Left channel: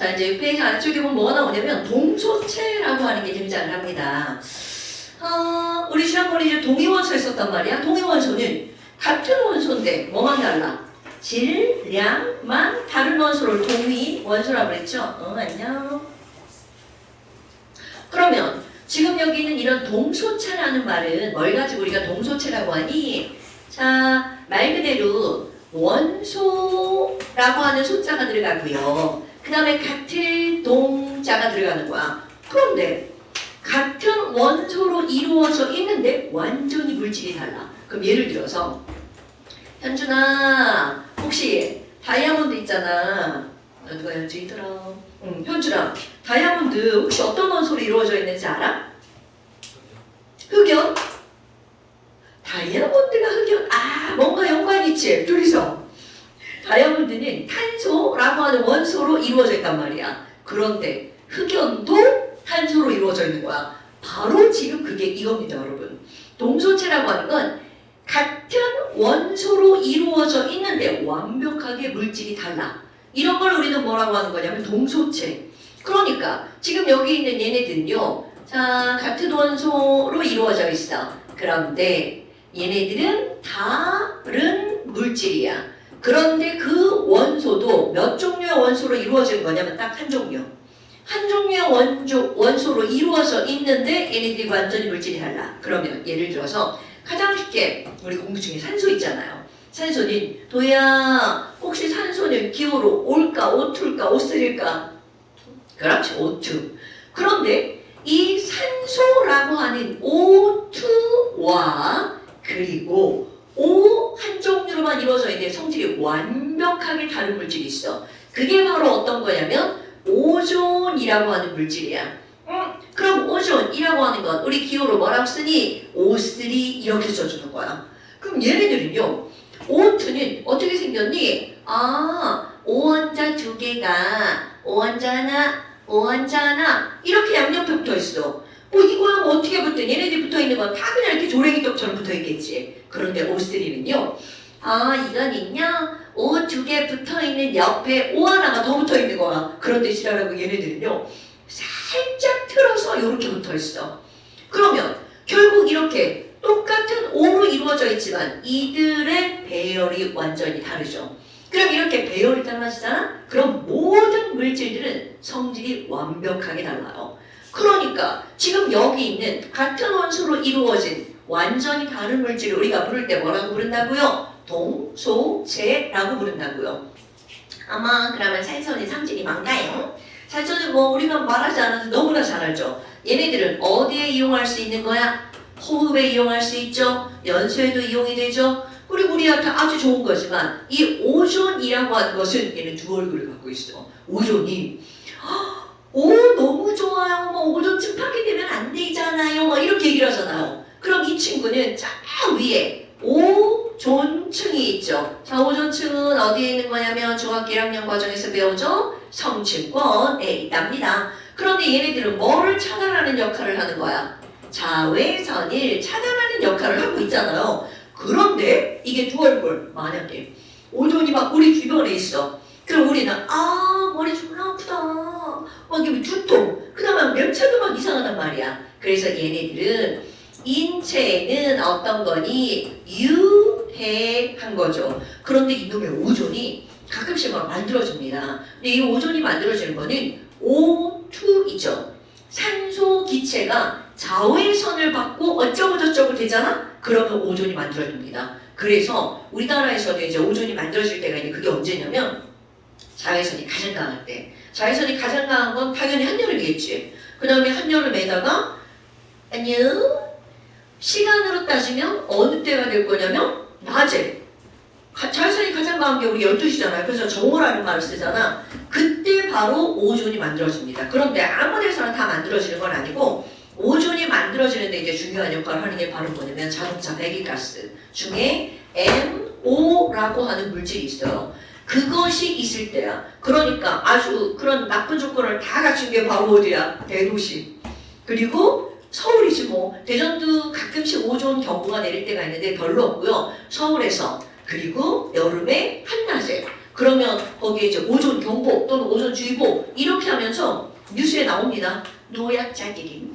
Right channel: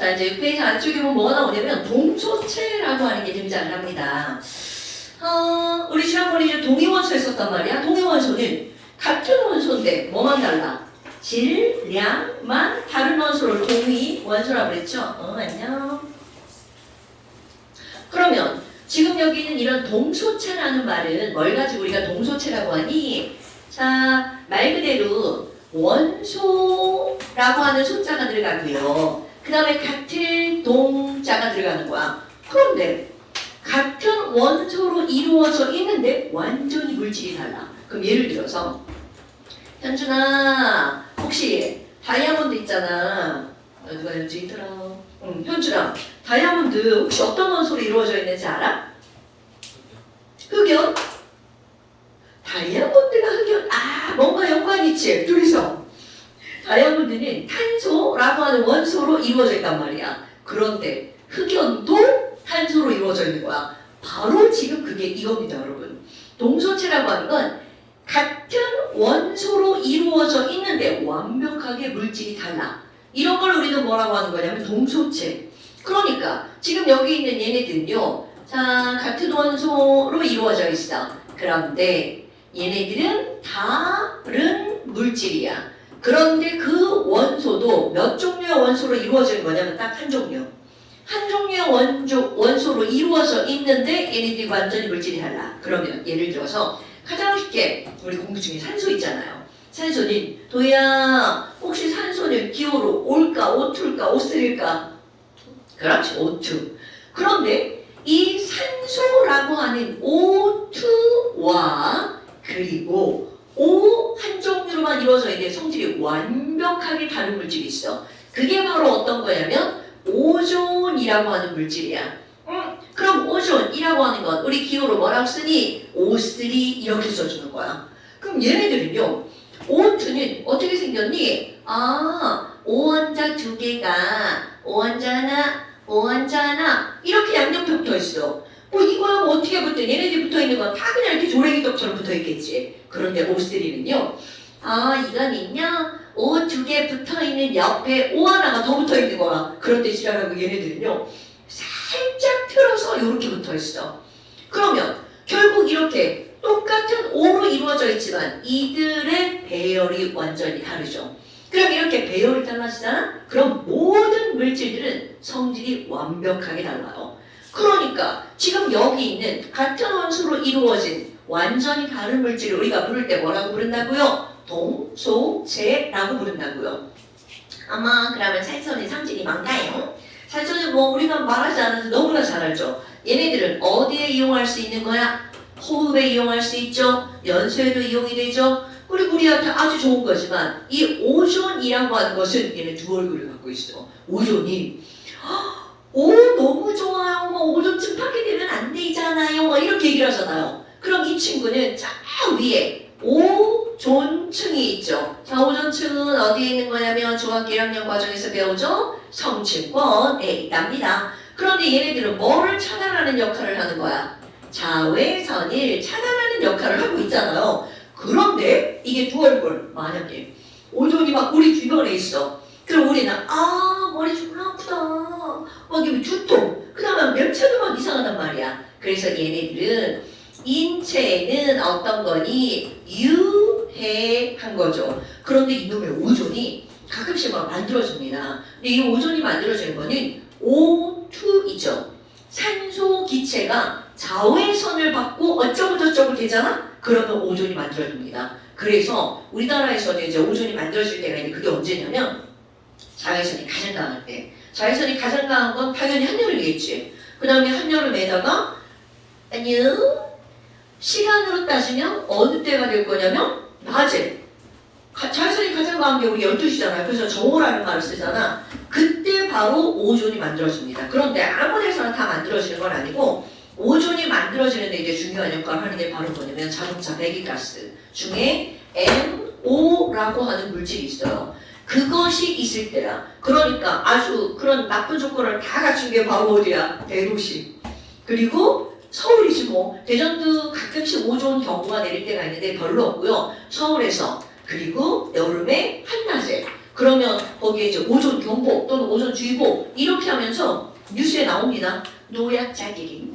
자, 이제 6페이지 아래쪽에 보면 뭐가 나오냐면 동소체라고 하는 게 등장을 합니다. 우리 지난번에 이제 동위원소 했었단 말이야. 동위원소는 같은 원소인데 뭐만 달라? 질량만 다른 원소를 동위원소라고 그랬죠? 안녕. 그러면 지금 여기는 이런 동소체라는 말은 뭘 가지고 우리가 동소체라고 하니? 자, 말 그대로 원소라고 하는 소자가 들어가고요. 그 다음에 같은 동자가 들어가는 거야. 그런데 같은 원소로 이루어져 있는데 완전히 물질이 달라. 그럼 예를 들어서 현준아, 혹시 다이아몬드 있잖아. 누가 현준이 들어? 현준아, 다이아몬드 혹시 어떤 원소로 이루어져 있는지 알아? 흑연? 다이아몬드가 흑연? 뭔가 연관이 있지, 둘이서. 다이아몬드는 탄소라고 하는 원소로 이루어져 있단 말이야. 그런데 흑연도 탄소로 이루어져 있는 거야. 바로 지금 그게 이겁니다, 여러분. 동소체라고 하는 건 같은 원소로 이루어져 있는데 완벽하게 물질이 달라. 이런 걸 우리는 뭐라고 하는 거냐면 동소체. 그러니까 지금 여기 있는 얘네들은요. 자, 같은 원소로 이루어져 있어. 그런데 얘네들은 다른 물질이야. 그런데 그 원소도 몇 종류의 원소로 이루어진 거냐면 딱 한 종류. 한 종류의 원소로 이루어져 있는데 얘네들이 완전히 물질이 달라. 그러면 예를 들어서 가장 쉽게 우리 공부 중에 산소 있잖아요. 산소는 도야 혹시 산소는 기호로 올까 오투일까 오쓰릴까? 그렇지, 오투. 그런데 이 산소라고 하는 O2와 그리고 O 한 종류로만 이루어져 있는데 성질이 완벽하게 다른 물질이 있어. 그게 바로 어떤 거냐면 오존이라고 하는 물질이야. 그럼 오존이라고 하는 건 우리 기호로 뭐라고 쓰니? O3 이렇게 써주는 거야. 그럼 얘네들은요. O2는 어떻게 생겼니? O원자 두 개가 O원자 하나, O원자 하나 이렇게 양옆에 붙어 있어. 이거랑 어떻게 붙어? 얘네들이 붙어 있는 건 다 그냥 이렇게 조랭이떡처럼 붙어 있겠지. 그런데 O3는요. 이건 있냐? O 두 개 붙어 있는 옆에 O 하나가 더 붙어 있는 거야. 그런 뜻이라고 얘네들은요. 살짝 틀어서 이렇게 붙어 있어. 그러면 결국 이렇게 똑같은 O로 이루어져 있지만 이들의 배열이 완전히 다르죠. 그럼 이렇게 배열이 달라지잖아? 그럼 모든 물질들은 성질이 완벽하게 달라요. 그러니까 지금 여기 있는 같은 원소로 이루어진 완전히 다른 물질을 우리가 부를 때 뭐라고 부른다고요? 동소체라고 부른다고요. 그러면 산소는 성질이 뭔가요? 산소는 우리가 말하지 않아도 너무나 잘 알죠. 얘네들은 어디에 이용할 수 있는 거야? 호흡에 이용할 수 있죠. 연소에도 이용이 되죠. 그리고 우리한테 아주 좋은 거지만 이 오존이라고 하는 것은 얘는 두 얼굴을 갖고 있어. 오존이 너무 좋아요. 오존층 파괴되면 안 되잖아요. 이렇게 얘기를 하잖아요. 그럼 이 친구는 저 위에 오존층이 있죠. 자, 오존층은 어디에 있는 거냐면 중학교 1학년 과정에서 배우죠. 성층권에 있답니다. 그런데 얘네들은 뭐를 차단하는 역할을 하는 거야? 자외선을 차단하는 역할을 하고 있잖아요. 그런데 이게 두 얼굴, 만약에 오존이 막 우리 주변에 있어. 그럼 우리는 머리 존나 아프다. 막 이게 두통. 그 다음에 냄새도 막 이상하단 말이야. 그래서 얘네들은 인체에는 어떤 거니 유해한 거죠. 그런데 이놈의 오존이 가끔씩 막 만들어집니다. 근데 이 오존이 만들어지는 거는 O2이죠. 산소 기체가 자외선을 받고 어쩌고저쩌고 되잖아? 그러면 오존이 만들어집니다. 그래서 우리나라에서는 이제 오존이 만들어질 때가 있는데 그게 언제냐면 자외선이 가장 강할 때. 자외선이 가장 강한 건 당연히 한여름이겠지. 그 다음에 한여름에다가 시간으로 따지면 어느 때가 될 거냐면 낮에. 자외선이 가장 강한 게 우리 12시잖아요. 그래서 정오라는 말을 쓰잖아. 그때 바로 오존이 만들어집니다. 그런데 아무 데서나 다 만들어지는 건 아니고 오존이 만들어지는데 이제 중요한 역할을 하는 게 바로 뭐냐면 자동차 배기가스 중에 NO라고 하는 물질이 있어요. 그것이 있을 때야. 그러니까 아주 그런 나쁜 조건을 다 갖춘 게 바로 어디야? 대도시. 그리고 서울이지 뭐. 대전도 가끔씩 오존 경보가 내릴 때가 있는데 별로 없고요. 서울에서. 그리고 여름에 한낮에. 그러면 거기에 이제 오존 경보 또는 오존 주의보 이렇게 하면서 뉴스에 나옵니다. 노약자들이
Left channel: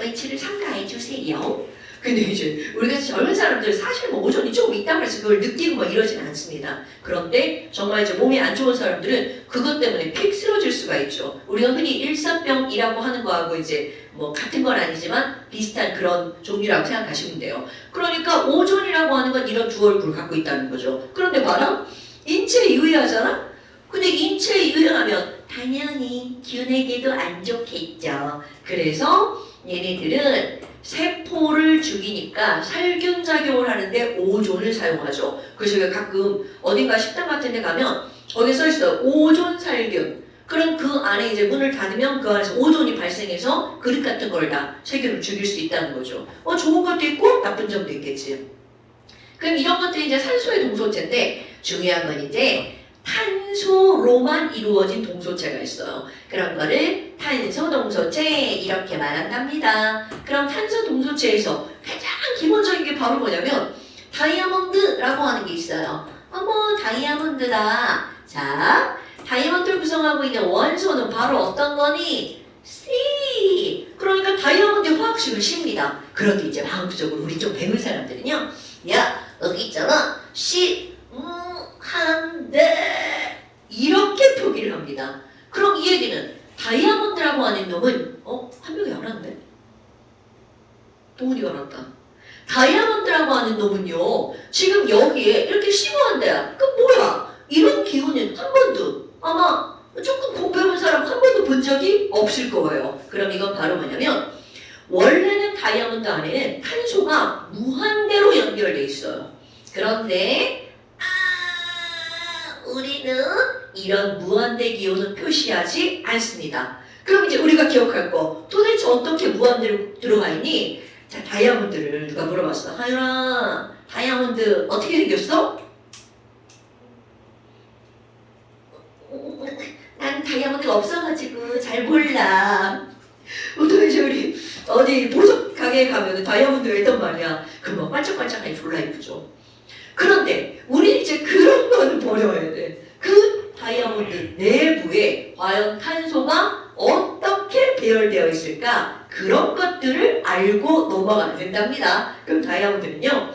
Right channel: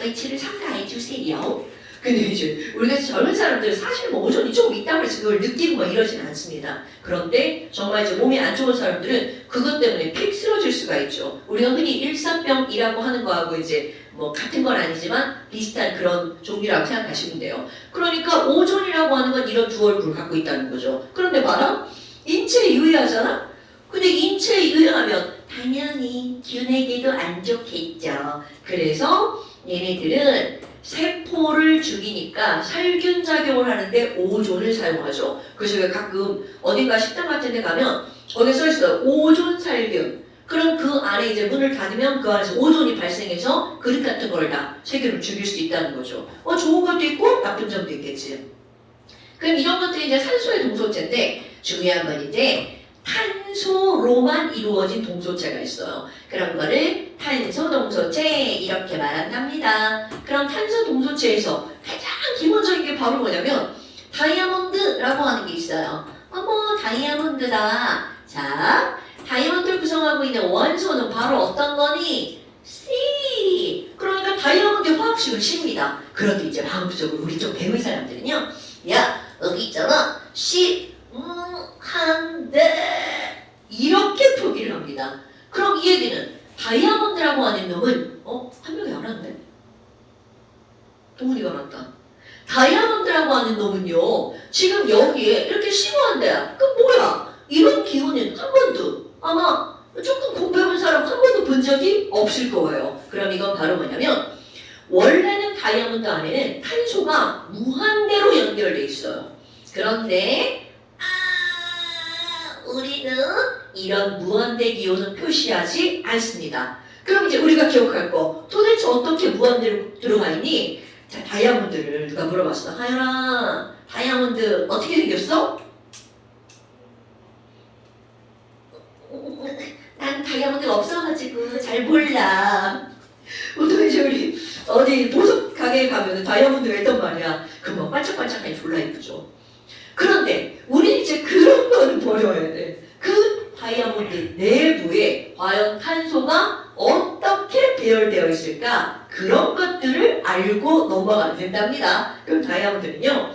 의치를 삼가해 주세요. 근데 이제 우리가 젊은 사람들 사실 뭐 오존이 조금 있다고 해서 그걸 느끼고 뭐 이러진 않습니다. 그런데 정말 이제 몸이 안 좋은 사람들은 그것 때문에 픽 쓰러질 수가 있죠. 우리가 흔히 일사병이라고 하는 거하고 이제 뭐 같은 건 아니지만 비슷한 그런 종류라고 생각하시면 돼요. 그러니까 오존이라고 하는 건 이런 두 얼굴을 갖고 있다는 거죠. 그런데 봐라. 인체에 유해하잖아? 근데 인체에 유해하면 당연히 균에게도 안 좋겠죠. 그래서 얘네들은 세포를 죽이니까 살균 작용을 하는데 오존을 사용하죠. 그래서 왜 가끔 어딘가 식당 같은 데 가면 거기에 써 있어요. 오존 살균. 그럼 그 안에 이제 문을 닫으면 그 안에서 오존이 발생해서 그릇 같은 걸 다 세균을 죽일 수 있다는 거죠. 좋은 것도 있고 나쁜 점도 있겠지. 그럼 이런 것들이 이제 산소의 동소체인데 중요한 건 이제 탄소로만 이루어진 동소체가 있어요. 그런 거를 탄소 동소체 이렇게 말한답니다. 그럼 탄소 동소체에서 가장 기본적인 게 바로 뭐냐면 다이아몬드라고 하는 게 있어요. 어머 다이아몬드다. 자, 다이아몬드를 구성하고 있는 원소는 바로 어떤 거니? C. 그러니까 다이아몬드의 화학식을 C입니다. 그런데 이제 마음속으로 우리 좀 배운 사람들은요. 야 여기 있잖아. C 한데 이렇게 표기를 합니다. 그럼 이 얘기는 다이아몬드라고 하는 놈은 한 명이 안 왔네? 동훈이가 왔다. 다이아몬드라고 하는 놈은요 지금 여기에 이렇게 심오한데 그럼 뭐야? 이런 기운은 한 번도 아마 조금 공부해본 사람 한 번도 본 적이 없을 거예요. 그럼 이건 바로 뭐냐면 원래는 다이아몬드 안에는 탄소가 무한대로 연결돼 있어요. 그런데 우리는 이런 무한대 기호는 표시하지 않습니다. 그럼 이제 우리가 기억할 거 도대체 어떻게 무한대로 들어가 있니? 자, 다이아몬드를 누가 물어봤어. 하연아, 다이아몬드 어떻게 생겼어? 난 다이아몬드가 없어가지고 잘 몰라. 도대체 우리 어디 보석 가게에 가면 다이아몬드가 있단 말이야. 그럼 뭐 반짝반짝하니 졸라 예쁘죠. 그런데 우리 이제 그런 거는 버려야 돼. 그 다이아몬드 내부에 과연 탄소가 어떻게 배열되어 있을까? 그런 것들을 알고 넘어가면 된답니다. 그럼 다이아몬드는요.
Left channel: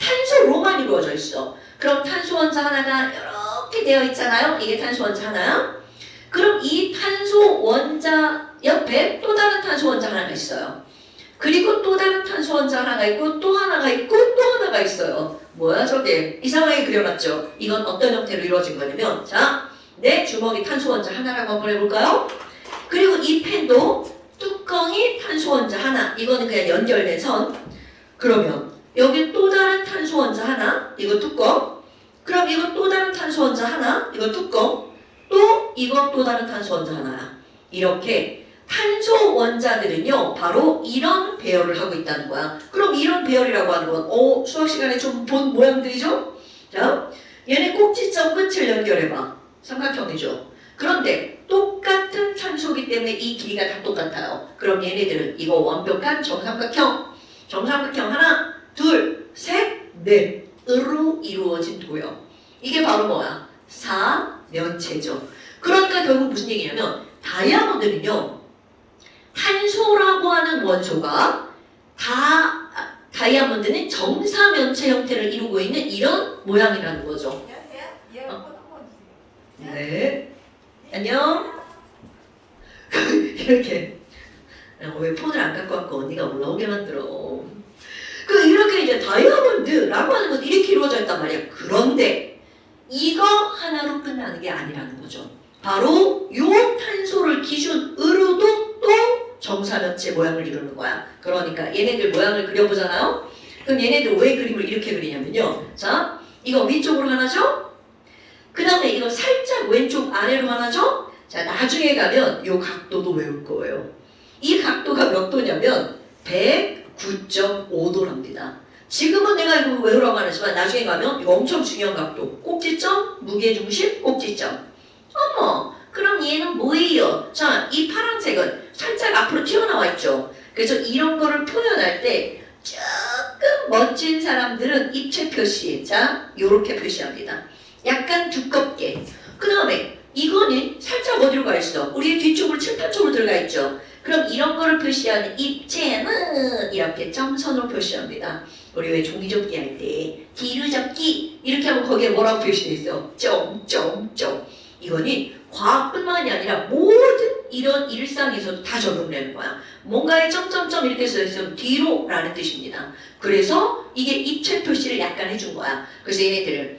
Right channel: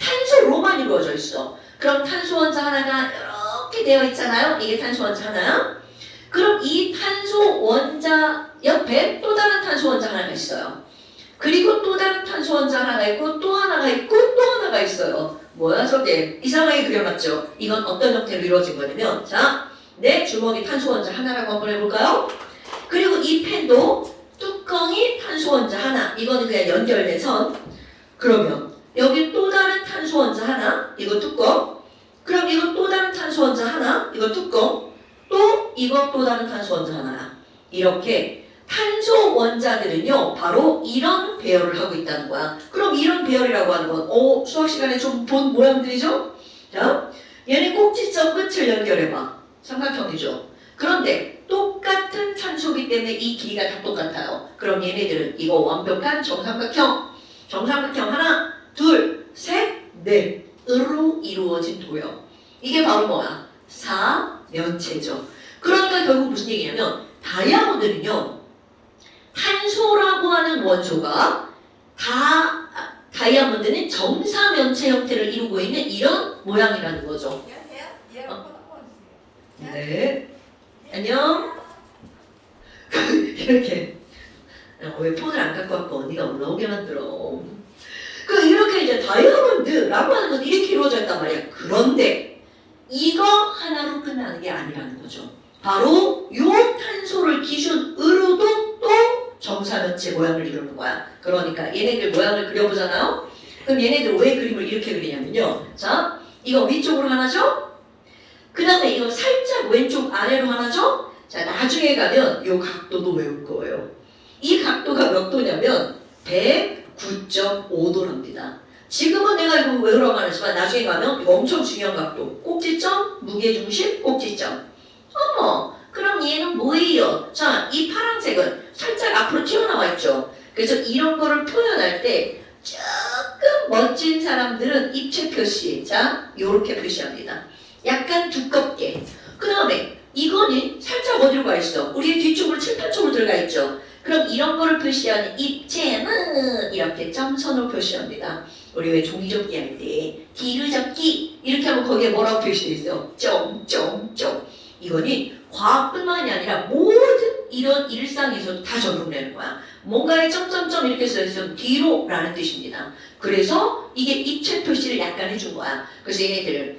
탄소로만 이루어져 있어. 그럼 탄소 원자 하나가 이렇게 되어 있잖아요. 이게 탄소 원자 하나. 그럼 이 탄소 원자 옆에 또 다른 탄소 원자 하나가 있어요. 그리고 또 다른 탄소 원자 하나가 있고 또 하나가 있고 또 하나가 있어요. 뭐야 저게? 이상하게 그려놨죠? 이건 어떤 형태로 이루어진 거냐면 자, 내 주먹이 탄소 원자 하나라고 한번 해볼까요? 그리고 이 펜도 뚜껑이 탄소 원자 하나. 이거는 그냥 연결된 선. 그러면 여기 또 다른 탄소 원자 하나. 이거 뚜껑. 그럼 이거 또 다른 탄소 원자 하나. 이거 뚜껑. 또 이거 또 다른 탄소 원자 하나야. 이렇게 탄소 원자들은요 바로 이런 배열을 하고 있다는 거야. 그럼 이런 배열이라고 하는 건 수학 시간에 좀 본 모양들이죠? 자, 얘네 꼭지점 끝을 연결해봐. 삼각형이죠. 그런데 똑같은 탄소기 때문에 이 길이가 다 똑같아요. 그럼 얘네들은 이거 완벽한 정삼각형 하나, 둘, 셋, 넷으로 이루어진 도형. 이게 바로 뭐야? 사면체죠. 그러니까 결국 무슨 얘기냐면 다이아몬드는요 탄소라고 하는 원소가 다이아몬드는 정사면체 형태를 이루고 있는 이런 모양이라는 거죠. 네. 안녕. 이렇게 왜 폰을 안 갖고 왔고 언니가 올라오게 만들어. 이렇게 이제 다이아몬드라고 하는 건 이렇게 이루어져 있단 말이야. 그런데 이거 하나로 끝나는 게 아니라는 거죠. 바로 요 탄소를 기준으로도 또 정사면체 모양을 이루는 거야. 그러니까 얘네들 모양을 그려보잖아요. 그럼 얘네들 왜 그림을 이렇게 그리냐면요. 자, 이거 위쪽으로 하나죠? 그 다음에 이거 살짝 왼쪽 아래로 하나죠? 자, 나중에 가면 요 각도도 외울 거예요. 이 각도가 몇 도냐면 109.5도랍니다. 지금은 내가 이거 외우라고 안 하지만 나중에 가면 이거 엄청 중요한 각도. 꼭지점, 무게중심, 꼭지점. 어머, 그럼 얘는 뭐예요? 자, 이 파란색은 살짝 앞으로 튀어나와 있죠. 그래서 이런 거를 표현할 때 조금 멋진 사람들은 입체 표시, 자, 요렇게 표시합니다. 약간 두껍게. 그 다음에 표시하는 입체는 이렇게 점선으로 표시합니다. 우리 왜 종이접기 할 때 디귿접기 이렇게 하면 거기에 뭐라고 표시되어 있어? 점점점. 이거는 과학뿐만이 아니라 모든 이런 일상에서도 다 적용되는 거야. 뭔가에 점점점 이렇게 써있으면 뒤로라는 뜻입니다. 그래서 이게 입체 표시를 약간 해준 거야. 그래서 얘네들은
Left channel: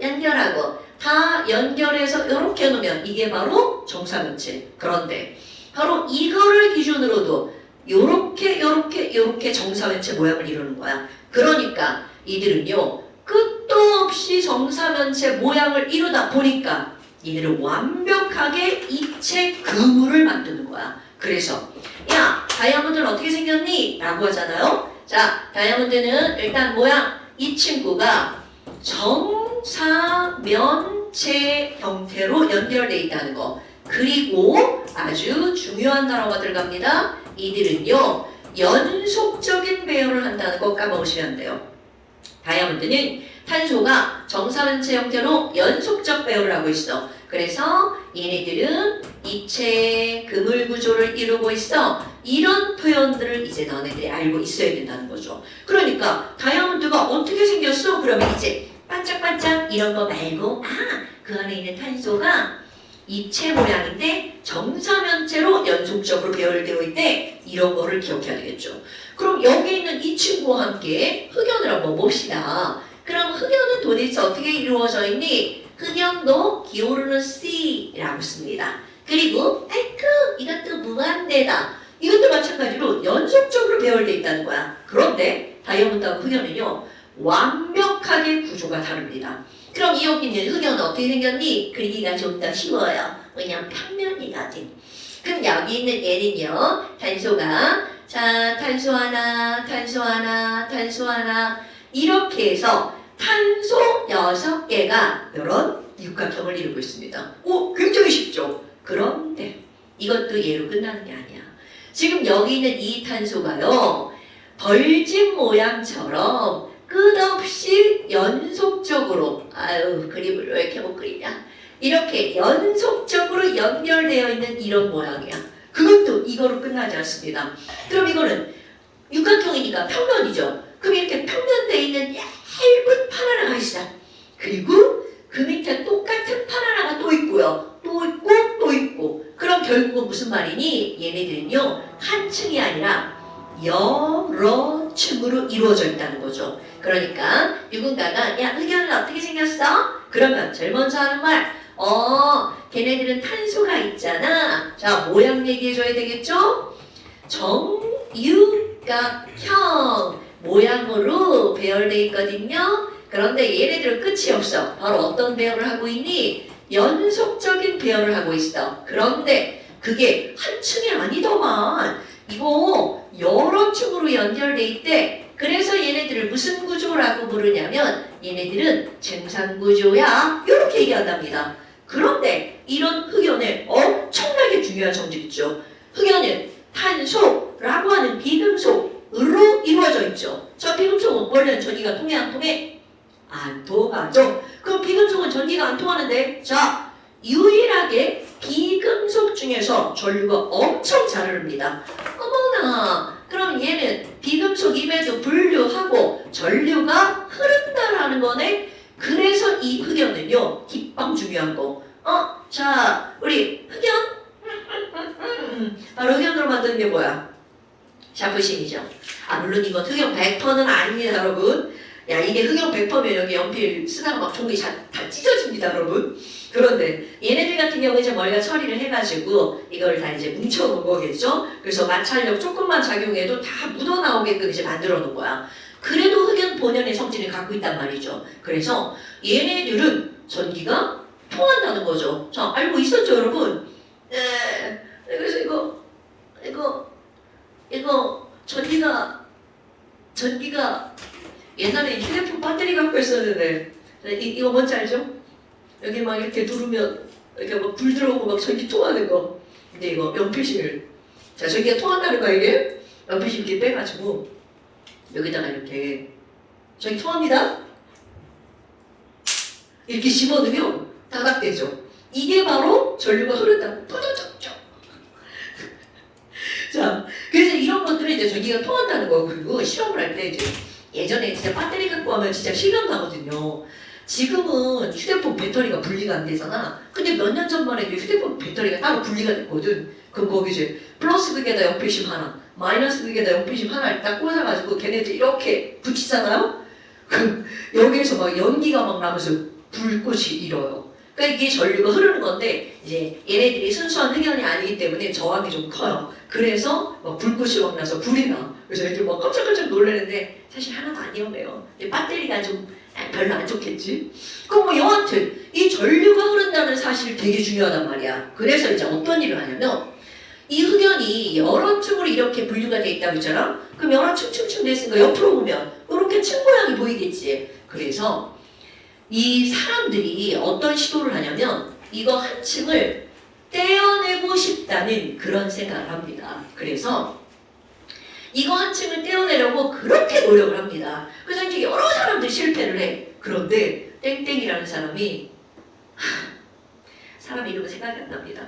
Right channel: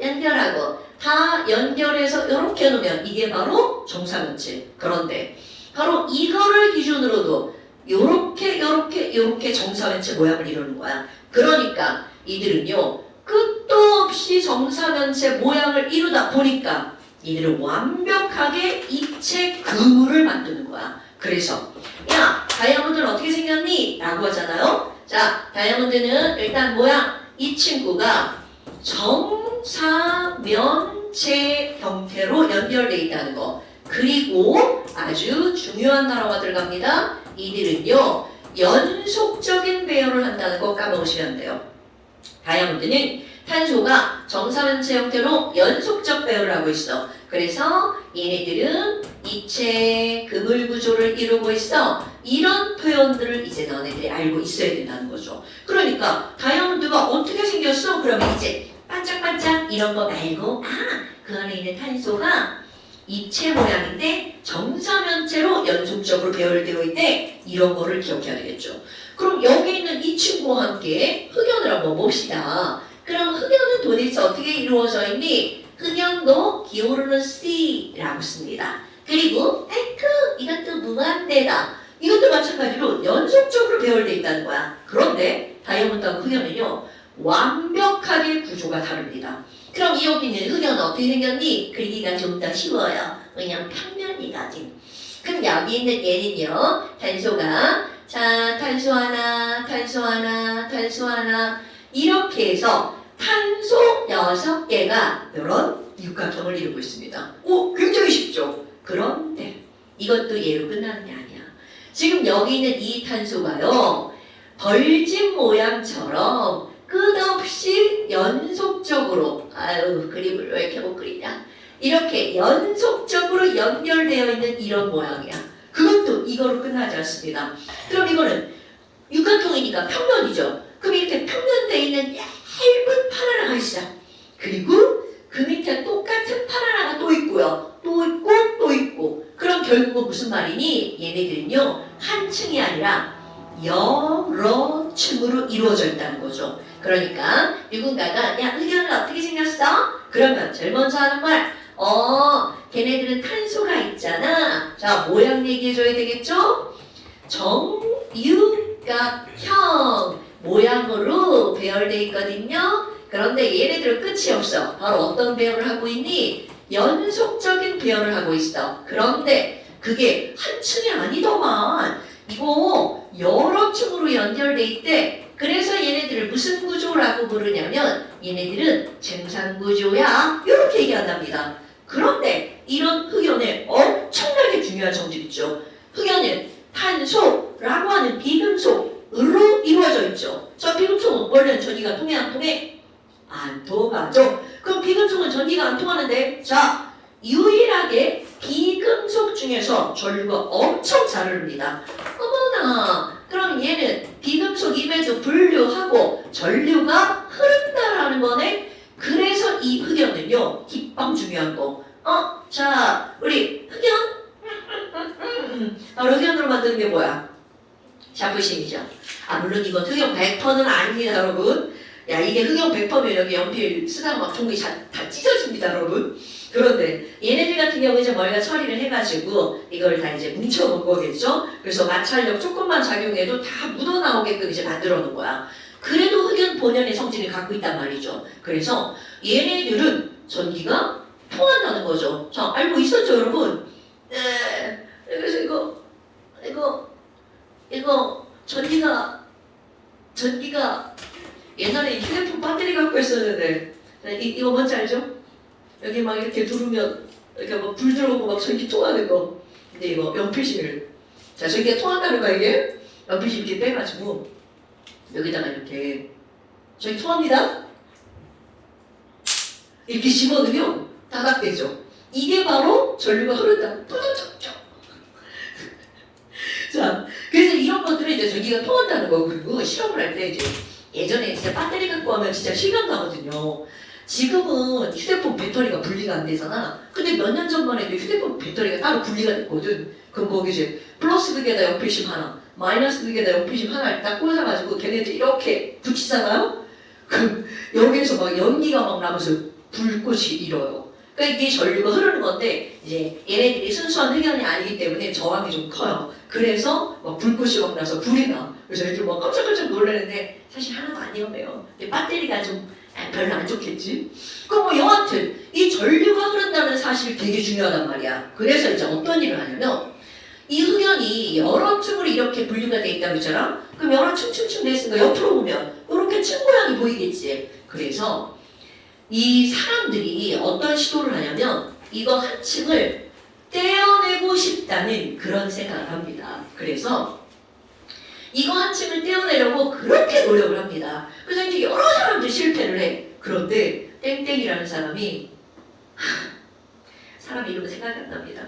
연결하고 다 연결해서 이렇게 해놓으면 이게 바로 정사면체. 그런데 바로 이거를 기준으로도 요렇게 정사면체 모양을 이루는 거야. 그러니까 이들은요 끝도 없이 정사면체 모양을 이루다 보니까 이들은 완벽하게 입체 그물을 만드는 거야. 그래서 야 다이아몬드는 어떻게 생겼니? 라고 하잖아요. 자 다이아몬드는 일단 모양 이 친구가 정사면체 형태로 연결되어 있다는 거. 그리고 아주 중요한 단어가 들어갑니다. 이들은요 연속적인 배열을 한다는 거 까먹으시면 안 돼요. 다이아몬드는 탄소가 정사면체 형태로 연속적 배열을 하고 있어. 그래서 얘네들은 입체 그물 구조를 이루고 있어. 이런 표현들을 이제 너네들이 알고 있어야 된다는 거죠. 그러니까 다이아몬드가 어떻게 생겼어? 그러면 이제 반짝반짝 이런 거 말고 그 안에 있는 탄소가 입체 모양인데 정사면체로 연속적으로 배열되어 있대. 이런 거를 기억해야 되겠죠. 그럼 여기 있는 이 친구와 함께 흑연을 한번 봅시다. 그럼 흑연은 도대체 어떻게 이루어져 있니? 흑연도 기울는 C라고 씁니다. 그리고 이것도 무한대다. 이것도 마찬가지로 연속적으로 배열되어 있다는 거야. 그런데 다이아몬드와 흑연은요 완벽하게 구조가 다릅니다. 그럼 여기 있는 흑연은 어떻게 생겼니? 그리기가 좀 더 쉬워요. 그냥 평면이거든. 그럼 여기 있는 얘는요 탄소가 자 탄소 하나 이렇게 해서 탄소 6개가 이런 육각형을 이루고 있습니다. 오 굉장히 쉽죠? 그런데 이것도 얘로 끝나는 게 아니야. 지금 여기 있는 이 탄소가요 벌집 모양처럼 끝없이 연속적으로 그림을 왜 이렇게 못 그리냐 이렇게 연속적으로 연결되어 있는 이런 모양이야. 그것도 이거로 끝나지 않습니다. 그럼 이거는 육각형이니까 평면이죠. 그럼 이렇게 평면되어 있는 얇은 판 하나가 있어. 그리고 그 밑에 똑같은 판 하나가 또 있고요. 또 있고. 그럼 결국은 무슨 말이니? 얘네들은요 한 층이 아니라 여러 층으로 이루어져 있다는 거죠. 그러니까 누군가가 야 흑연은 어떻게 생겼어? 그러면 제일 먼저 하는 말 걔네들은 탄소가 있잖아. 자 모양 얘기해줘야 되겠죠? 정육각형 모양으로 배열되어 있거든요. 그런데 얘네들은 끝이 없어. 바로 어떤 배열을 하고 있니? 연속적인 배열을 하고 있어. 그런데 그게 한 층이 아니더만 이거 여러 층으로 연결돼 있대. 그래서 얘네들을 무슨 구조라고 부르냐면 얘네들은 쟁산구조야 이렇게 얘기한답니다. 그런데 이런 흑연에 엄청나게 중요한 성질 있죠. 흑연은 탄소라고 하는 비금속으로 이루어져 있죠. 저 비금속은 원래는 전기가 통해 안 통해? 안 통하죠. 그럼 비금속은 전기가 안 통하는데 자 유일하게 비금속 중에서 전류가 엄청 잘 흐릅니다. 어머나 그럼 얘는 비금속임에도 불구하고 전류가 흐른다라는 거네. 그래서 이 흑연은요 뒷방 중요한 거. 자 우리 흑연 바로 흑연으로 만드는 게 뭐야? 샤프심이죠. 물론 이건 흑연 100%는 아닙니다 여러분. 야 이게 흑연 100%면 여기 연필 쓰다가 막 종이 다 찢어집니다 여러분. 그런데 얘네들 같은 경우에 이제 머리가 처리를 해가지고 이걸 다 이제 뭉쳐놓은 거겠죠. 그래서 마찰력 조금만 작용해도 다 묻어나오게끔 이제 만들어 놓은 거야. 그래도 흑연 본연의 성질을 갖고 있단 말이죠. 그래서 얘네들은 전기가 통한다는 거죠. 자 알고 있었죠 여러분? 네. 그래서 이거 전기가 옛날에 휴대폰 배터리 갖고 있었는데 이거 뭔지 알죠? 여기 막 이렇게 누르면 이렇게 막 불 들어오고 막 전기 통하는 거. 근데 이거 연필심을 자 전기가 통한다는 거야 이게. 연필심 이렇게 빼가지고 여기다가 이렇게 전기 통합니다. 이렇게 집어넣으면 다각되죠. 이게 바로 전류가 흐른다. 푸드적적. 전기가 통한다는 거. 그리고 실험을 할 때 이제 예전에 진짜 배터리 갖고 하면 진짜 실감 나거든요. 지금은 휴대폰 배터리가 분리가 안 되잖아. 근데 몇 년 전만 해도 휴대폰 배터리가 따로 분리가 됐거든. 그럼 거기 이제 플러스 극에다 연필심 하나, 마이너스 극에다 연필심 하나를 딱 꽂아가지고 걔네들 이렇게 붙이잖아요. 그 여기에서 막 연기가 막 나면서 불꽃이 일어요. 그러니까 이게 전류가 흐르는 건데 이제 얘네들이 순수한 흑연이 아니기 때문에 저항이 좀 커요. 그래서 막 불꽃이 막 나서 불이 나. 그래서 애들 막 깜짝깜짝 놀라는데 사실 하나도 안 위험해요. 배터리가 좀 별로 안 좋겠지. 그럼 뭐 여하튼 이 전류가 흐른다는 사실이 되게 중요하단 말이야. 그래서 이제 어떤 일을 하냐면 이 흑연이 여러 층으로 이렇게 분류가 돼 있다고 했잖아. 그럼 여러 층층층 돼 있으니까 옆으로 보면 이렇게 층 모양이 보이겠지. 그래서 이 사람들이 어떤 시도를 하냐면 이거 한 층을 떼어내고 싶다는 그런 생각을 합니다. 그래서 이거 한 층을 떼어내려고 그렇게 노력을 합니다. 그래서 이제 여러 사람들이 실패를 해. 그런데 땡땡이라는 사람이 사람 이름은 생각이 안 납니다.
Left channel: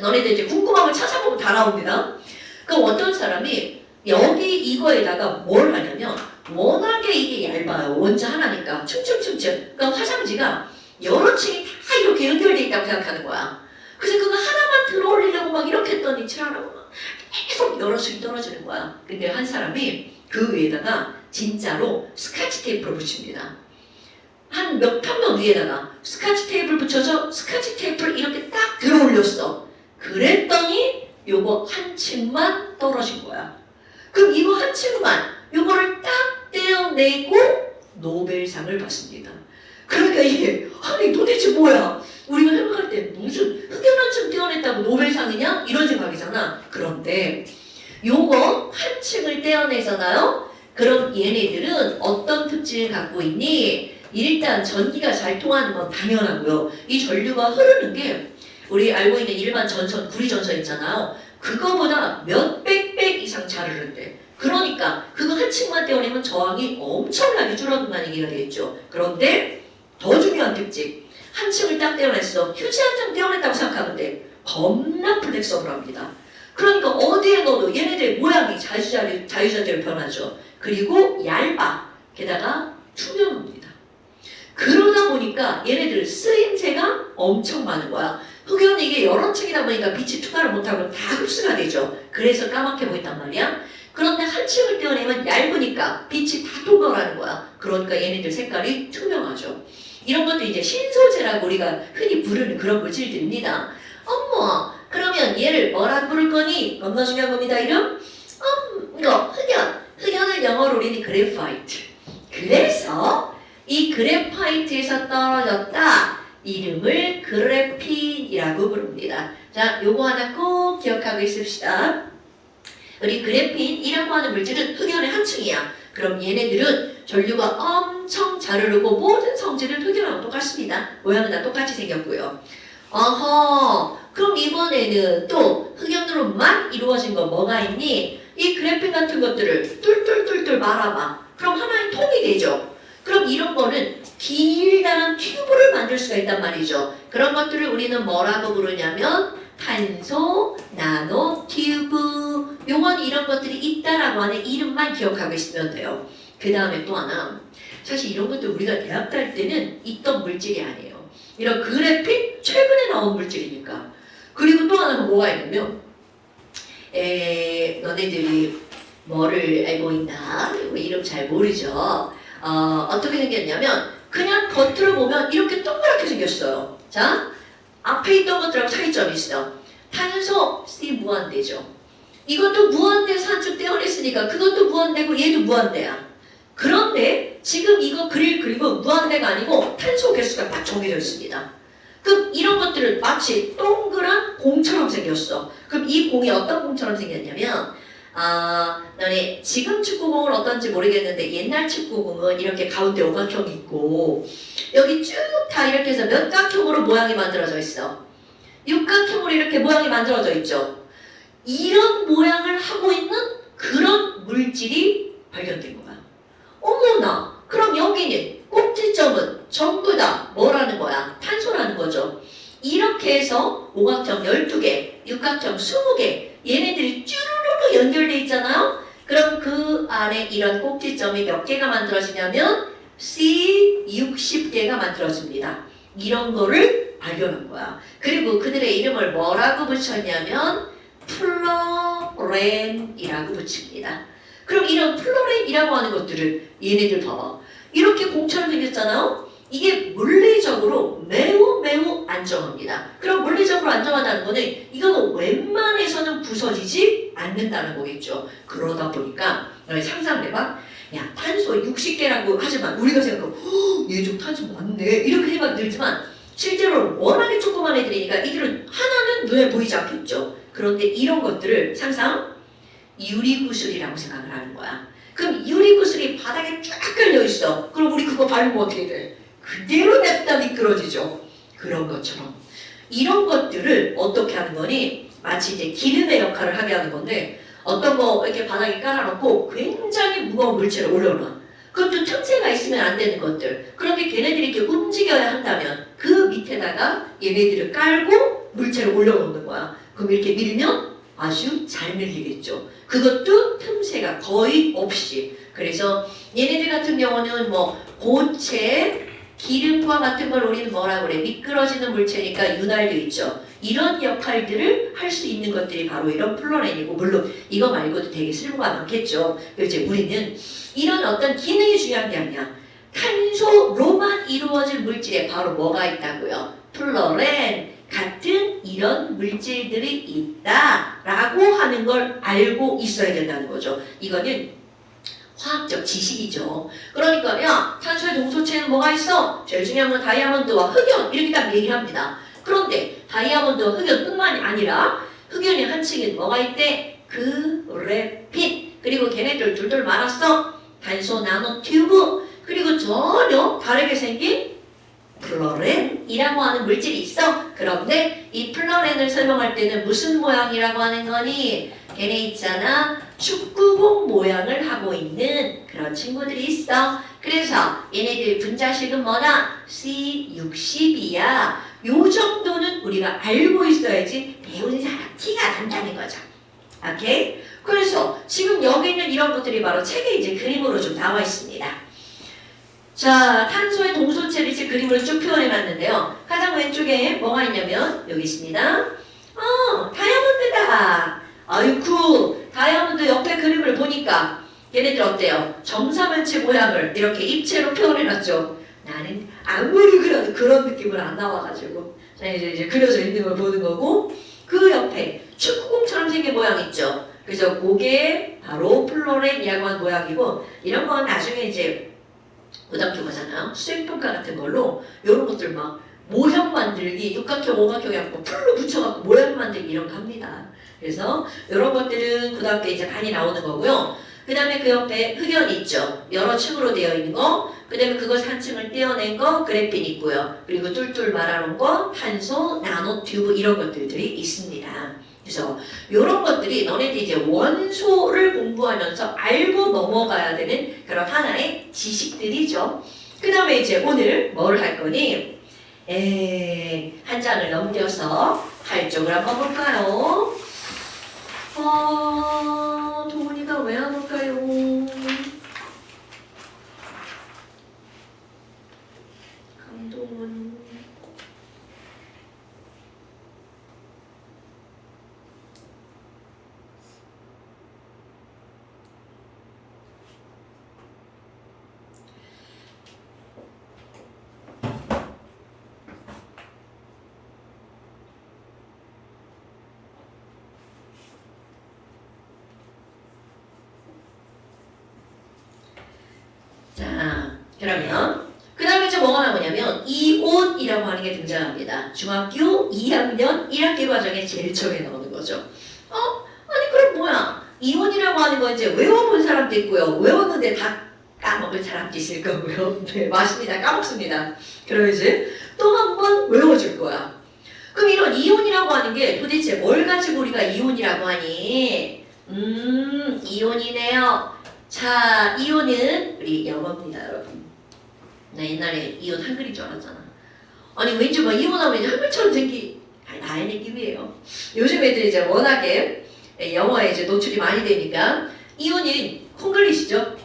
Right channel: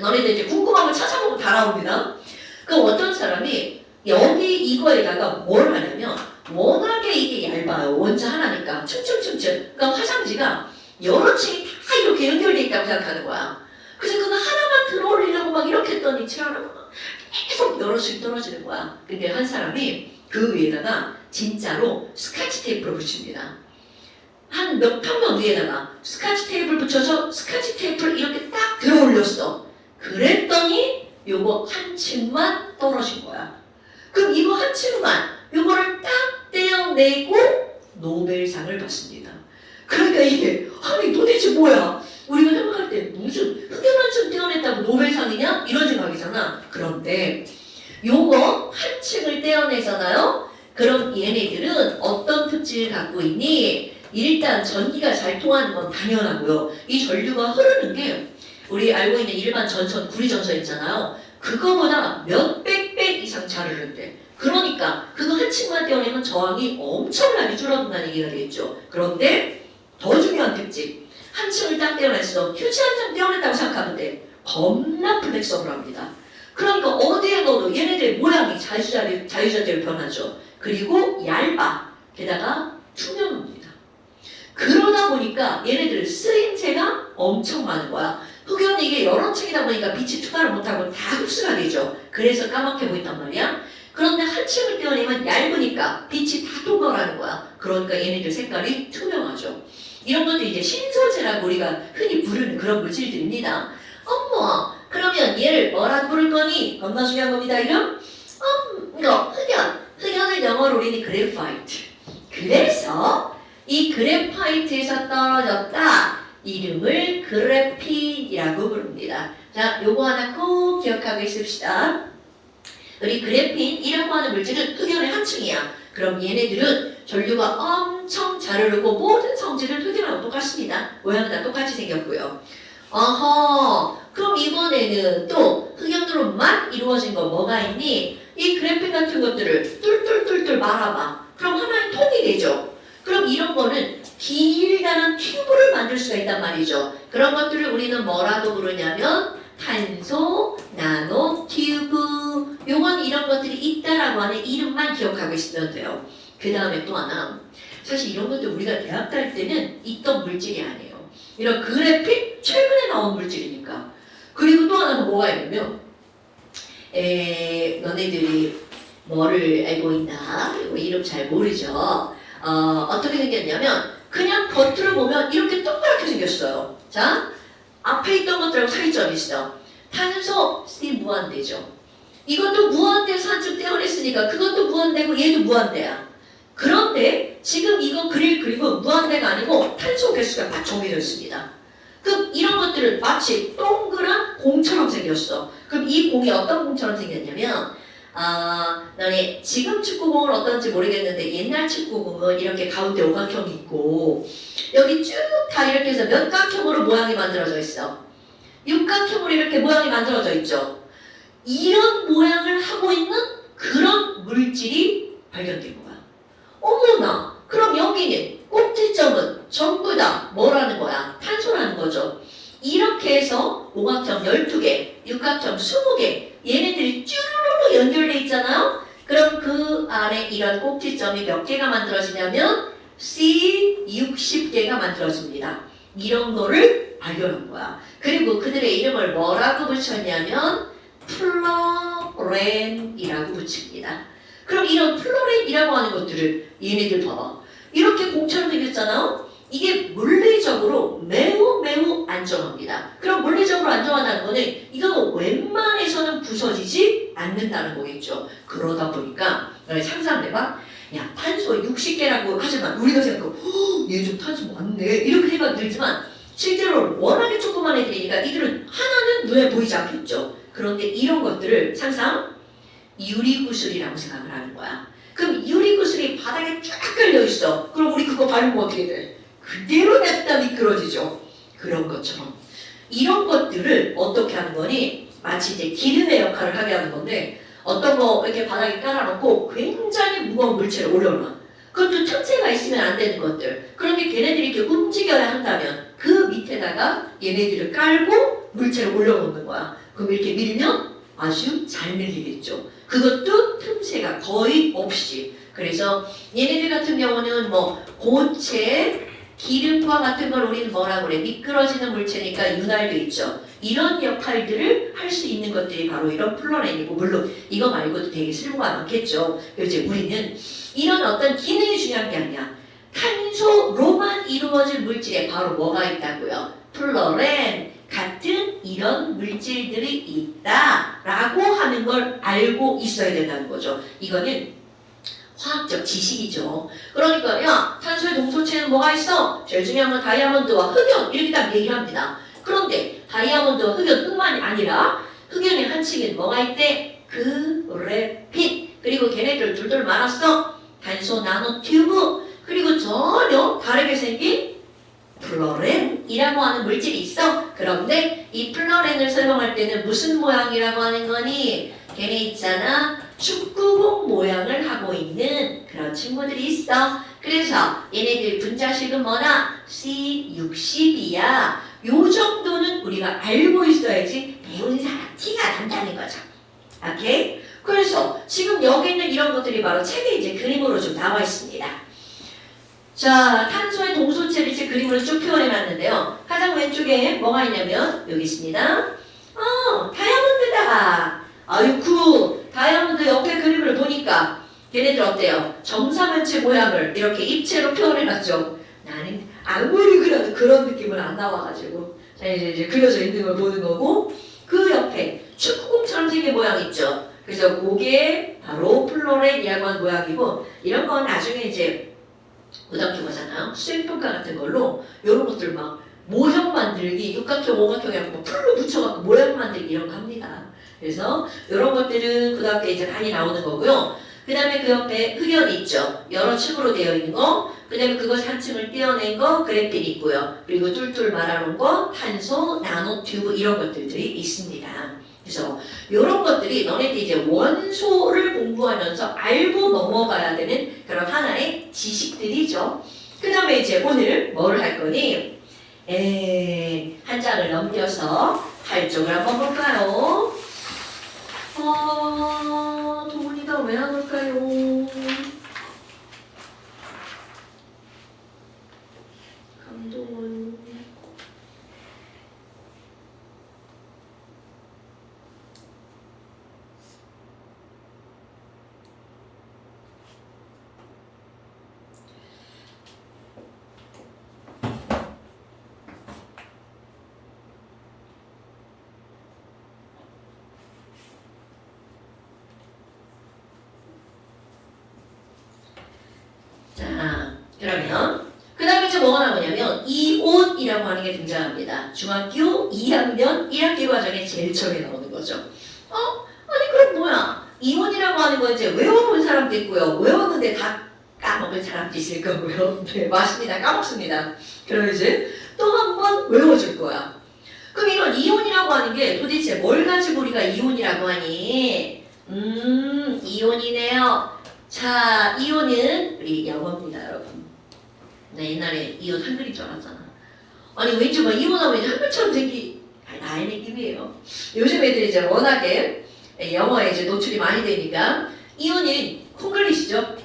너네들 이제 궁금한 걸 찾아보면 다 나옵니다. 그 어떤 사람이 여기 이거에다가 뭘 하냐면 워낙에 이게 얇아요. 원자 하나니까 층층층층. 그러니까 화장지가 여러 층이 다 이렇게 연결돼 있다고 생각하는 거야. 그래서 그거 하나만 들어올리려고 막 이렇게 했더니 칠하라고 계속 여러 층 떨어지는 거야. 근데 한 사람이 그 위에다가 진짜로 스카치 테이프를 붙입니다. 한 몇 평면 위에다가 스카치 테이프를 붙여서 스카치 테이프를 이렇게 딱 들어올렸어. 그랬더니 요거 한 층만 떨어진 거야. 그럼 이거 한 층만 요거를 딱 떼어내고 노벨상을 받습니다. 그러니까 이게 아니 도대체 뭐야? 우리가 생각할 때 무슨 흑연 한 층 떼어냈다고 노벨상이냐? 이런 생각이잖아. 그런데 요거 한 층을 떼어내잖아요. 그럼 얘네들은 어떤 특징을 갖고 있니? 일단 전기가 잘 통하는 건 당연하고요. 이 전류가 흐르는 게 우리 알고 있는 일반 전선, 구리 전선 있잖아요. 그거보다 몇백 배 이상 잘 흐른대. 그러니까 그거 한 층만 떼어내면 저항이 엄청나게 줄어든다는 얘기가 되겠죠. 그런데 더 중요한 특징, 한 층을 딱 떼어냈어. 휴지 한 장 떼어냈다고 생각하는데 겁나 플렉서블합니다. 그러니까 어디에 넣어도 얘네들 모양이 자유자재로 변하죠. 그리고 얇아. 게다가 투명합니다. 그러다 보니까 얘네들 쓰임새가 엄청 많은 거야. 흑연이 이게 여러 층이다 보니까 빛이 투과를 못하고 다 흡수가 되죠. 그래서 까맣게 보인단 말이야. 그런데 한 층을 떼어내면 얇으니까 빛이 다 통과하는 거야. 그러니까 얘네들 색깔이 투명하죠. 이런 것도 이제 신소재라고 우리가 흔히 부르는 그런 물질들입니다. 어머, 그러면 얘를 뭐라 부를 거니? 겁나 중요한 겁니다. 이름? 이거 흑연. 흑연을 영어로 우리는 그래파이트. 그래서 이 그래파이트에서 떨어졌다. 이름을 그래핀이라고 부릅니다. 자, 요거 하나 꼭 기억하고 있읍시다. 우리 그래핀이라고 하는 물질은 흑연의 한 층이야. 그럼 얘네들은 전류가 엄청 잘 흐르고 모든 성질은 흑연하고 똑같습니다. 모양은 다 똑같이 생겼고요. 어허, 그럼 이번에는 또 흑연으로만 이루어진 거 뭐가 있니? 이 그래핀 같은 것들을 뚫뚫뚫뚫 말아봐. 그럼 하나의 통이 되죠. 그럼 이런 거는 길다란 튜브를 만들 수가 있단 말이죠. 그런 것들을 우리는 뭐라고 부르냐면 탄소, 나노, 튜브. 요건 이런 것들이 있다라고 하는 이름만 기억하고 있으면 돼요. 그 다음에 또 하나. 사실 이런 것도 우리가 대학 다닐 때는 있던 물질이 아니에요. 이런 그래핀 최근에 나온 물질이니까. 그리고 또 하나는 뭐가 있냐면 너네들이 뭐를 알고 있나? 이름 잘 모르죠. 어떻게 생겼냐면 그냥 겉으로 보면 이렇게 동그랗게 생겼어요. 자, 앞에 있던 것들하고 차이점이 있어. 탄소, 스팀 무한대죠. 이것도 무한대에서 한쪽 떼어냈으니까 그것도 무한대고 얘도 무한대야. 그런데 지금 이거 그리고 무한대가 아니고 탄소 개수가 딱 정해져 있습니다. 그럼 이런 것들은 마치 동그란 공처럼 생겼어. 그럼 이 공이 어떤 공처럼 생겼냐면 너네 지금 축구공은 어떤지 모르겠는데 옛날 축구공은 이렇게 가운데 오각형이 있고 여기 쭉 다 이렇게 해서 몇각형으로 모양이 만들어져 있어. 육각형으로 이렇게 모양이 만들어져 있죠. 이런 모양을 하고 있는 그런 물질이 발견된 거야. 어머나, 그럼 여기는 꼭지점은 전부 다 뭐라는 거야? 탄소라는 거죠. 이렇게 해서 오각형 12개, 육각형 20개 얘네들이 쭈루루루 연결돼 있잖아요. 그럼 그 안에 이런 꼭지점이 몇 개가 만들어지냐면 C 60개가 만들어집니다. 이런 거를 발견한 거야. 그리고 그들의 이름을 뭐라고 붙였냐면 플로렌이라고 붙입니다. 그럼 이런 플로렌이라고 하는 것들을 얘네들 봐봐. 이렇게 공처럼 생겼잖아요. 이게 물리적으로 매우 안정합니다. 그럼 물리적으로 안정하다는 거는 이거는 웬만해서는 부서지지 않는다는 거겠죠. 그러다 보니까 상상해봐. 야, 탄소 60개라고 하지만 우리가 생각하고 얘 좀 탄소 많네 이렇게 생각 들지만 실제로 워낙에 조그만 애들이니까 이들은 하나는 눈에 보이지 않겠죠. 그런데 이런 것들을 항상 유리구슬이라고 생각을 하는 거야. 그럼 유리구슬이 바닥에 쫙 깔려있어. 그럼 우리 그거 바르면 어떻게 돼? 그대로 냅다 미끄러지죠. 그런 것처럼 이런 것들을 어떻게 하는 거니? 마치 이제 기름의 역할을 하게 하는 건데 어떤 거 이렇게 바닥에 깔아놓고 굉장히 무거운 물체를 올려놔. 그것도 틈새가 있으면 안 되는 것들. 그런데 걔네들이 이렇게 움직여야 한다면 그 밑에다가 얘네들을 깔고 물체를 올려놓는 거야. 그럼 이렇게 밀면 아주 잘 밀리겠죠. 그것도 틈새가 거의 없이. 그래서 얘네들 같은 경우는 뭐 고체, 기름과 같은 걸 우리는 뭐라고 그래? 미끄러지는 물체니까 윤활유 있죠. 이런 역할들을 할 수 있는 것들이 바로 이런 플로렌이고, 물론 이거 말고도 되게 쓸모가 많겠죠. 이제 우리는 이런 어떤 기능이 중요한 게 아니야. 탄소로만 이루어진 물질에 바로 뭐가 있다고요? 플로렌 같은 이런 물질들이 있다라고 하는 걸 알고 있어야 된다는 거죠. 이거는 화학적 지식이죠. 그러니까 야, 탄소의 동소체는 뭐가 있어? 제일 중요한 건 다이아몬드와 흑연 이렇게 딱 얘기합니다. 그런데 다이아몬드와 흑연뿐만이 아니라 흑연의 한 층엔 뭐가 있대? 그래핀. 그리고 걔네들 둘둘 말았어. 탄소 나노튜브. 그리고 전혀 다르게 생긴 플로렌이라고 하는 물질이 있어. 그런데 이 플로렌을 설명할 때는 무슨 모양이라고 하는 거니? 걔네 있잖아. 축구공 모양을 하고 있는 그런 친구들이 있어. 그래서 얘네들 분자식은 뭐다? C60이야. 요 정도는 우리가 알고 있어야지 배운 사람 티가 난다는 거죠. 오케이? 그래서 지금 여기 있는 이런 것들이 바로 책에 이제 그림으로 좀 나와 있습니다. 자, 탄소의 동소체를 이제 그림으로 쭉 표현해놨는데요. 가장 왼쪽에 뭐가 있냐면 여기 있습니다. 다이아몬드다. 아유쿠, 다이아몬드 옆에 그림을 보니까 걔네들 어때요? 정사면체 모양을 이렇게 입체로 표현해놨죠. 나는 아무리 그려도 그런 느낌은 안 나와가지고 자 이제 그려져 있는 걸 보는 거고 그 옆에 축구공처럼 생긴 모양 있죠. 그래서 그게 바로 플로렌이라고 하는 모양이고 이런 건 나중에 이제 고등학교 가잖아요. 수행평가 같은 걸로 이런 것들 막 모형 만들기, 육각형, 오각형 해갖고 풀로 붙여갖고 모양 만들기 이런 거 합니다. 그래서 이런 것들은 고등학교 이제 많이 나오는 거고요. 그 다음에 그 옆에 흑연이 있죠. 여러 층으로 되어 있는 거. 그 다음에 그것 한 층을 떼어낸 거 그래핀 있고요. 그리고 툴툴 말아놓은 거 탄소, 나노튜브 이런 것들이 있습니다. 그래서 이런 것들이 너네들이 이제 원소를 공부하면서 알고 넘어가야 되는 그런 하나의 지식들이죠. 그 다음에 이제 오늘 뭘 할 거니? 한 장을 넘겨서 8쪽을 한번 볼까요? 도훈이가 왜 안 올까요? 강동원. 자, 그러면 그 다음에 이제 뭐가 나오냐면 이온이라고 하는 게 등장합니다. 중학교 2학년 1학기 과정에 제일 처음에 나오는 거죠. 아니 그럼 뭐야? 이온이라고 하는 거 이제 외워본 사람도 있고요. 외웠는데 다 까먹은 사람도 있을 거고요. 네, 맞습니다. 까먹습니다. 그럼 이제 또 한 번 외워줄 거야. 그럼 이런 이온이라고 하는 게 도대체 뭘 가지고 우리가 이온이라고 하니? 이온이네요. 자, 이온은 우리 영어입니다, 여러분. 나 옛날에 이온 한글인 줄 알았잖아. 아니 왠지 막 이온하면 이제 한글처럼 나의 느낌이에요. 요즘 애들이 이제 워낙에 영어에 이제 노출이 많이 되니까 이온은 콩글리시죠?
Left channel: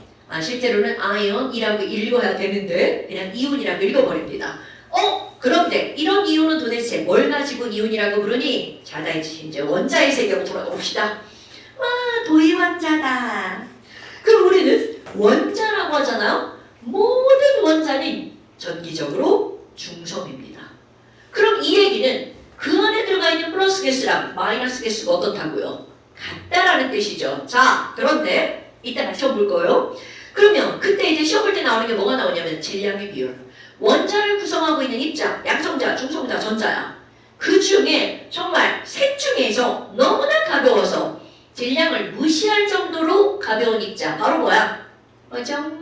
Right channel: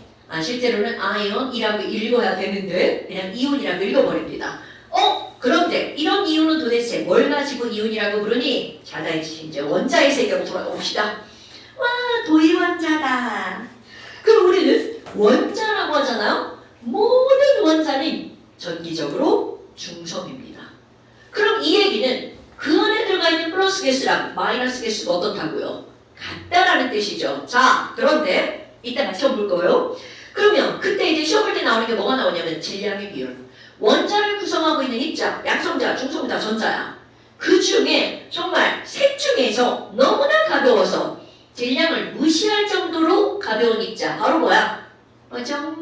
실제로는 아이온이라고 읽어야 되는데 그냥 이온이라고 읽어버립니다. 그런데 이런 이온은 도대체 뭘 가지고 이온이라고 부르니? 자, 다 이제 원자의 세계로 돌아봅시다. 와, 도이원자다. 그럼 우리는 원자라고 하잖아요. 모든 원자는 전기적으로 중성입니다. 그럼 이 얘기는 그 안에 들어가 있는 플러스 개수랑 마이너스 개수가 어떻다고요? 같다라는 뜻이죠. 자, 그런데 이따가 시험 볼 거예요. 그러면 그때 이제 시험 볼 때 나오는 게 뭐가 나오냐면 질량의 비율. 원자를 구성하고 있는 입자, 양성자, 중성자, 전자야. 그 중에 정말 셋 중에서 너무나 가벼워서 질량을 무시할 정도로 가벼운 입자 바로 뭐야? 뭐죠?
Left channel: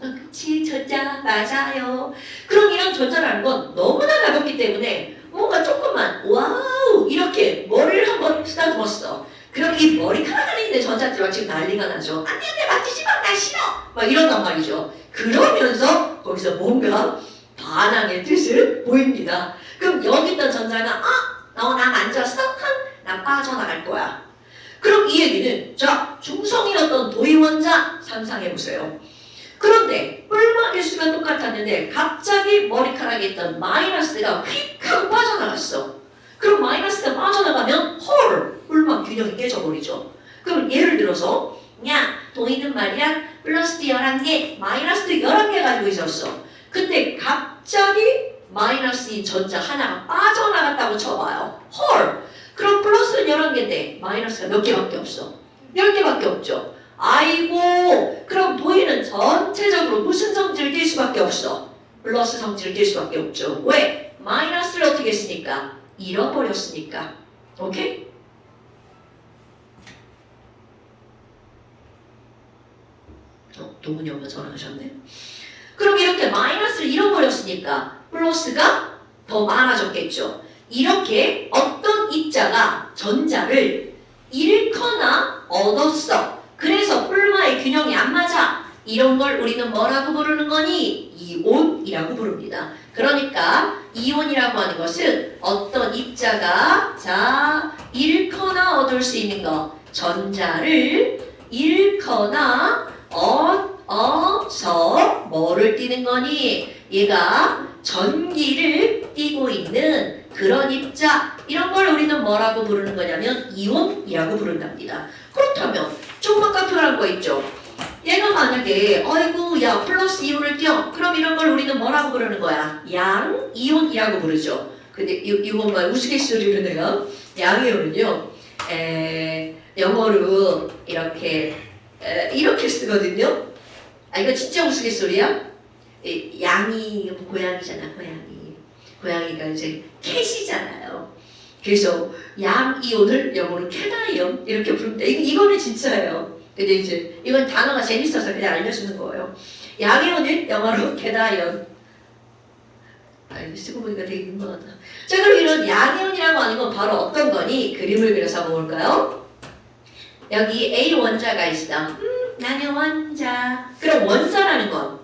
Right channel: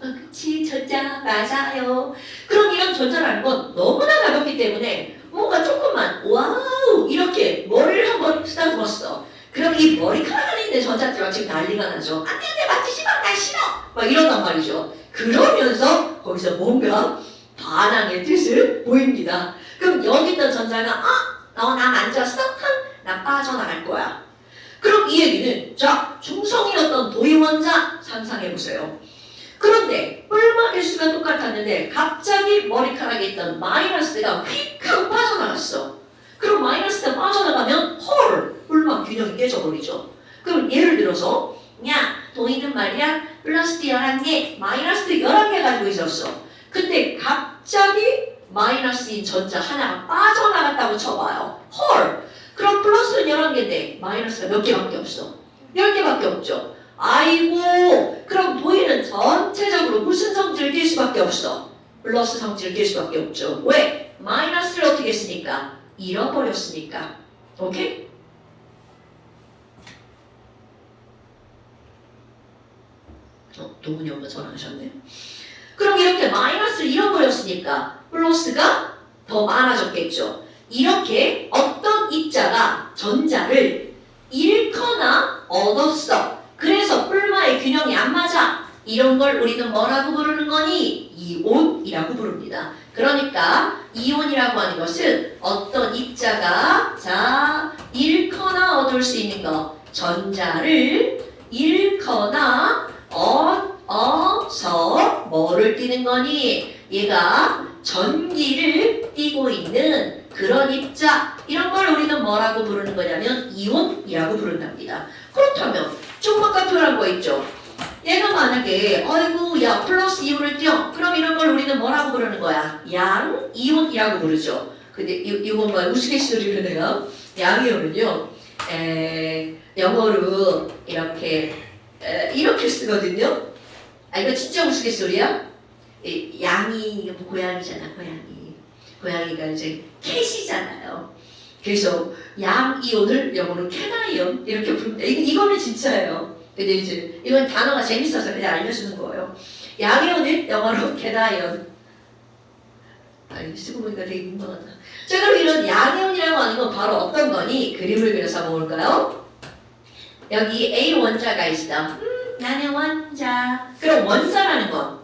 그치, 전자 맞아요. 그럼 이런 전자라는 건 너무나 가볍기 때문에 뭔가 조금만 와우 이렇게 머리를 한번 쓰다듬었어. 그럼 이 머리카락 안에 있는 전자들과 지금 난리가 나죠. 안돼 맞지 마, 나 싫어 막 이런단 말이죠. 그러면서 거기서 뭔가 반항의 뜻을 보입니다. 그럼 여기 있던 전자가 너 나 만졌어? 나 빠져나갈 거야. 그럼 이 얘기는 자 중성이었던 도이원자 상상해보세요. 그런데 뿔마 개수가 똑같았는데 갑자기 머리카락에 있던 마이너스가 휙 하고 빠져나갔어. 그럼 마이너스가 빠져나가면 헐! 뿔마 균형이 깨져버리죠. 그럼 예를 들어서 야 도이는 말이야 플러스 11개 마이너스 11개 가지고 있었어. 근데 갑자기 마이너스인 전자 하나가 빠져나갔다고 쳐봐요. 헐! 그럼 플러스는 11개인데 마이너스가 몇 개밖에 없어? 10개밖에 없죠. 아이고 그럼 도의는 전체적으로 무슨 성질을 띌 수밖에 없어? 플러스 성질을 띌 수밖에 없죠. 왜? 마이너스를 어떻게 했으니까? 잃어버렸으니까. 오케이? 도훈이 엄마 전화하셨네. 그럼 이렇게 마이너스를 잃어버렸으니까 플러스가 더 많아졌겠죠. 이렇게 어떤 입자가 전자를 잃거나 얻었어. 그래서 뿔마의 균형이 안 맞아. 이런 걸 우리는 뭐라고 부르는 거니? 이온이라고 부릅니다. 그러니까 이온이라고 하는 것은 어떤 입자가 잃거나 얻을 수 있는 거. 전자를 잃거나 얻어서 뭐를 띠는 거니? 얘가 전기를 띠고 있는 그런 입자. 이런 걸 우리는 뭐라고 부르는 거냐면 이온이라고 부른답니다. 그렇다면 조금만 표현한 거 있죠. 얘가 만약에 어이구 야 플러스 이온을 띄어. 그럼 이런 걸 우리는 뭐라고 부르는 거야? 양이온이라고 부르죠. 근데 이건 뭐 우스갯소리로 내가 양이온은요 영어로 이렇게 쓰거든요. 이거 진짜 우스갯소리야? 양이 고양이잖아. 고양이가 이제 캣이잖아요. 그래서 양이온을 영어로 캣아이온 이렇게 부릅니다. 이거는 진짜예요. 근데 이제 이건 단어가 재밌어서 그냥 알려주는 거예요. 양이온은 영어로 캣아이온. 쓰고 보니까 되게 민망하다. 자, 그럼 이런 양이온이라고 하는 건 바로 어떤 거니? 그림을 그려서 볼까요? 여기 A 원자가 있어. 나는 원자. 그럼 원자라는 건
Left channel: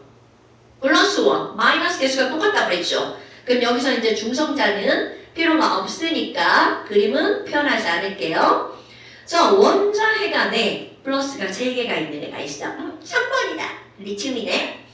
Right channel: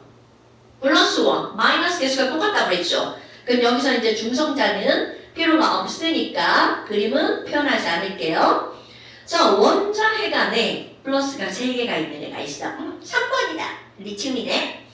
플러스 원, 마이너스 개수가 똑같다고 그랬죠. 그럼 여기서 이제 중성자는 필요가 없으니까 그림은 표현하지 않을게요. 자, 원자 해간에 플러스가 3개가 있는 애가 있어. 3번이다. 리튬이네.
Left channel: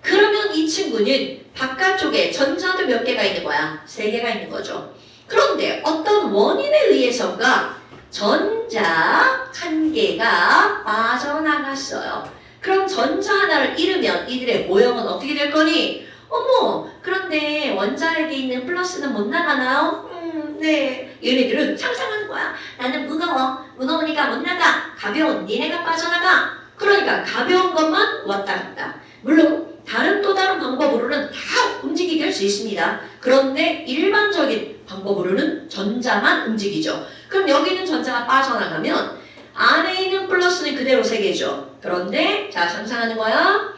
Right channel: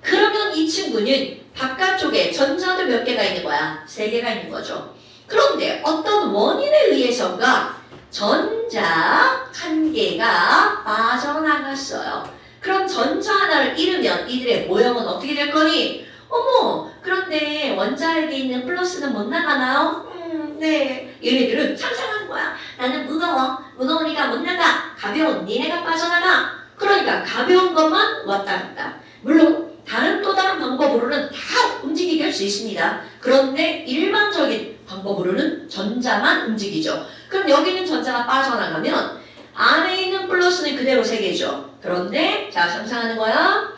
그러면 이 친구는 바깥쪽에 전자도 몇 개가 있는 거야? 3개가 있는 거죠. 그런데 어떤 원인에 의해서가 전자 1개가 빠져나갔어요. 그럼 전자 하나를 잃으면 이들의 모형은 어떻게 될 거니? 어머, 그런데 원자에게 있는 플러스는 못 나가나요? 네. 얘네들은 상상하는 거야. 나는 무거우니까 못 나가. 가벼운 니네가 빠져나가. 그러니까 가벼운 것만 왔다 갔다. 물론 또 다른 방법으로는 다 움직이게 할 수 있습니다. 그런데 일반적인 방법으로는 전자만 움직이죠. 그럼 여기 있는 전자가 빠져나가면 안에 있는 플러스는 그대로 3개죠. 그런데 자 상상하는 거야.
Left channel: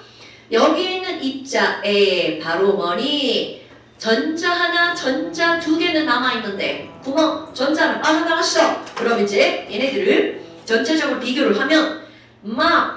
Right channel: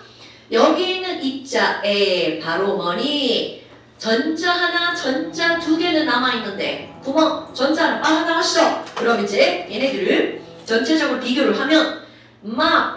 여기 있는 입자에 바로 뭐니? 전자 하나, 전자 2개는 남아있는데 구멍, 전자는 빠져나갔어. 그럼 이제 얘네들을 전체적으로 비교를 하면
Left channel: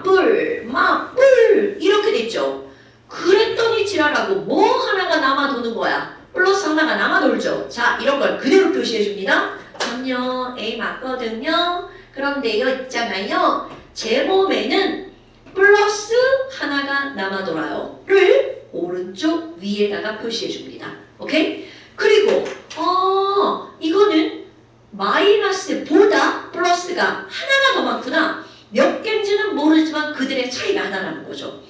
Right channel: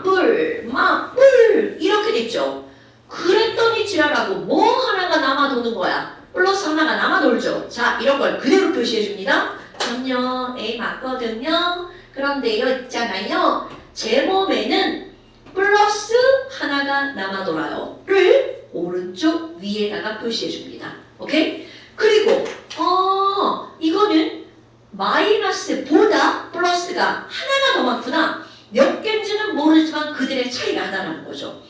뿔 이렇게 됐죠. 그랬더니 지랄하고 뭐 하나가 남아도는 거야. 플러스 하나가 남아돌죠. 자, 이런 걸 그대로 표시해줍니다. 전요 A 맞거든요. 그런데요 있잖아요. 제 몸에는 플러스 하나가 남아돌아요. 를 오른쪽 위에다가 표시해 줍니다. 오케이? 그리고 이거는 마이너스보다 플러스가 하나가 더 많구나. 몇 개인지는 모르지만 그들의 차이가 하나라는 거죠.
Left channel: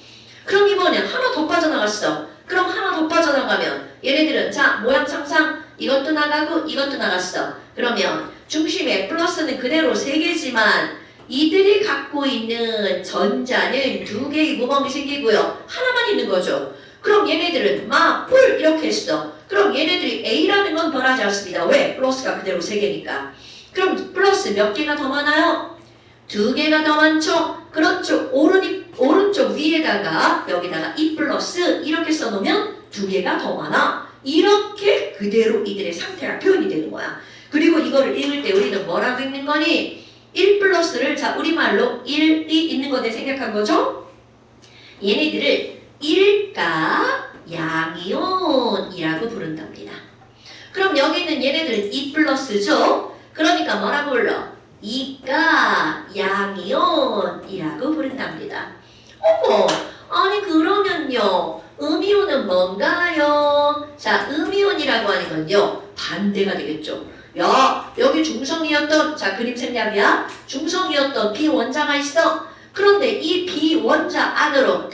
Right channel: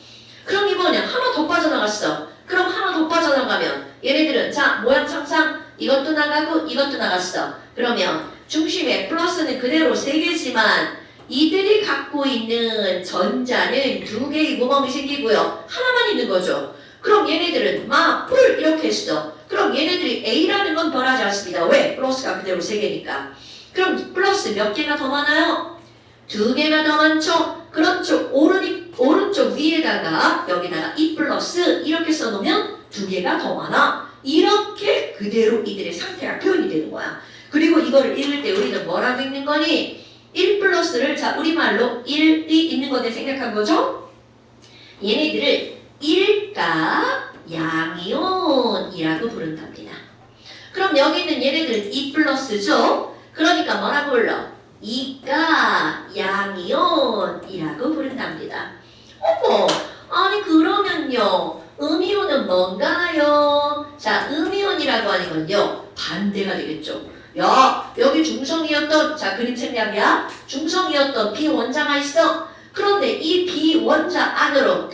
그럼 이거는 하나 더 빠져나갔어. 그럼 하나 더 빠져나가면 얘네들은 자 모양 참상 이것도 나가고 이것도 나갔어. 그러면 중심에 플러스는 그대로 3개지만 이들이 갖고 있는 전자는 2개의 구멍이 생기고요. 하나만 있는 거죠. 그럼 얘네들은 풀 이렇게 했어. 그럼 얘네들이 A라는 건 변하지 않습니다. 왜? 플러스가 그대로 3개니까. 그럼 플러스 몇 개가 더 많아요? 2개가 더 많죠? 그렇죠. 오른쪽 위에다가 여기다가 E 플러스 이렇게 써놓으면 2개가 더 많아. 이렇게 그대로 이들의 상태가 표현이 되는 거야. 그리고 이거를 읽을 때 우리는 뭐라고 읽는 거니? 1 플러스를 자 우리말로 1이 있는 거네 생각한 거죠? 얘네들을 일가 양이온이라고 부른답니다. 그럼 여기 있는 얘네들은 2 플러스죠? 그러니까 뭐라고 불러? 이가 양이온이라고 부른답니다. 어머, 아니 그러면요 음이온은 뭔가요? 자 음이온이라고 하는 건요 반대가 되겠죠. 야 여기 중성이었던 자 그림 생략이야. 중성이었던 비원자가 있어. 그런데 이 비원자 안으로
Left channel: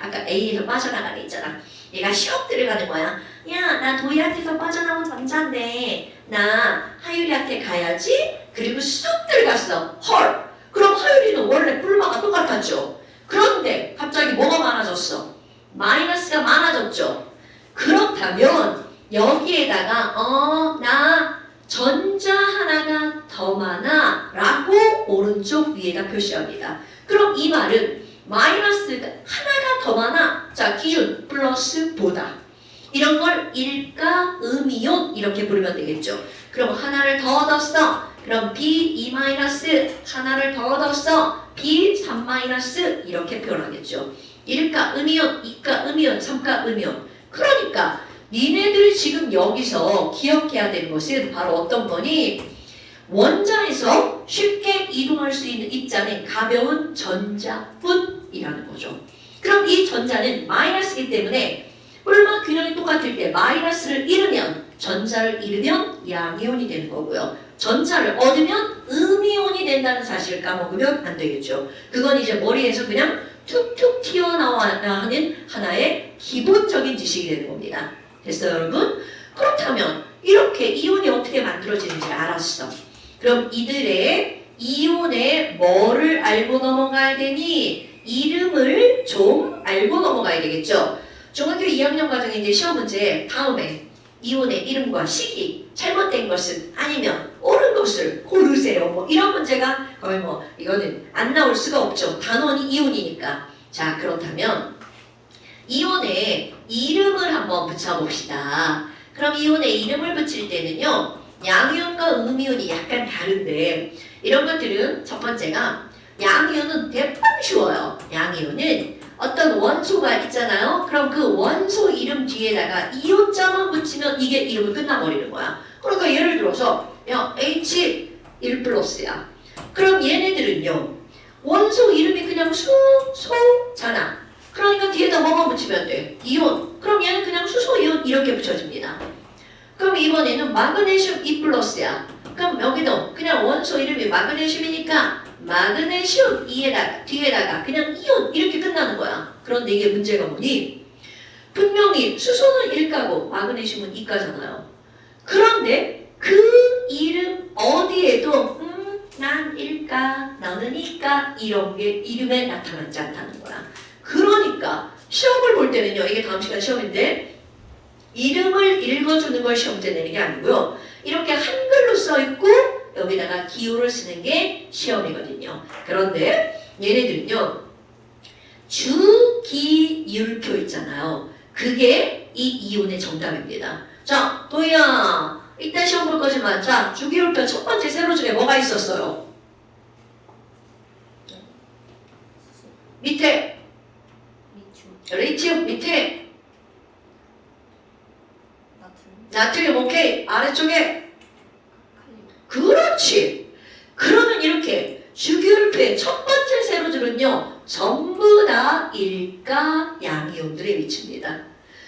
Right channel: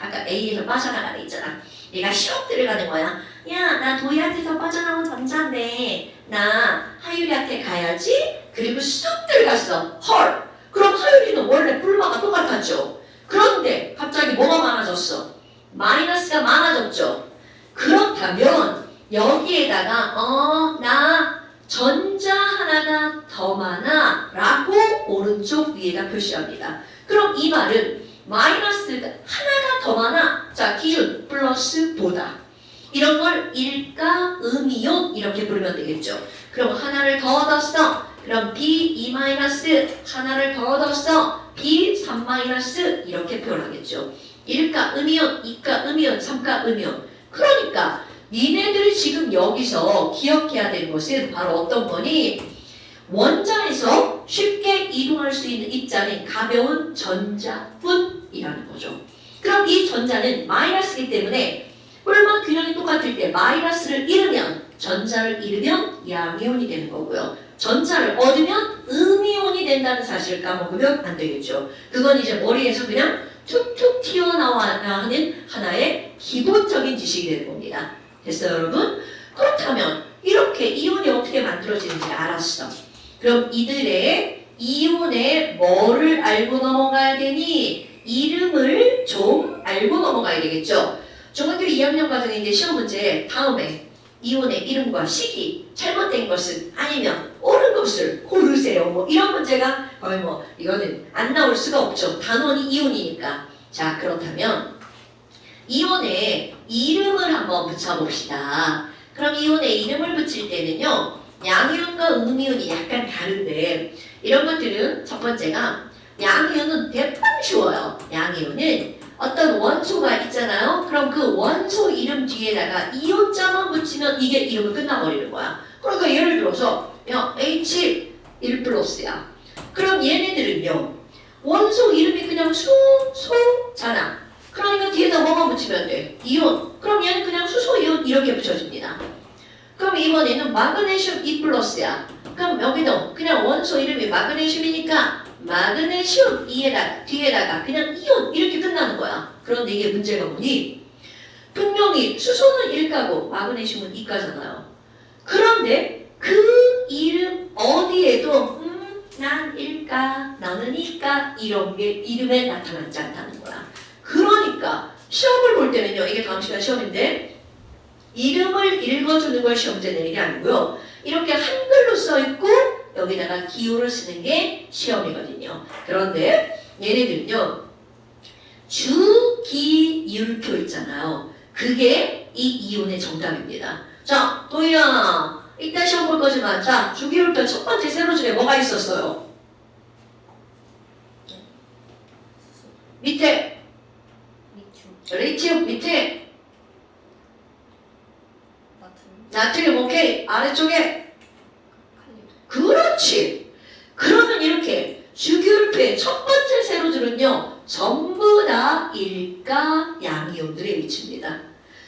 아까 A에서 빠져나가는 있잖아. 얘가 시험 들어가는 거야. 야 나 도희한테서 빠져나온 전자인데 나 하율이한테 가야지. 그리고 수업 들어갔어. 헐. 그럼 하율이는 원래 뿔마가 똑같았죠. 그런데 갑자기 뭐가 많아졌어? 마이너스가 많아졌죠. 그렇다면 여기에다가 나 전자 하나가 더 많아 라고 오른쪽 위에다 표시합니다. 그럼 이 말은 마이너스가 하나가 더 많아. 자 기준 플러스 보다. 이런 걸 일가 음이온 이렇게 부르면 되겠죠. 그럼 하나를 더 얻었어. 그럼 B2 마이너스 하나를 더 얻었어. B3 마이너스 이렇게 표현하겠죠. 1가 음이온, 2가 음이온, 3가 음이온. 그러니까 니네들이 지금 여기서 기억해야 될 것은 바로 어떤 거니? 원자에서 쉽게 이동할 수 있는 입자는 가벼운 전자뿐이라는 거죠. 그럼 이 전자는 마이너스이기 때문에 뿔마 균형이 똑같을 때 마이너스를 잃으면 전자를 잃으면 양이온이 되는 거고요. 전자를 얻으면 음이온이 된다는 사실을 까먹으면 안 되겠죠. 그건 이제 머리에서 그냥 툭툭 튀어나와야 하는 하나의 기본적인 지식이 되는 겁니다. 됐어요 여러분? 그렇다면 이렇게 이온이 어떻게 만들어지는지 알았어. 그럼 이들의 이온의 뭐를 알고 넘어가야 되니? 이름을 좀 알고 넘어가야 되겠죠. 중학교 2학년 과정에 이제 시험 문제 다음에 이온의 이름과 시기 잘못된 것은 아니면 옳은 것을 고르세요. 뭐 이런 문제가 거의 뭐 이거는 안 나올 수가 없죠. 단원이 이온이니까. 자 그렇다면 이온의 이름을 한번 붙여봅시다. 그럼 이온의 이름을 붙일 때는요 양이온과 음이온이 약간 다른데 이런 것들은 첫 번째가 양이온은 대빵 쉬워요. 양이온은 어떤 원소가 있잖아요. 그럼 그 원소 이름 뒤에다가 이온자만 붙이면 이게 이름이 끝나버리는 거야. 그러니까 예를 들어서 H1 플러스야. 그럼 얘네들은요 원소 이름이 그냥 수소잖아. 그러니까 뒤에다 뭐만 붙이면 돼? 이온. 그럼 얘는 그냥 수소 이온 이렇게 붙여집니다. 그럼 이번에는 마그네슘 2 플러스야. 그럼 여기도 그냥 원소 이름이 마그네슘이니까 마그네슘 뒤에다가 그냥 이온 이렇게 끝나는 거야. 그런데 이게 문제가 뭐니? 분명히 수소는 1가고 마그네슘은 2가잖아요. 그런데 그 이름 어디에도 난 1가, 나는 2가 이런 게 이름에 나타나지 않다는 거야. 그러니까 시험을 볼 때는요. 이게 다음 시간 시험인데 이름을 읽어주는 걸 시험제 내는 게 아니고요. 이렇게 한글로 써있고 여기다가 기호를 쓰는 게 시험이거든요. 그런데 얘네들은요. 주기율표 있잖아요. 그게 이 이온의 정답입니다. 자, 도희야. 이따 시험 볼 거지만 자, 주기율표 첫 번째 세로 중에 뭐가 있었어요? 밑에 리튬 밑에 나트륨 오케이. 아래쪽에 그렇지. 그러면 이렇게 주기율표의 첫 번째 세로줄은요 전부 다 일가 양이온들의 위치입니다.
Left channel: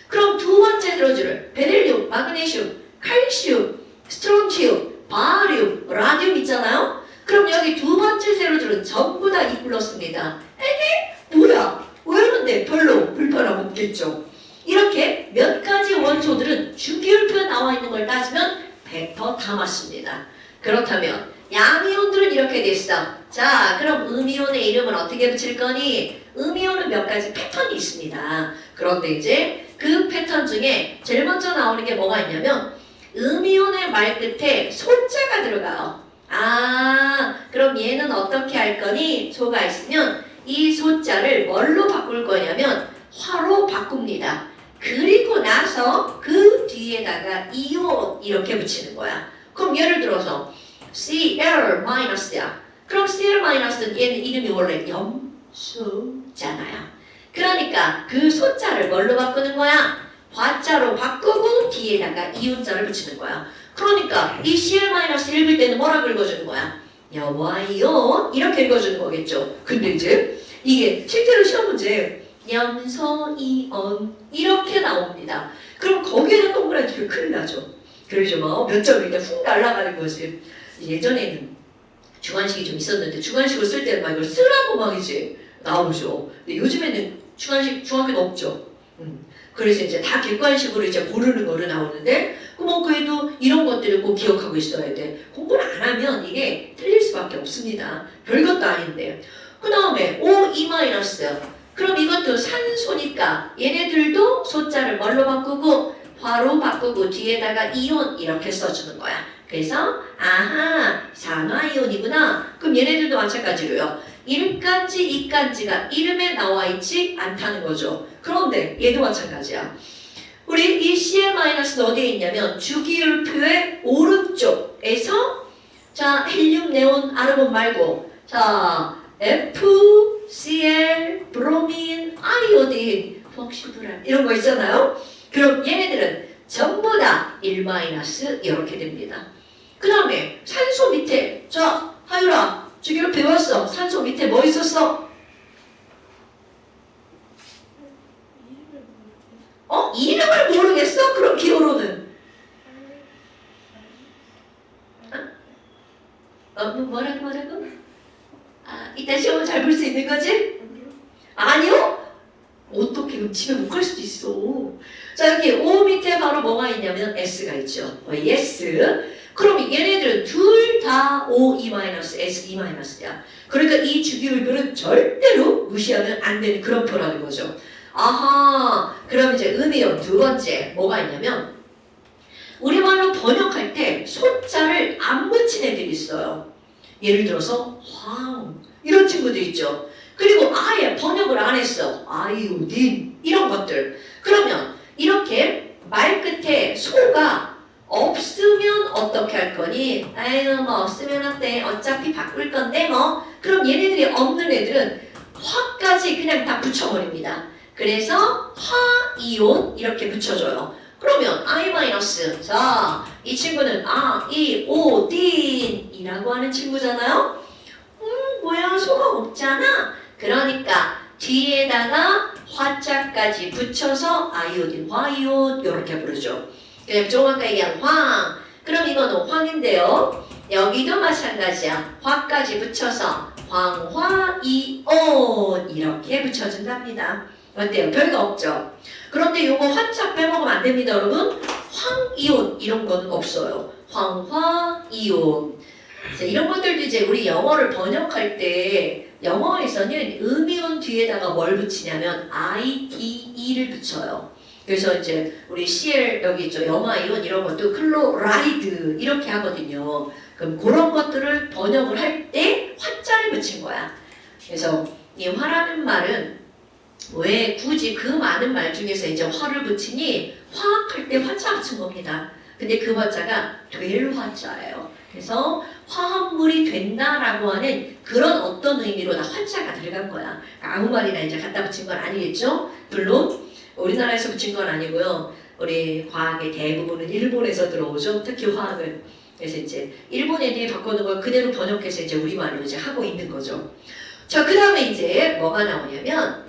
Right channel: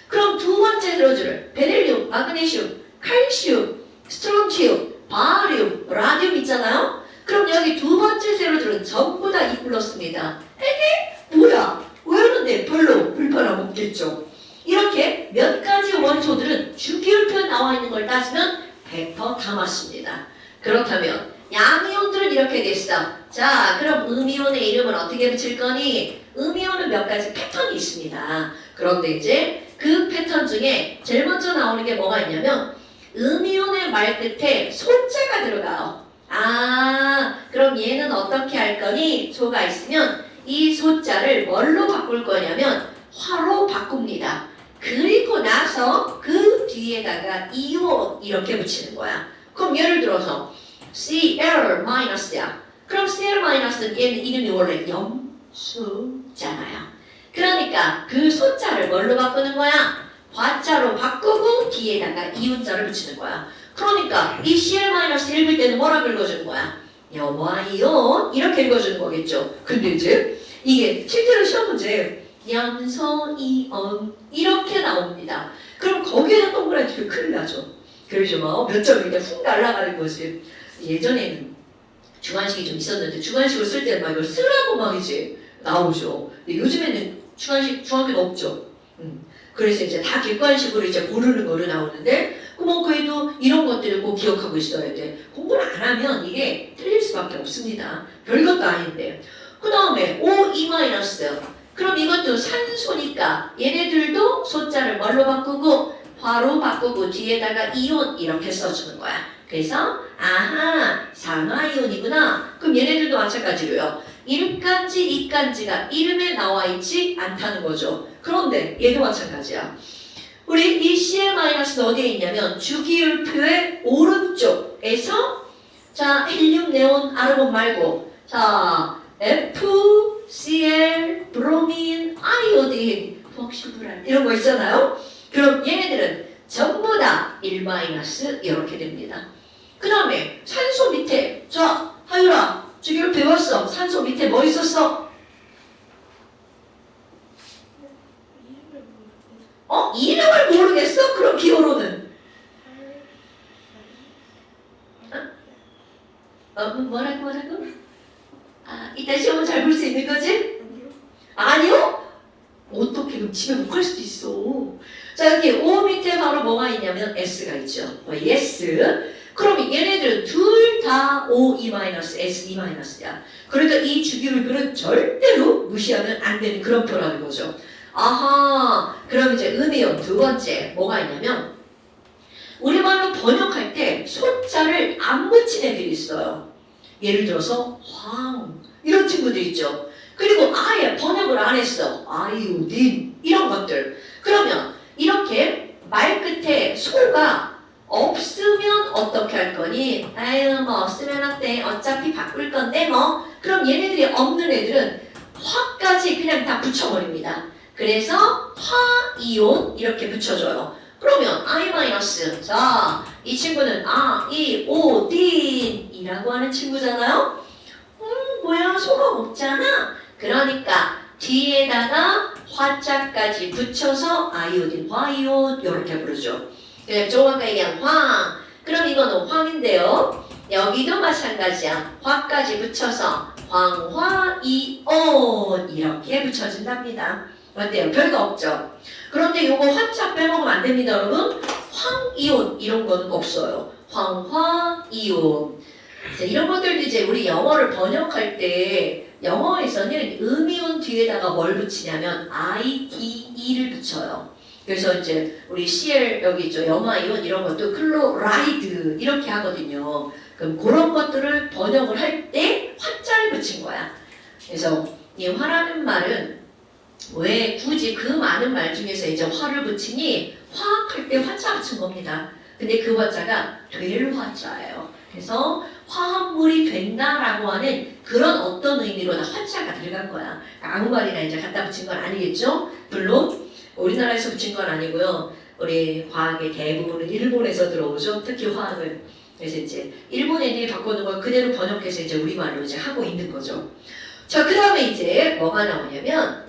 그럼 두 번째 세로줄 베릴륨, 마그네슘, 칼슘, 스트론튬, 바리움, 라디움 있잖아요. 그럼 여기 두 번째 세로줄은 전부 다 E 플러스입니다. 이게 뭐야? 왜 그런데 별로 불편함 없겠죠. 이렇게 몇 가지 원소들은 주기율표에 나와 있는 걸 따지면 100% 다 맞습니다. 그렇다면 양이온들은 이렇게 됐어. 자, 그럼 음이온의 이름은 어떻게 붙일 거니? 음이온은 몇 가지 패턴이 있습니다. 그런데 이제 그 패턴 중에 제일 먼저 나오는 게 뭐가 있냐면 음이온의 말 끝에 소자가 들어가요. 아, 그럼 얘는 어떻게 할 거니? 소가 있으면 이 소자를 뭘로 바꿀 거냐면 화로 바꿉니다. 그리고 나서 그 뒤에다가 이온 이렇게 붙이는 거야. 그럼 예를 들어서 Cl-야. 그럼 Cl-는 얘는 이름이 원래 염수잖아요. 그러니까 그 소자를 뭘로 바꾸는 거야? 화자로 바꾸고 뒤에다가 이온자를 붙이는 거야. 그러니까 이 Cl- 읽을 때는 뭐라고 읽어주는 거야? 염화이온 이렇게 읽어주는 거겠죠. 근데 이제 이게 실제로 시험 문제 염소이온 이렇게 나옵니다. 그럼 거기에는 동그라미 치면 큰일 나죠. 그러죠 뭐 몇 점이 그냥 훅 날아가는 거지. 예전에는 주관식이 좀 있었는데 주관식을 쓸 때는 막 이걸 쓰라고 막 이제 나오죠. 근데 요즘에는 주관식 없죠. 그래서 이제 다 객관식으로 이제 고르는 거를 나오는데 뭐 그래도 이런 것들을 꼭 기억하고 있어야 돼. 공부를 안 하면 이게 틀릴 수밖에 없습니다. 별것도 아닌데. 그 다음에 O2-. 그럼 이것도 산소니까 얘네들도 소자를 뭘로 바꾸고 화로 바꾸고 뒤에다가 이온 이렇게 써주는 거야. 그래서 아하 산화이온이구나. 그럼 얘네들도 마찬가지로요. 1간지, 2간지가 이름에 나와 있지 않다는 거죠. 그런데 얘도 마찬가지야. 우리 이 Cl- 어디에 있냐면 주기율표의 오른쪽에서 자 헬륨, 네온, 아르곤 말고 자 FCl, 브로민, 아이오딘, 폭시브란 이런 거 있잖아요. 그럼 얘네들은 전부 다 1- 이렇게 됩니다. 그 다음에 산소 밑에 자 하율아 주기율 배웠어. 산소 밑에 뭐 있었어? 이름을 모르겠어? 그럼 기호로는 뭐라고? 이따 시험은 잘 볼 수 있는 거지? 아니요? 어떻게 그럼 집에 못 갈 수도 있어. 자 여기 O 밑에 바로 뭐가 있냐면 S가 있죠. yes. 그럼 얘네들은 둘 다 O2-, S2-야. 그러니까 이 주기율표는 절대로 무시하면 안 되는 그런 표라는 거죠. 아하, 그럼 이제 음이온 두 번째 뭐가 있냐면 우리말로 번역할 때 소자를 안 붙인 애들이 있어요. 예를 들어서 황 이런 친구들 있죠. 그리고 아예 번역을 안 했어. 아이오딘 이런 것들. 그러면 이렇게 말 끝에 소가 없으면 어떻게 할 거니? 아유 뭐 없으면 어때? 어차피 바꿀 건데 뭐. 그럼 얘네들이 없는 애들은 화까지 그냥 다 붙여버립니다. 그래서 화이온 이렇게 붙여줘요. 그러면 I-. 자, 이 친구는 아이오딘이라고 하는 친구잖아요. 뭐야 소가 없잖아. 그러니까 뒤에다가 화자까지 붙여서 아이오딘, 화이온 이렇게 부르죠. 그냥 조금 아까 얘기한 황. 그럼 이거는 황인데요. 여기도 마찬가지야. 화까지 붙여서 황화이온 이렇게 붙여준답니다. 어때요? 별거 없죠? 그런데 요거 화자 빼먹으면 안 됩니다, 여러분. 황이온 이런 거는 없어요. 황화이온. 이런 것들도 이제 우리 영어를 번역할 때 영어에서는 음이온 뒤에다가 뭘 붙이냐면 IDE를 붙여요. 그래서 이제 우리 CL 여기 있죠. 염화이온 이런 것도 클로라이드 이렇게 하거든요. 그럼 그런 것들을 번역을 할 때 화자를 붙인 거야. 그래서 이 화라는 말은 왜 굳이 그 많은 말 중에서 이제 화를 붙이니 화학할 때 화자 붙인 겁니다. 근데 그 화자가 될 화자예요. 그래서 화합물이 된다라고 하는 그런 어떤 의미로 다 화자가 들어간 거야. 아무 말이나 이제 갖다 붙인 건 아니겠죠? 물론 우리나라에서 붙인 건 아니고요. 우리 과학의 대부분은 일본에서 들어오죠. 특히 화학은. 그래서 이제 일본 애들이 바꾸는 걸 그대로 번역해서 이제 우리말로 이제 하고 있는 거죠. 자, 그 다음에 이제 뭐가 나오냐면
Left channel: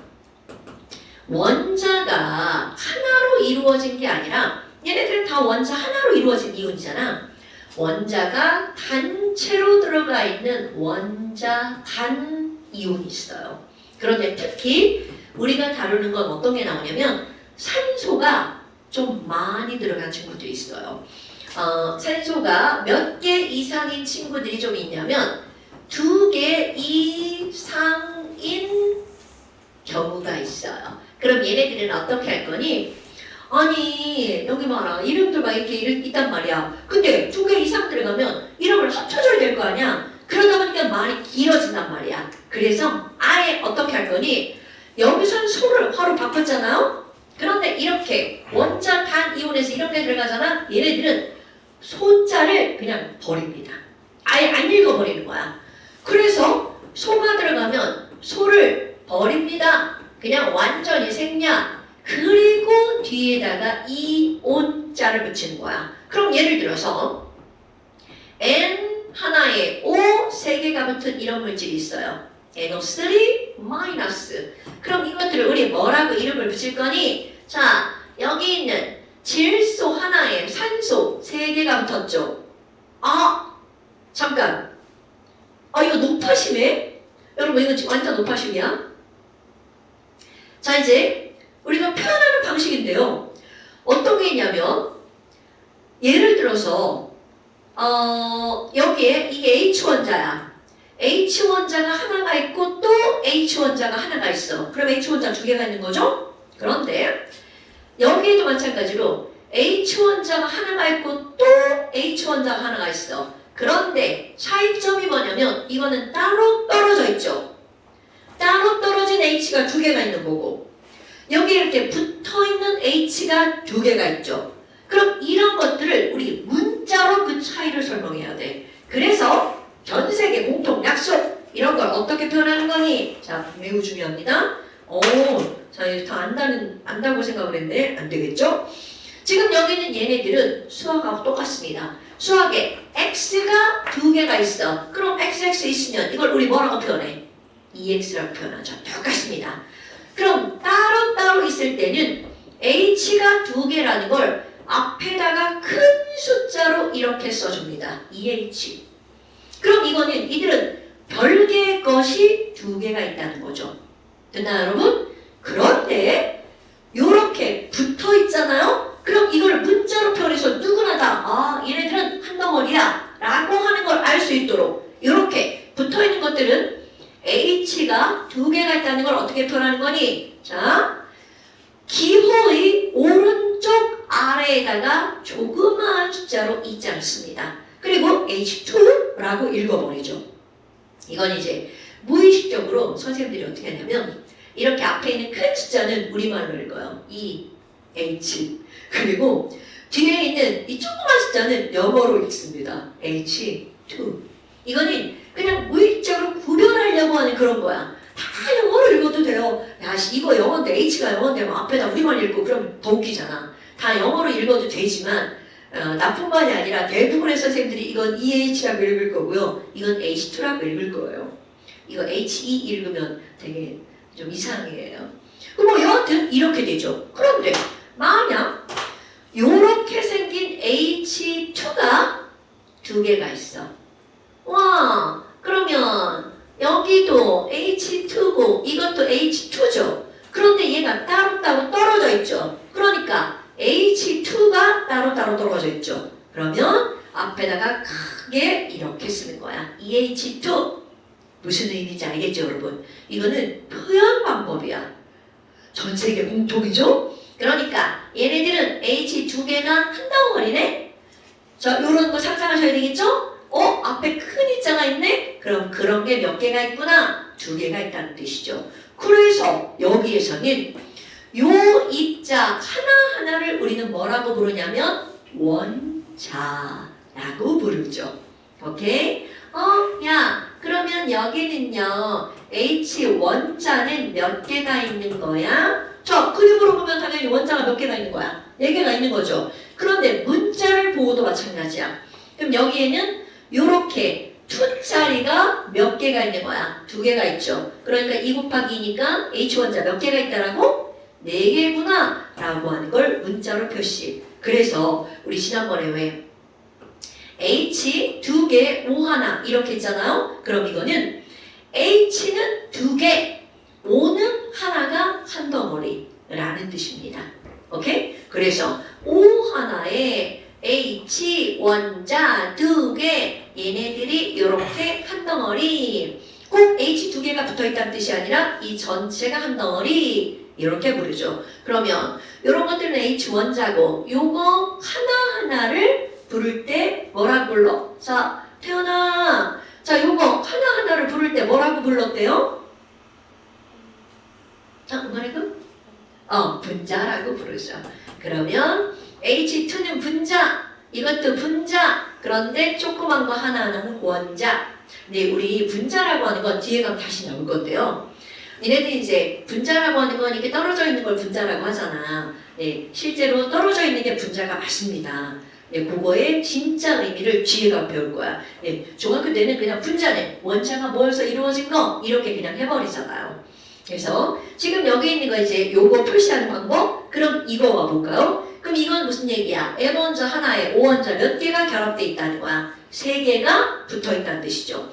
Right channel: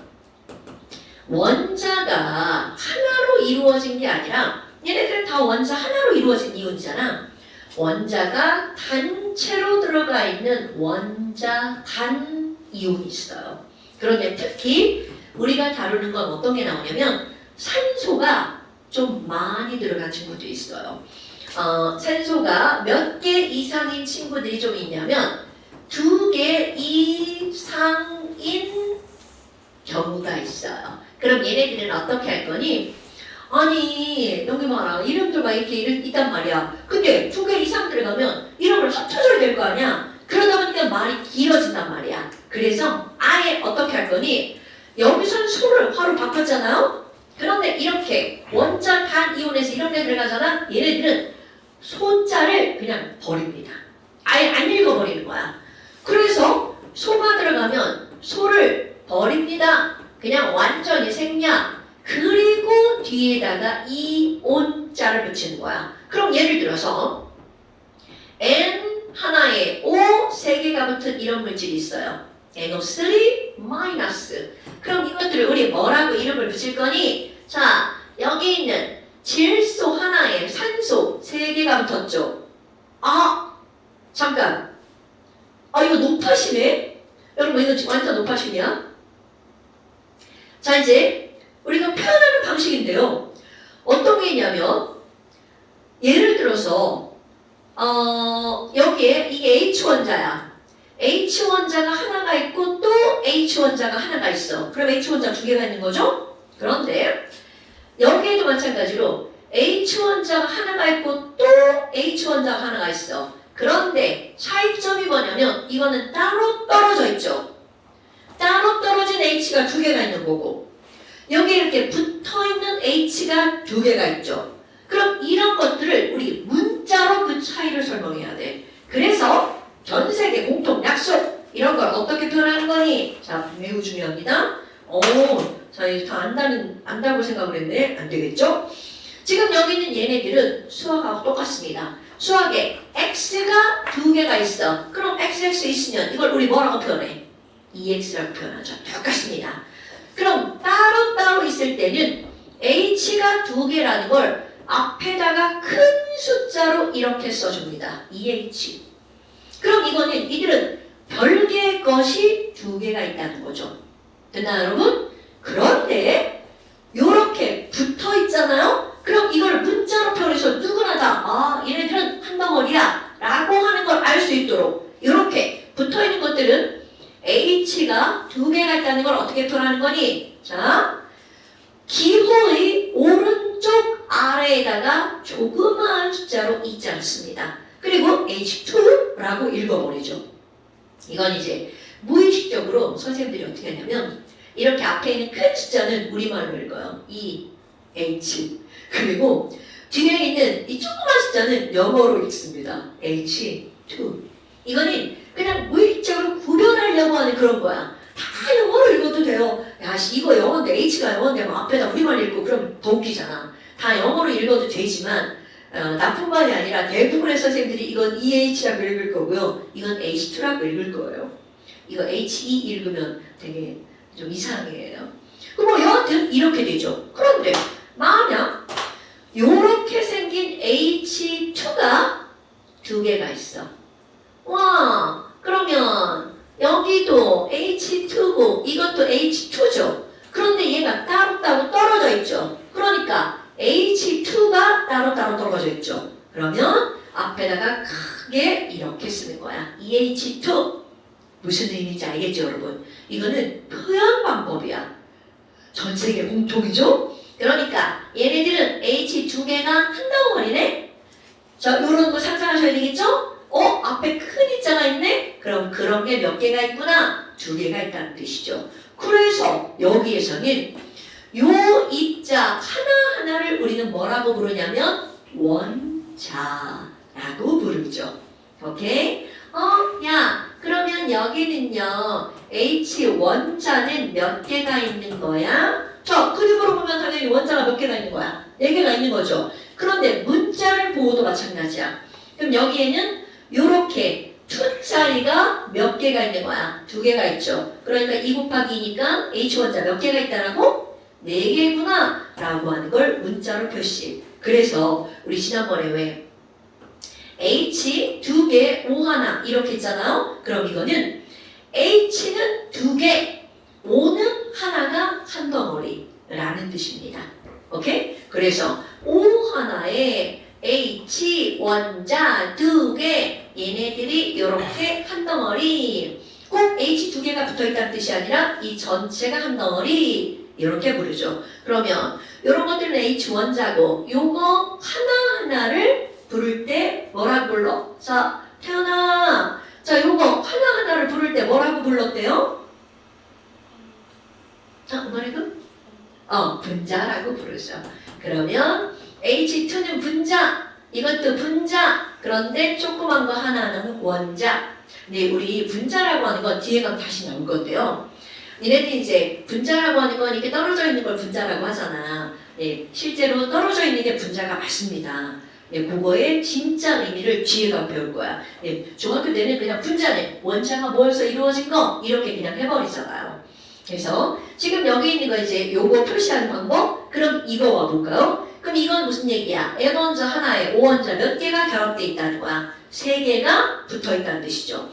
원자가 하나로 이루어진 게 아니라 얘네들은 다 원자 하나로 이루어진 이온이잖아. 원자가 단체로 들어가 있는 원자 단 이온이 있어요. 그런데 특히 우리가 다루는 건 어떤 게 나오냐면 산소가 좀 많이 들어간 친구들이 있어요. 산소가 몇 개 이상인 친구들이 좀 있냐면 2개 이상인 경우가 있어요. 그럼 얘네들은 어떻게 할 거니? 아니 여기 봐라 이름들만 이렇게 있단 말이야. 근데 2개 이상 들어가면 이름을 합쳐줘야 될 거 아니야. 그러다 보니까 말이 길어진단 말이야. 그래서 아예 어떻게 할 거니? 여기선 소를 화로 바꿨잖아요. 그런데 이렇게 원자 단 이온에서 이런 데 들어가잖아. 얘네들은 소자를 그냥 버립니다. 아예 안 읽어버리는 거야. 그래서 소가 들어가면 소를 버립니다. 그냥 완전히 생략. 그리고 뒤에다가 이온자를 붙이는 거야. 그럼 예를 들어서 N 하나에 O 3개가 붙은 이런 물질이 있어요. NO3 마이너스. 그럼 이것들을 우리 뭐라고 이름을 붙일 거니? 자, 여기 있는 질소 하나에 산소 3개가 붙었죠. 잠깐. 이거 노파시네? 여러분 이거 완전 노파심이야? 자, 이제 우리가 표현하는 방식인데요. 어떤 게 있냐면 예를 들어서 여기에 이게 H원자야. H원자가 하나가 있고 또 H원자가 하나가 있어. 그럼 H원자 2개가 있는 거죠? 그런데 여기에도 마찬가지로 H원자가 하나가 있고 또 H원자가 하나가 있어. 그런데 차이점이 뭐냐면 이거는 따로 떨어져 있죠. 따로 떨어진 H가 2개가 있는 거고 여기 이렇게 붙어있는 H가 2개가 있죠. 그럼 이런 것들을 우리 문자로 그 차이를 설명해야 돼. 그래서 전 세계 공통 약속 이런 걸 어떻게 표현하는 거니? 자, 매우 중요합니다. 자, 이거 다 안다고 생각을 했네. 안 되겠죠? 지금 여기 있는 얘네들은 수학하고 똑같습니다. 수학에 x가 2개가 있어. 그럼 xx 있으면 이걸 우리 뭐라고 표현해? EX라고 표현하죠. 똑같습니다. 그럼 따로따로 있을 때는 H가 2개라는 걸 앞에다가 큰 숫자로 이렇게 써줍니다. EH. 그럼 이거는 이들은 별개의 것이 2개가 있다는 거죠. 됐나요, 여러분? 그런데 이렇게 붙어 있잖아요? 그럼 이걸 문자로 표현해서 누구나 다 얘네들은 한 덩어리야 라고 하는 걸 알 수 있도록 이렇게 붙어 있는 것들은 H가 2개가 있다는 걸 어떻게 표현하는 거니? 자, 기호의 오른쪽 아래에다가 조그마한 숫자로 있지 씁니다. 그리고 H2라고 읽어버리죠. 이건 이제 무의식적으로 선생님들이 어떻게 하냐면 이렇게 앞에 있는 큰 숫자는 우리말로 읽어요. E, H. 그리고 뒤에 있는 이 조그만 숫자는 영어로 읽습니다. H2. 이거는 그냥 무의식적으로 구별하려고 하는 그런 거야. 다 영어로 읽어도 돼요. 야, 이거 영어인데 H가 영어인데 뭐 앞에다 우리말 읽고 그러면 더 웃기잖아. 다 영어로 읽어도 되지만 나뿐만이 아니라 대부분의 선생님들이 이건 EH라고 읽을 거고요. 이건 H2라고 읽을 거예요. 이거 HE 읽으면 되게 좀 이상해요. 그럼 여하튼 이렇게 되죠. 그런데 만약 이렇게 생긴 H2가 2개가 있어. 와, 그러면 여기도 H2고 이것도 H2죠. 그런데 얘가 따로따로 떨어져 있죠. 그러니까 H2가 따로따로 떨어져 있죠. 그러면 앞에다가 크게 이렇게 쓰는 거야. EH2. 무슨 의미인지 알겠죠, 여러분? 이거는 표현 방법이야. 전 세계 공통이죠? 그러니까 얘네들은 H2개가 한 덩어리네? 자, 요런 거 상상하셔야 되겠죠? 앞에 큰 입자가 있네? 그럼 그런 게 몇 개가 있구나? 2개가 있다는 뜻이죠. 그래서 여기에서는 요 입자 하나하나를 우리는 뭐라고 부르냐면 원자라고 부르죠. 오케이? 야, 그러면 여기는요 H 원자는 몇 개가 있는 거야? 자, 그림으로 보면 당연히 원자가 몇 개가 있는 거야? 4개가 있는 거죠. 그런데 문자를 보고도 마찬가지야. 그럼 여기에는 요렇게 2자리가 몇 개가 있는 거야? 2개가 있죠. 그러니까 2 곱하기 2니까 H1자 몇 개가 있다라고? 4개구나 라고 하는 걸 문자로 표시. 그래서 우리 지난번에 왜 H 2개, O 하나 이렇게 했잖아요. 그럼 이거는 H는 2개, O는 하나가 한 덩어리라는 뜻입니다. 오케이? 그래서 O 하나에 H 원자 2개, 얘네들이 이렇게 한 덩어리. 꼭 H 2개가 붙어있다는 뜻이 아니라 이 전체가 한 덩어리 이렇게 부르죠. 그러면 이런 것들은 H 원자고 요거 하나하나를 부를 때 뭐라고 불러? 자, 태연아. 자, 요거 하나하나를 부를 때 뭐라고 불렀대요? 뭐라고? 분자라고 부르죠. 그러면 H2는 분자. 이것도 분자. 그런데 조그만 거 하나하나는 원자. 근데 우리 분자라고 하는 건 뒤에 가면 다시 나올 건데요. 니네들이 이제 분자라고 하는 건 이렇게 떨어져 있는 걸 분자라고 하잖아. 네, 실제로 떨어져 있는 게 분자가 맞습니다. 네, 그거의 진짜 의미를 뒤에 가면 배울 거야. 네, 중학교 때는 그냥 분자네. 원자가 모여서 이루어진 거 이렇게 그냥 해버리잖아요. 그래서 지금 여기 있는 거 이제 요거 표시하는 방법. 그럼 이거 와볼까요? 그럼 이건 무슨 얘기야? N원자 하나에 O원자 몇 개가 결합돼 있다는 거야. 3개가 붙어있다는 뜻이죠.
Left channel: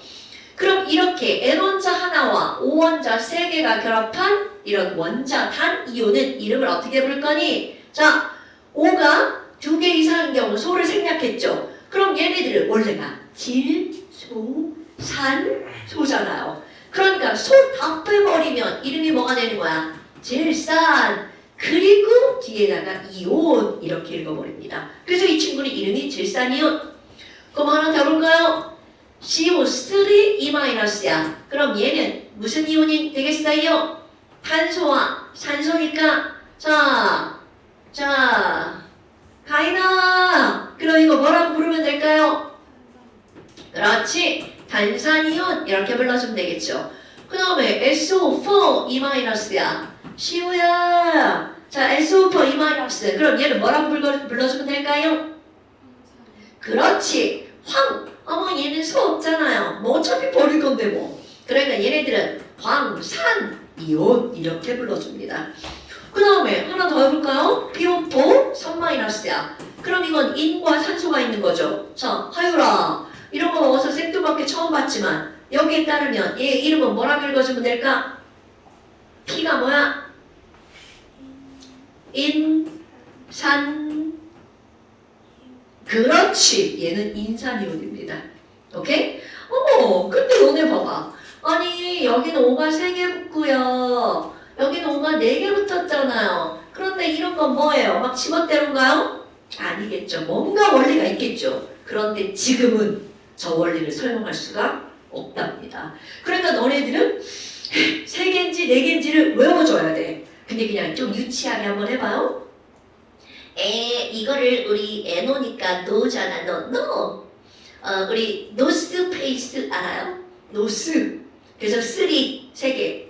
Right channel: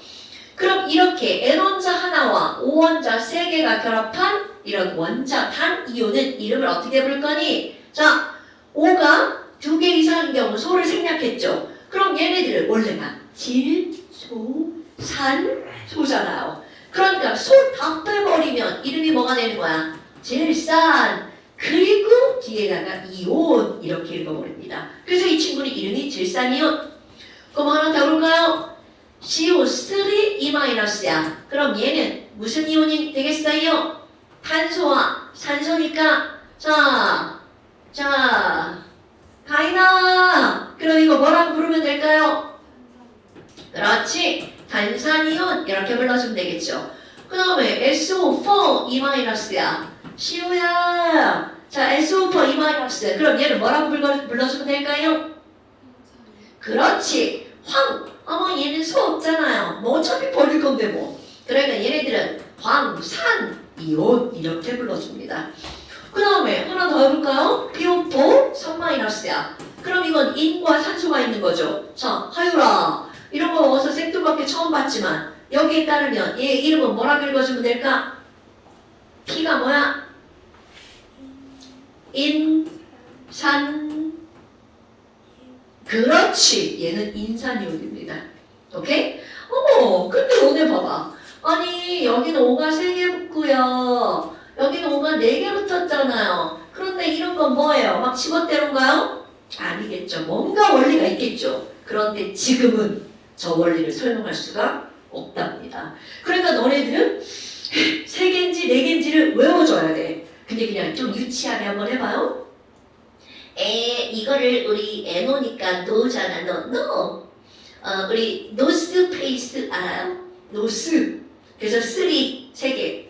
그럼 이렇게 N원자 하나와 O원자 3개가 결합한 이런 원자 단 이온은 이름을 어떻게 부를 거니? 자, O가 2개 이상인 경우 소를 생략했죠. 그럼 얘네들을 원래가 질, 소, 산, 소잖아요. 그러니까 소 다 빼버리면 이름이 뭐가 되는 거야? 질산. 그리고 뒤에다가 이온 이렇게 읽어버립니다. 그래서 이 친구는 이름이 질산이온. 그럼 하나 더 볼까요? CO3 E-야. 그럼 얘는 무슨 이온이 되겠어요? 탄소와 산소니까 자 가인아. 그럼 이거 뭐라고 부르면 될까요? 그렇지. 탄산이온 이렇게 불러주면 되겠죠. 그 다음에 SO4 E-야. 시우야. 자, SO4 E-. 그럼 얘는 뭐라고 불러주면 될까요? 그렇지. 얘는 소 없잖아요. 뭐 어차피 버릴 건데 뭐. 그러니까 얘네들은 황산이온 이렇게 불러줍니다. 그 다음에 하나 더 해볼까요? PO4 3-야. 그럼 이건 인과 산소가 있는 거죠. 자, 하유라. 이런 거 어서 생뚱맞게 처음 봤지만 여기에 따르면 얘 이름은 뭐라고 읽어주면 될까? P가 뭐야? 인산. 그렇지. 얘는 인산이온입니다. 오케이? 근데 너네 봐봐. 아니 여기는 5가 3개 붙고요. 여기는 5가 4개 붙었잖아요. 그런데 이런 건 뭐예요? 막 집어대는가요? 아니겠죠. 뭔가 원리가 있겠죠. 그런데 지금은 저 원리를 설명할 수가 없답니다. 그러니까 너네들은 3개인지 4개인지를 외워줘야 돼. 근데 그냥 좀 유치하게 한번 해봐요. 이거를 우리 N오니까 노잖아. 노. 우리 노스페이스 알아요? 노스. 그래서 3개.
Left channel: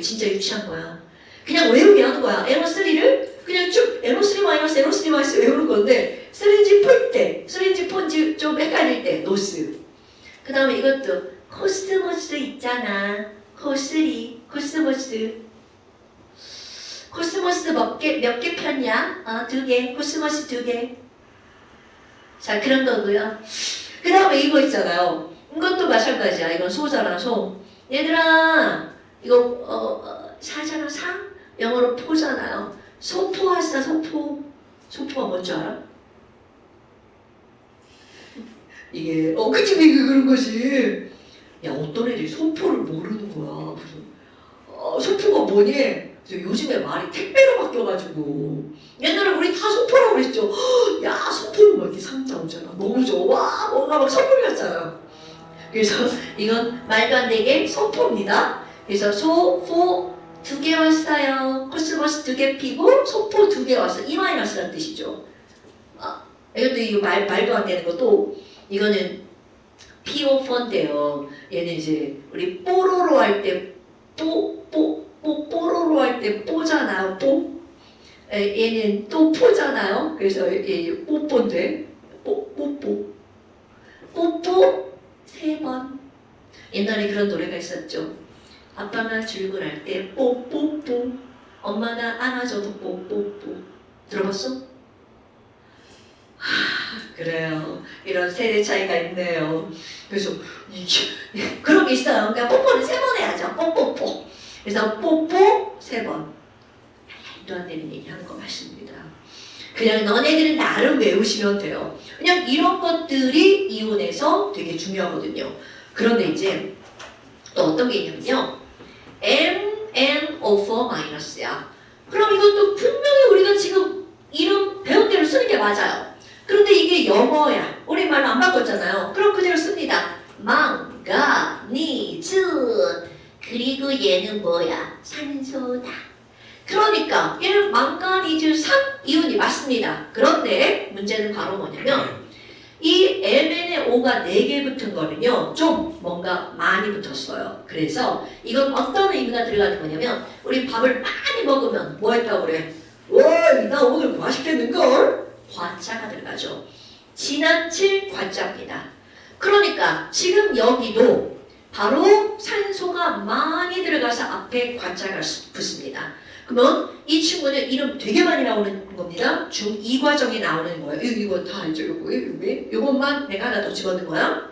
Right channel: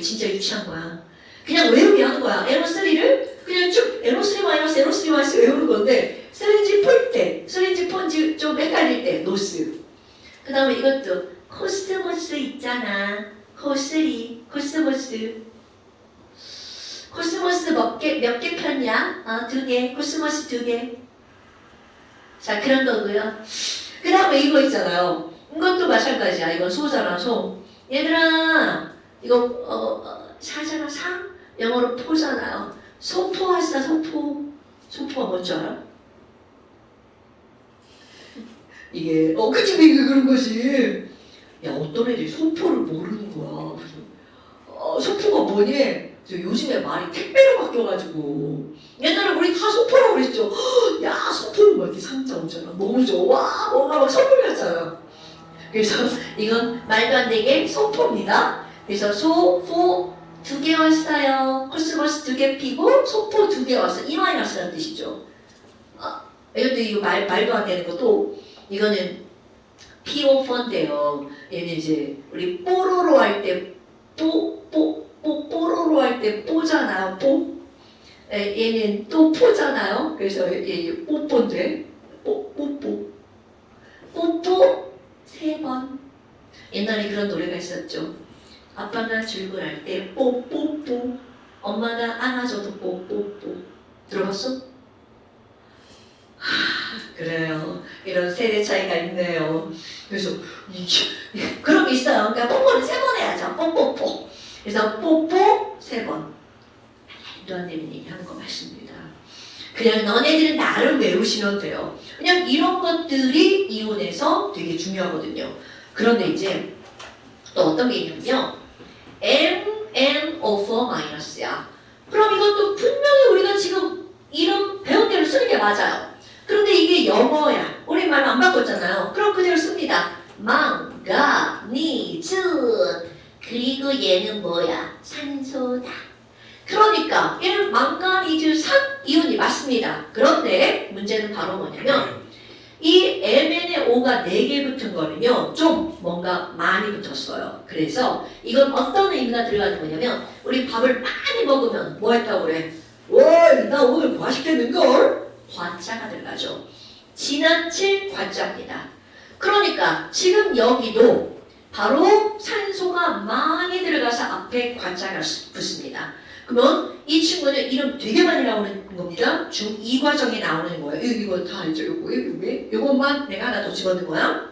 진짜 유치한 거야. 그냥 외우게 하는 거야. NO3를 그냥 쭉 NO3- NO3- 외우는 건데 쓰린지 풀 때, 쓰린지 폰지 좀 헷갈릴 때 노스. 그 다음에 이것도 코스모스 있잖아. 코스모스. 코스모스 몇 개 폈냐? 2개. 코스모스 2개. 자, 그런 거고요. 그 다음에 이거 있잖아요. 이것도 마찬가지야. 이건 소잖아, 소. 얘들아, 이거 사잖아, 사? 영어로 포잖아요. 소포 왔어, 소포. 소포가 뭔지 알아? 이게 그치 그런 거지. 야, 어떤 애들이 소포를 모르는 거야. 소포가 뭐니? 요즘에 말이 택배로 바뀌어가지고 옛날에 우리 다 소포라고 그랬죠. 야, 소포는 뭐 이렇게 상자 오잖아. 너무 좋아. 뭔가 막 선물 같잖아. 그래서 이건 말도 안 되게 소포입니다. 그래서 소포 2개 왔어요. 코스모스 2개 피고 소포 2개 왔어. E-라는 뜻이죠. 근데 이거 말도 안 되는 것도 이거는 PO4인데요. 얘는 이제 우리 뽀로로 할 때 뽀로로 할 때 뽀잖아요. 뽀. 얘는 또 포잖아요. 그래서 얘 뽀뽀인데 뽀뽀. 이런 노래가 있었죠. 아빠가 출근할 때 뽀뽀뽀, 엄마가 안아줘도 뽀뽀뽀. 들어봤어? 그래요. 이런 세대 차이가 있네요. 그래서 이게 그런 게 있어요. 그러니까 뽀뽀를 3번 해야죠. 뽀뽀뽀. 그래서 뽀뽀 3번. 이런 얘기한 것 같습니다. 그냥 너네들은 나를 외우시면 돼요. 그냥 이런 것들이 이혼에서 되게 중요하거든요. 그런데 이제 또 어떤 게 있냐면요. MNO4 마이너스야. 그럼 이것도 분명히 우리가 지금 이런 배운 대로 쓰는 게 맞아요. 그런데 이게 영어야. 우리말로 안 바꿨잖아요. 그럼 그대로 씁니다. 망가니즈. 그리고 얘는 뭐야? 산소다. 그러니까 얘는 망가니즈 3 이온이 맞습니다. 그런데 문제는 바로 뭐냐면 이 MnO가 4개 붙은 거는요 좀 뭔가 많이 붙었어요. 그래서 이건 어떤 의미가 들어가는 거냐면 우리 밥을 많이 먹으면 뭐 했다고 그래? 어이 나 오늘 맛있겠는걸? 과자가 들어가죠. 지나칠 과자입니다. 그러니까 지금 여기도 바로 산소가 많이 들어가서 앞에 과자가 붙습니다. 그러면 이 친구는 이름 되게 많이 나오는 겁니다. 중2 과정에 나오는 거예요. 이거 다 알죠? 요것만 내가 하나 더 집어넣은 거야.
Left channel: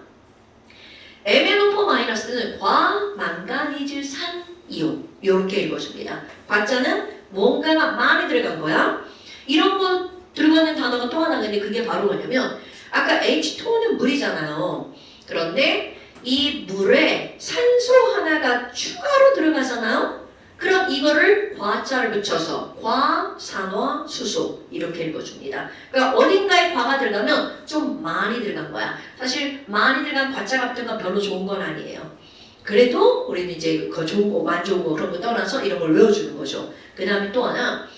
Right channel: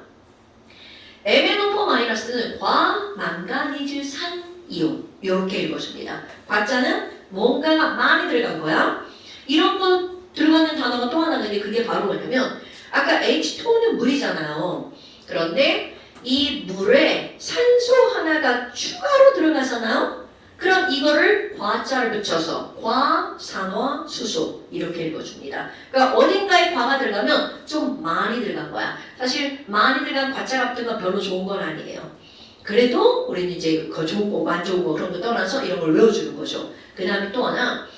MnO4-는 과망가니즈산 이온. 이렇게 읽어줍니다. 과자는 뭔가가 많이 들어간 거야. 이런 거 들어가는 단어가 또 하나 있는데 그게 바로 뭐냐면 아까 H2는 물이잖아요. 그런데 이 물에 산소 하나가 추가로 들어가잖아요. 그럼 이거를 과자를 붙여서 과산화수소 이렇게 읽어줍니다. 그러니까 어딘가에 과가 들어가면 좀 많이 들어간 거야. 사실 많이 들어간 과자 같은 건 별로 좋은 건 아니에요. 그래도 우리는 이제 그 좋은 거, 안 좋은 거 그런 거 떠나서 이런 걸 외워주는 거죠. 그 다음에 또 하나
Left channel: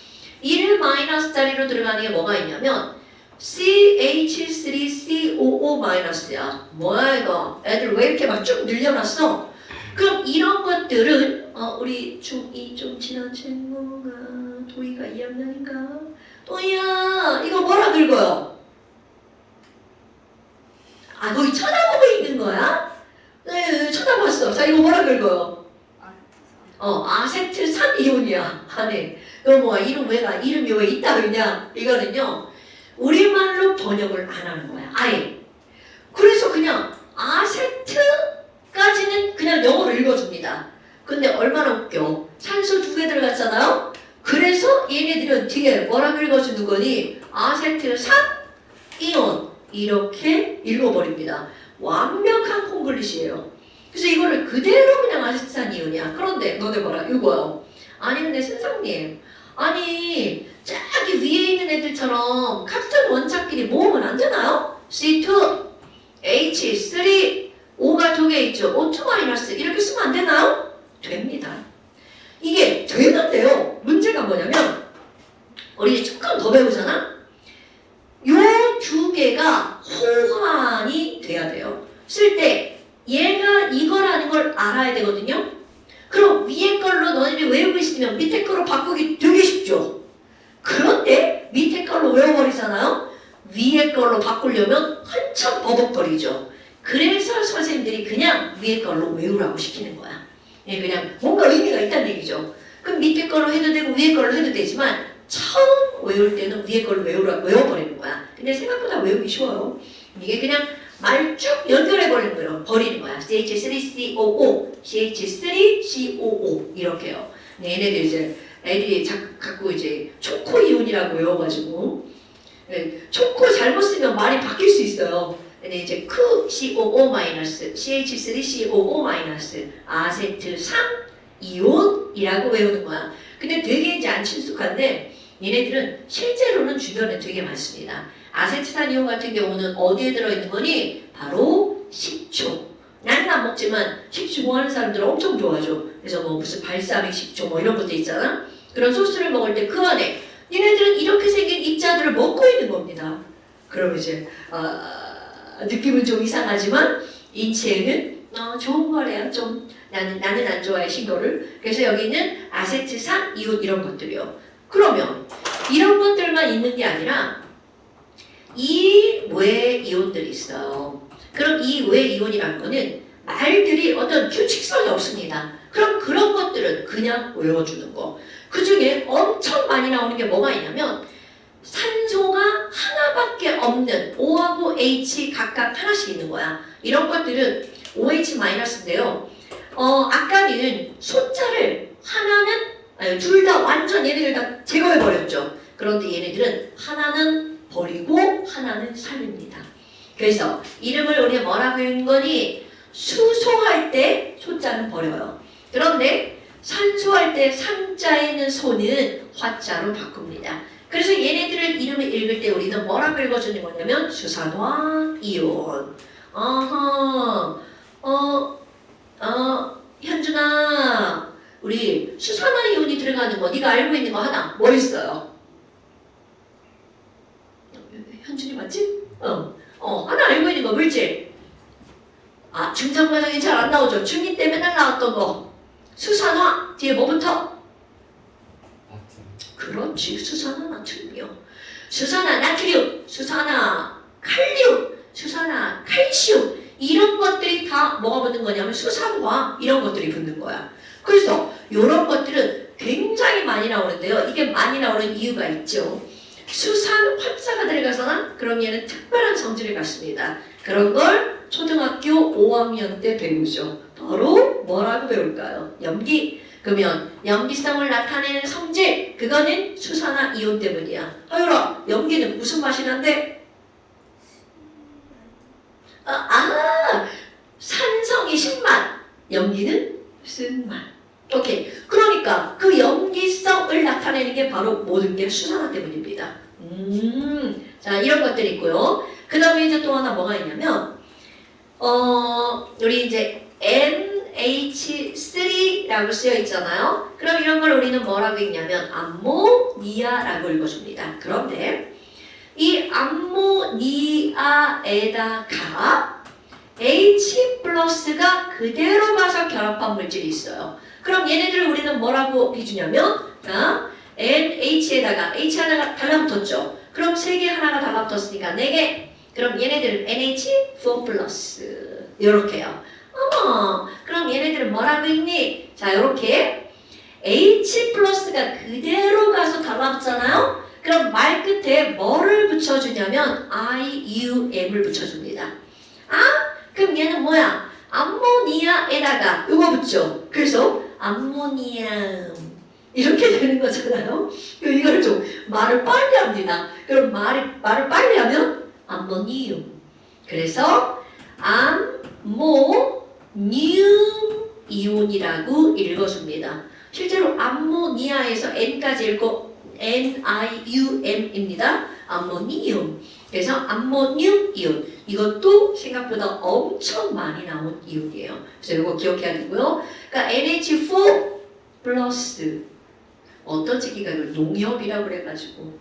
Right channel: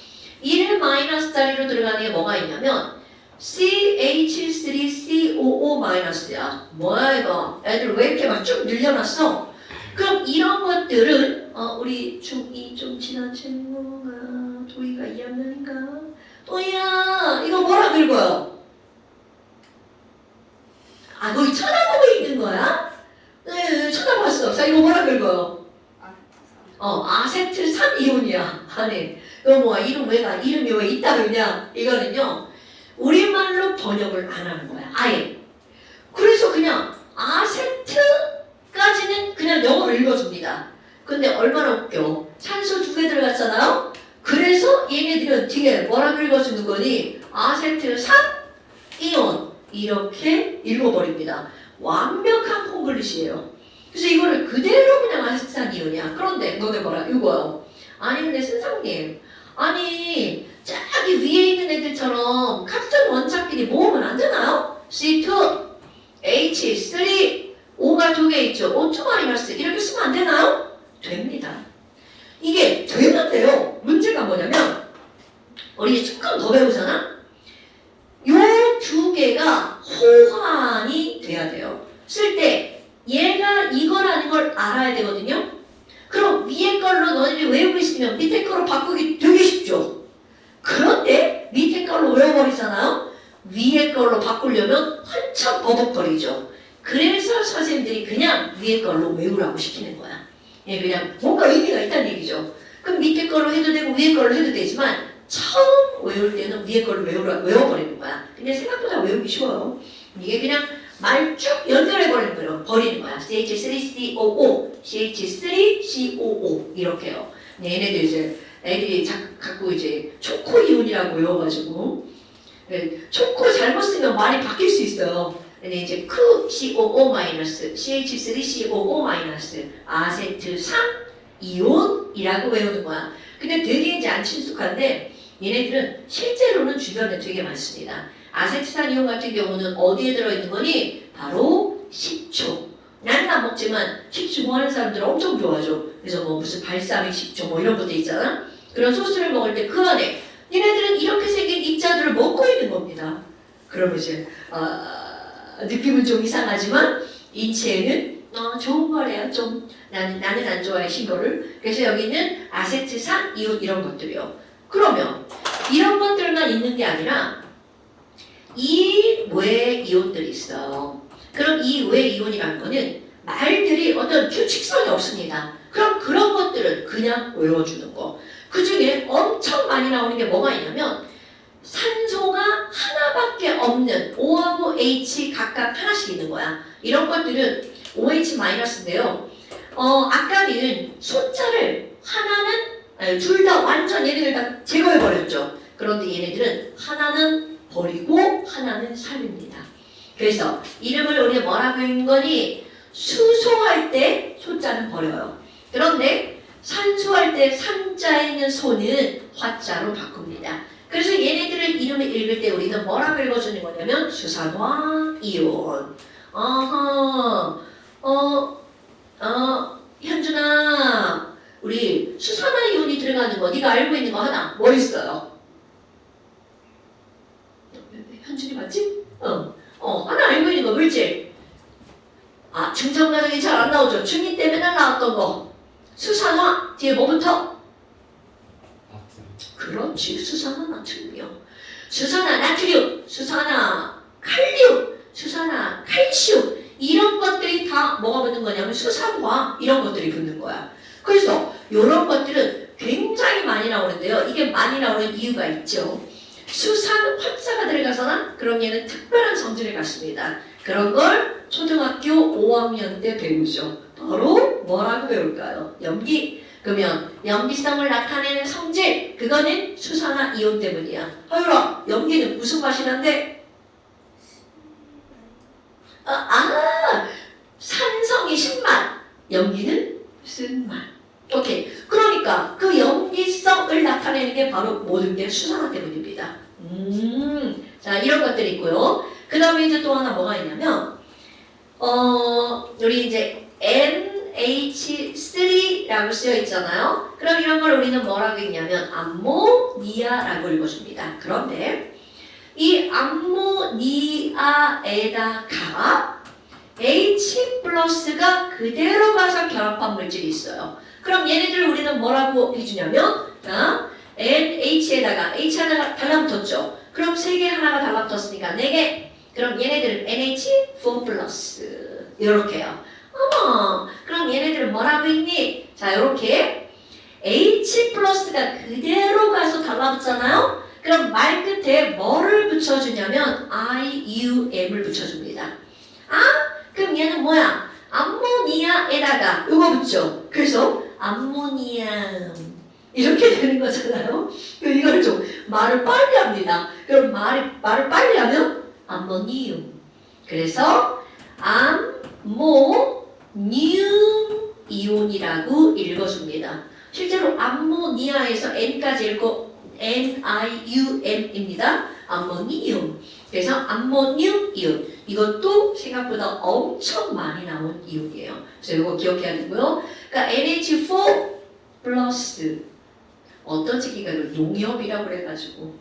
1-자리로 들어가는 게 뭐가 있냐면 CH3COO-야. 뭐야 이거? 애들 왜 이렇게 막 쭉 늘려놨어? 그럼 이런 것들은 우리 중2 좀 지난 친구가 도희가 2학년인가? 도희야 이거 뭐라 긁어요? 아 거기 쳐다보고 있는 거야? 네 쳐다봤어. 자 이거 뭐라 긁어요? 아세트산 이온이야. 안에 이거 뭐야? 이름이 왜 있다 그러냐? 이거는요 우리말로 번역을 안 하는 거야. 아예. 그래서 그냥 아세트까지는 그냥 영어로 읽어줍니다. 근데 얼마나 웃겨. 산소 2개 들어갔잖아요. 그래서 얘네들은 뒤에 뭐라고 읽어주는 거니? 아세트산 이온 이렇게 읽어버립니다. 완벽한 콩글리시예요. 그래서 이거를 그대로 그냥 아세트산 이온이야. 그런데 너네 봐라 이거요. 아니 근데 선생님 아니 저기 위에 있는 애들처럼 같은 원자끼리 모으면 안 되나요? C2, H3, O가 2개 있죠. O2- 이렇게 쓰면 안 되나요? 됩니다. 이게 되는데요. 문제가 뭐냐면 우리 조금 더 배우잖아? 요 2개가 호환이 돼야 돼요. 쓸 때 얘가 이거라는 걸 알아야 되거든요. 그럼 위에 걸로 너희들이 외우고 있으면 밑에 걸로 바꾸기 되게 쉽죠. 그런데 밑에 걸로 외워버리잖아요. 위에 걸로 바꾸려면 한참 버벅거리죠. 그래서 선생님들이 그냥 위에 걸로 외우라고 시키는 거야. 예, 그냥 뭔가 의미가 있다는 얘기죠. 그럼 밑에 걸로 해도 되고 위에 걸로 해도 되지만 처음 외울 때는 위에 걸로 외워버리는 거야. 근데 생각보다 외우기 쉬워요. 이게 그냥 말 쭉 연결해버리는 거야. CH3COO, CH3COO 이렇게요. 네, 얘네들 이제 애들이 자꾸 이제 초코 이온이라고 외워가지고 초코 잘못 쓰면 말이 바뀔 수 있어요. 근데 이제 COO-, CH3COO-, 아세트산 이온이라고 외우는 거야. 근데 되게 이제 안 친숙한데 얘네들은 실제로는 주변에 되게 많습니다. 아세트산 이온 같은 경우는 어디에 들어있는 거니? 바로 식초. 나는 안 먹지만 식초 좋아하는 사람들 엄청 좋아하죠. 그래서 뭐 무슨 발사믹 식초 뭐 이런 것도 있잖아. 그런 소스를 먹을 때 그 안에 얘네들은 이렇게 생긴 입자들을 먹고 있는 겁니다. 그럼 이제 느낌은 좀 이상하지만 인체에는 좋은 거래요. 좀 나는 안 좋아해 신거를. 그래서 여기는 아세트산 이온 이런 것들이요. 그러면 이런 것들만 있는 게 아니라 이 외 이온들이 있어요. 그럼 이 외 이온이라는 거는 말들이 어떤 규칙성이 없습니다. 그럼 그런 것들은 그냥 외워주는 거. 그 중에 엄청 많이 나오는 게 뭐가 있냐면 산소가 하나밖에 없는 O하고 H 각각 하나씩 있는 거야. 이런 것들은 OH-인데요. 아까는 숫자를 하나는 둘 다 완전 얘네들 다 제거해버렸죠. 그런데 얘네들은 하나는 버리고 하나는 살립니다. 그래서 이름을 우리 뭐라고 읽는 거니? 수소할 때 소자는 버려요. 그런데 산소할 때 산자에 있는 소는 화자로 바꿉니다. 그래서 얘네들을 이름을 읽을 때 우리는 뭐라고 읽어주는 거냐면 수산화 이온. 현준아, 우리 수산화 이온이 들어가는 거 네가 알고 있는 거 하나 뭐 있어요? 현준이 맞지? 하나 알고 있는 거 물질. 중간 과정이 잘 안 나오죠. 중2 때 맨날 나왔던 거. 수산화 뒤에 뭐부터? 그렇지, 수산화 나트륨이요. 수산화 나트륨, 수산화 칼륨, 수산화 칼슘 이런 것들이 다 뭐가 붙는 거냐면 수산화 이런 것들이 붙는 거야. 그래서 이런 것들은 굉장히 많이 나오는데요. 이게 많이 나오는 이유가 있죠. 수산 화자가 들어가서는 그런 얘는 특별한 성질을 갖습니다. 그런 걸 초등학교 5학년 때 배우죠. 바로 뭐라고 배울까요? 염기. 그러면 염기성을 나타내는 성질, 그거는 수산화 이온 때문이야. 허율아, 염기는 무슨 맛이 난대? 산성이 신맛, 염기는 쓴맛. 오케이. 그러니까 그 염기성을 나타내는 게 바로 모든 게 수산화 때문입니다. 자, 이런 것들이 있고요. 그 다음에 이제 또 하나 뭐가 있냐면, 우리 이제 NH3라고 쓰여 있잖아요. 그럼 이런 걸 우리는 뭐라고 읽냐면 암모니아라고 읽어줍니다. 그런데 이 암모니아에다가 H 플러스가 그대로 가서 결합한 물질이 있어요. 그럼 얘네들을 우리는 뭐라고 해주냐면 NH에다가 H 하나가 달라붙었죠. 그럼 3개 하나가 달라붙었으니까 4개. 그럼 얘네들은 NH4 플러스 이렇게요. 그럼 얘네들은 뭐라고 읽니? 자, 이렇게 H 플러스가 그대로 가서 달라붙잖아요. 그럼 말 끝에 뭐를 붙여주냐면 IUM을 붙여줍니다. 그럼 얘는 뭐야? 암모니아에다가 이거 붙죠. 그래서 암모니아 이렇게 되는 거잖아요. 이걸 좀 말을 빨리 합니다. 그럼 말을 빨리 하면 암모니움. 그래서 암모니움 이온이라고 읽어줍니다. 실제로 암모니아에서 N까지 읽고 NIUM입니다. 암모니움. 그래서 암모늄 이온. 이것도 생각보다 엄청 많이 나온 이온이에요. 그래서 이거 기억해야 되고요. 그러니까 NH4 플러스 어떤 새끼가 이걸 농협이라고 그래가지고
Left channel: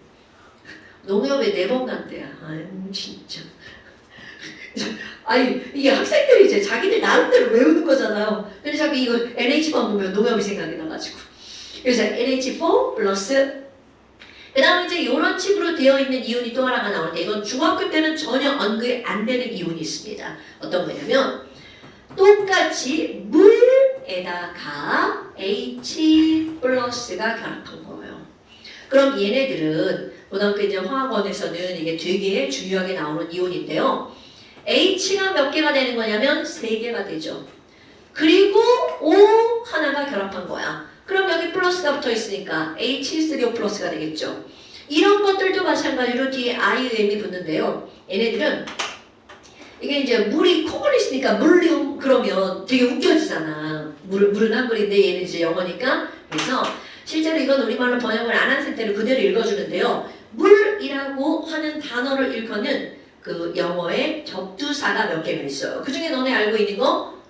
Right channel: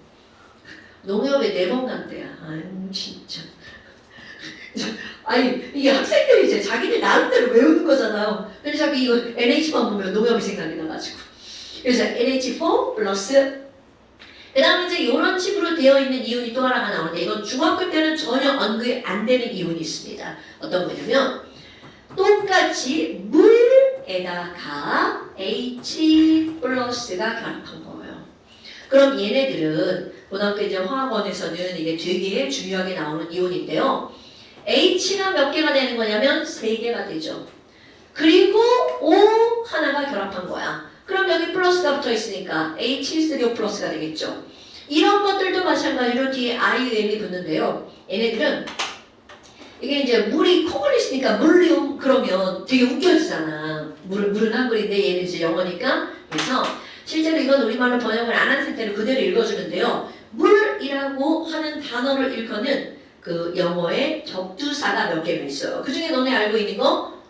농협에 4번 간대야. 아유 진짜. 이게 학생들이 이제 자기들 나름대로 외우는 거잖아요. 근데 자꾸 이거 NH만 보면 농협이 생각이 나가지고. 그래서 NH4 플러스 그 다음에 이제 이런 식으로 되어 있는 이온이 또 하나가 나오는데 이건 중학교 때는 전혀 언급이 안 되는 이온이 있습니다. 어떤 거냐면 똑같이 물에다가 H 플러스가 결합한 거예요. 그럼 얘네들은 고등학교 이제 화학원에서는 이게 되게 중요하게 나오는 이온인데요. H가 몇 개가 되는 거냐면 3개가 되죠. 그리고 O 하나가 결합한 거야. 그럼 여기 플러스가 붙어 있으니까 H3O 플러스가 되겠죠. 이런 것들도 마찬가지로 뒤에 IUM이 붙는데요. 얘네들은 이게 이제 물이 콩을 있으니까 물륨 그러면 되게 웃겨지잖아. 물은 한글인데 얘는 이제 영어니까. 그래서 실제로 이건 우리말로 번역을 안 한 상태로 그대로 읽어주는데요. 물이라고 하는 단어를 일컫는 그 영어의 접두사가 몇 개가 있어요. 그 중에 너네 알고 있는 거?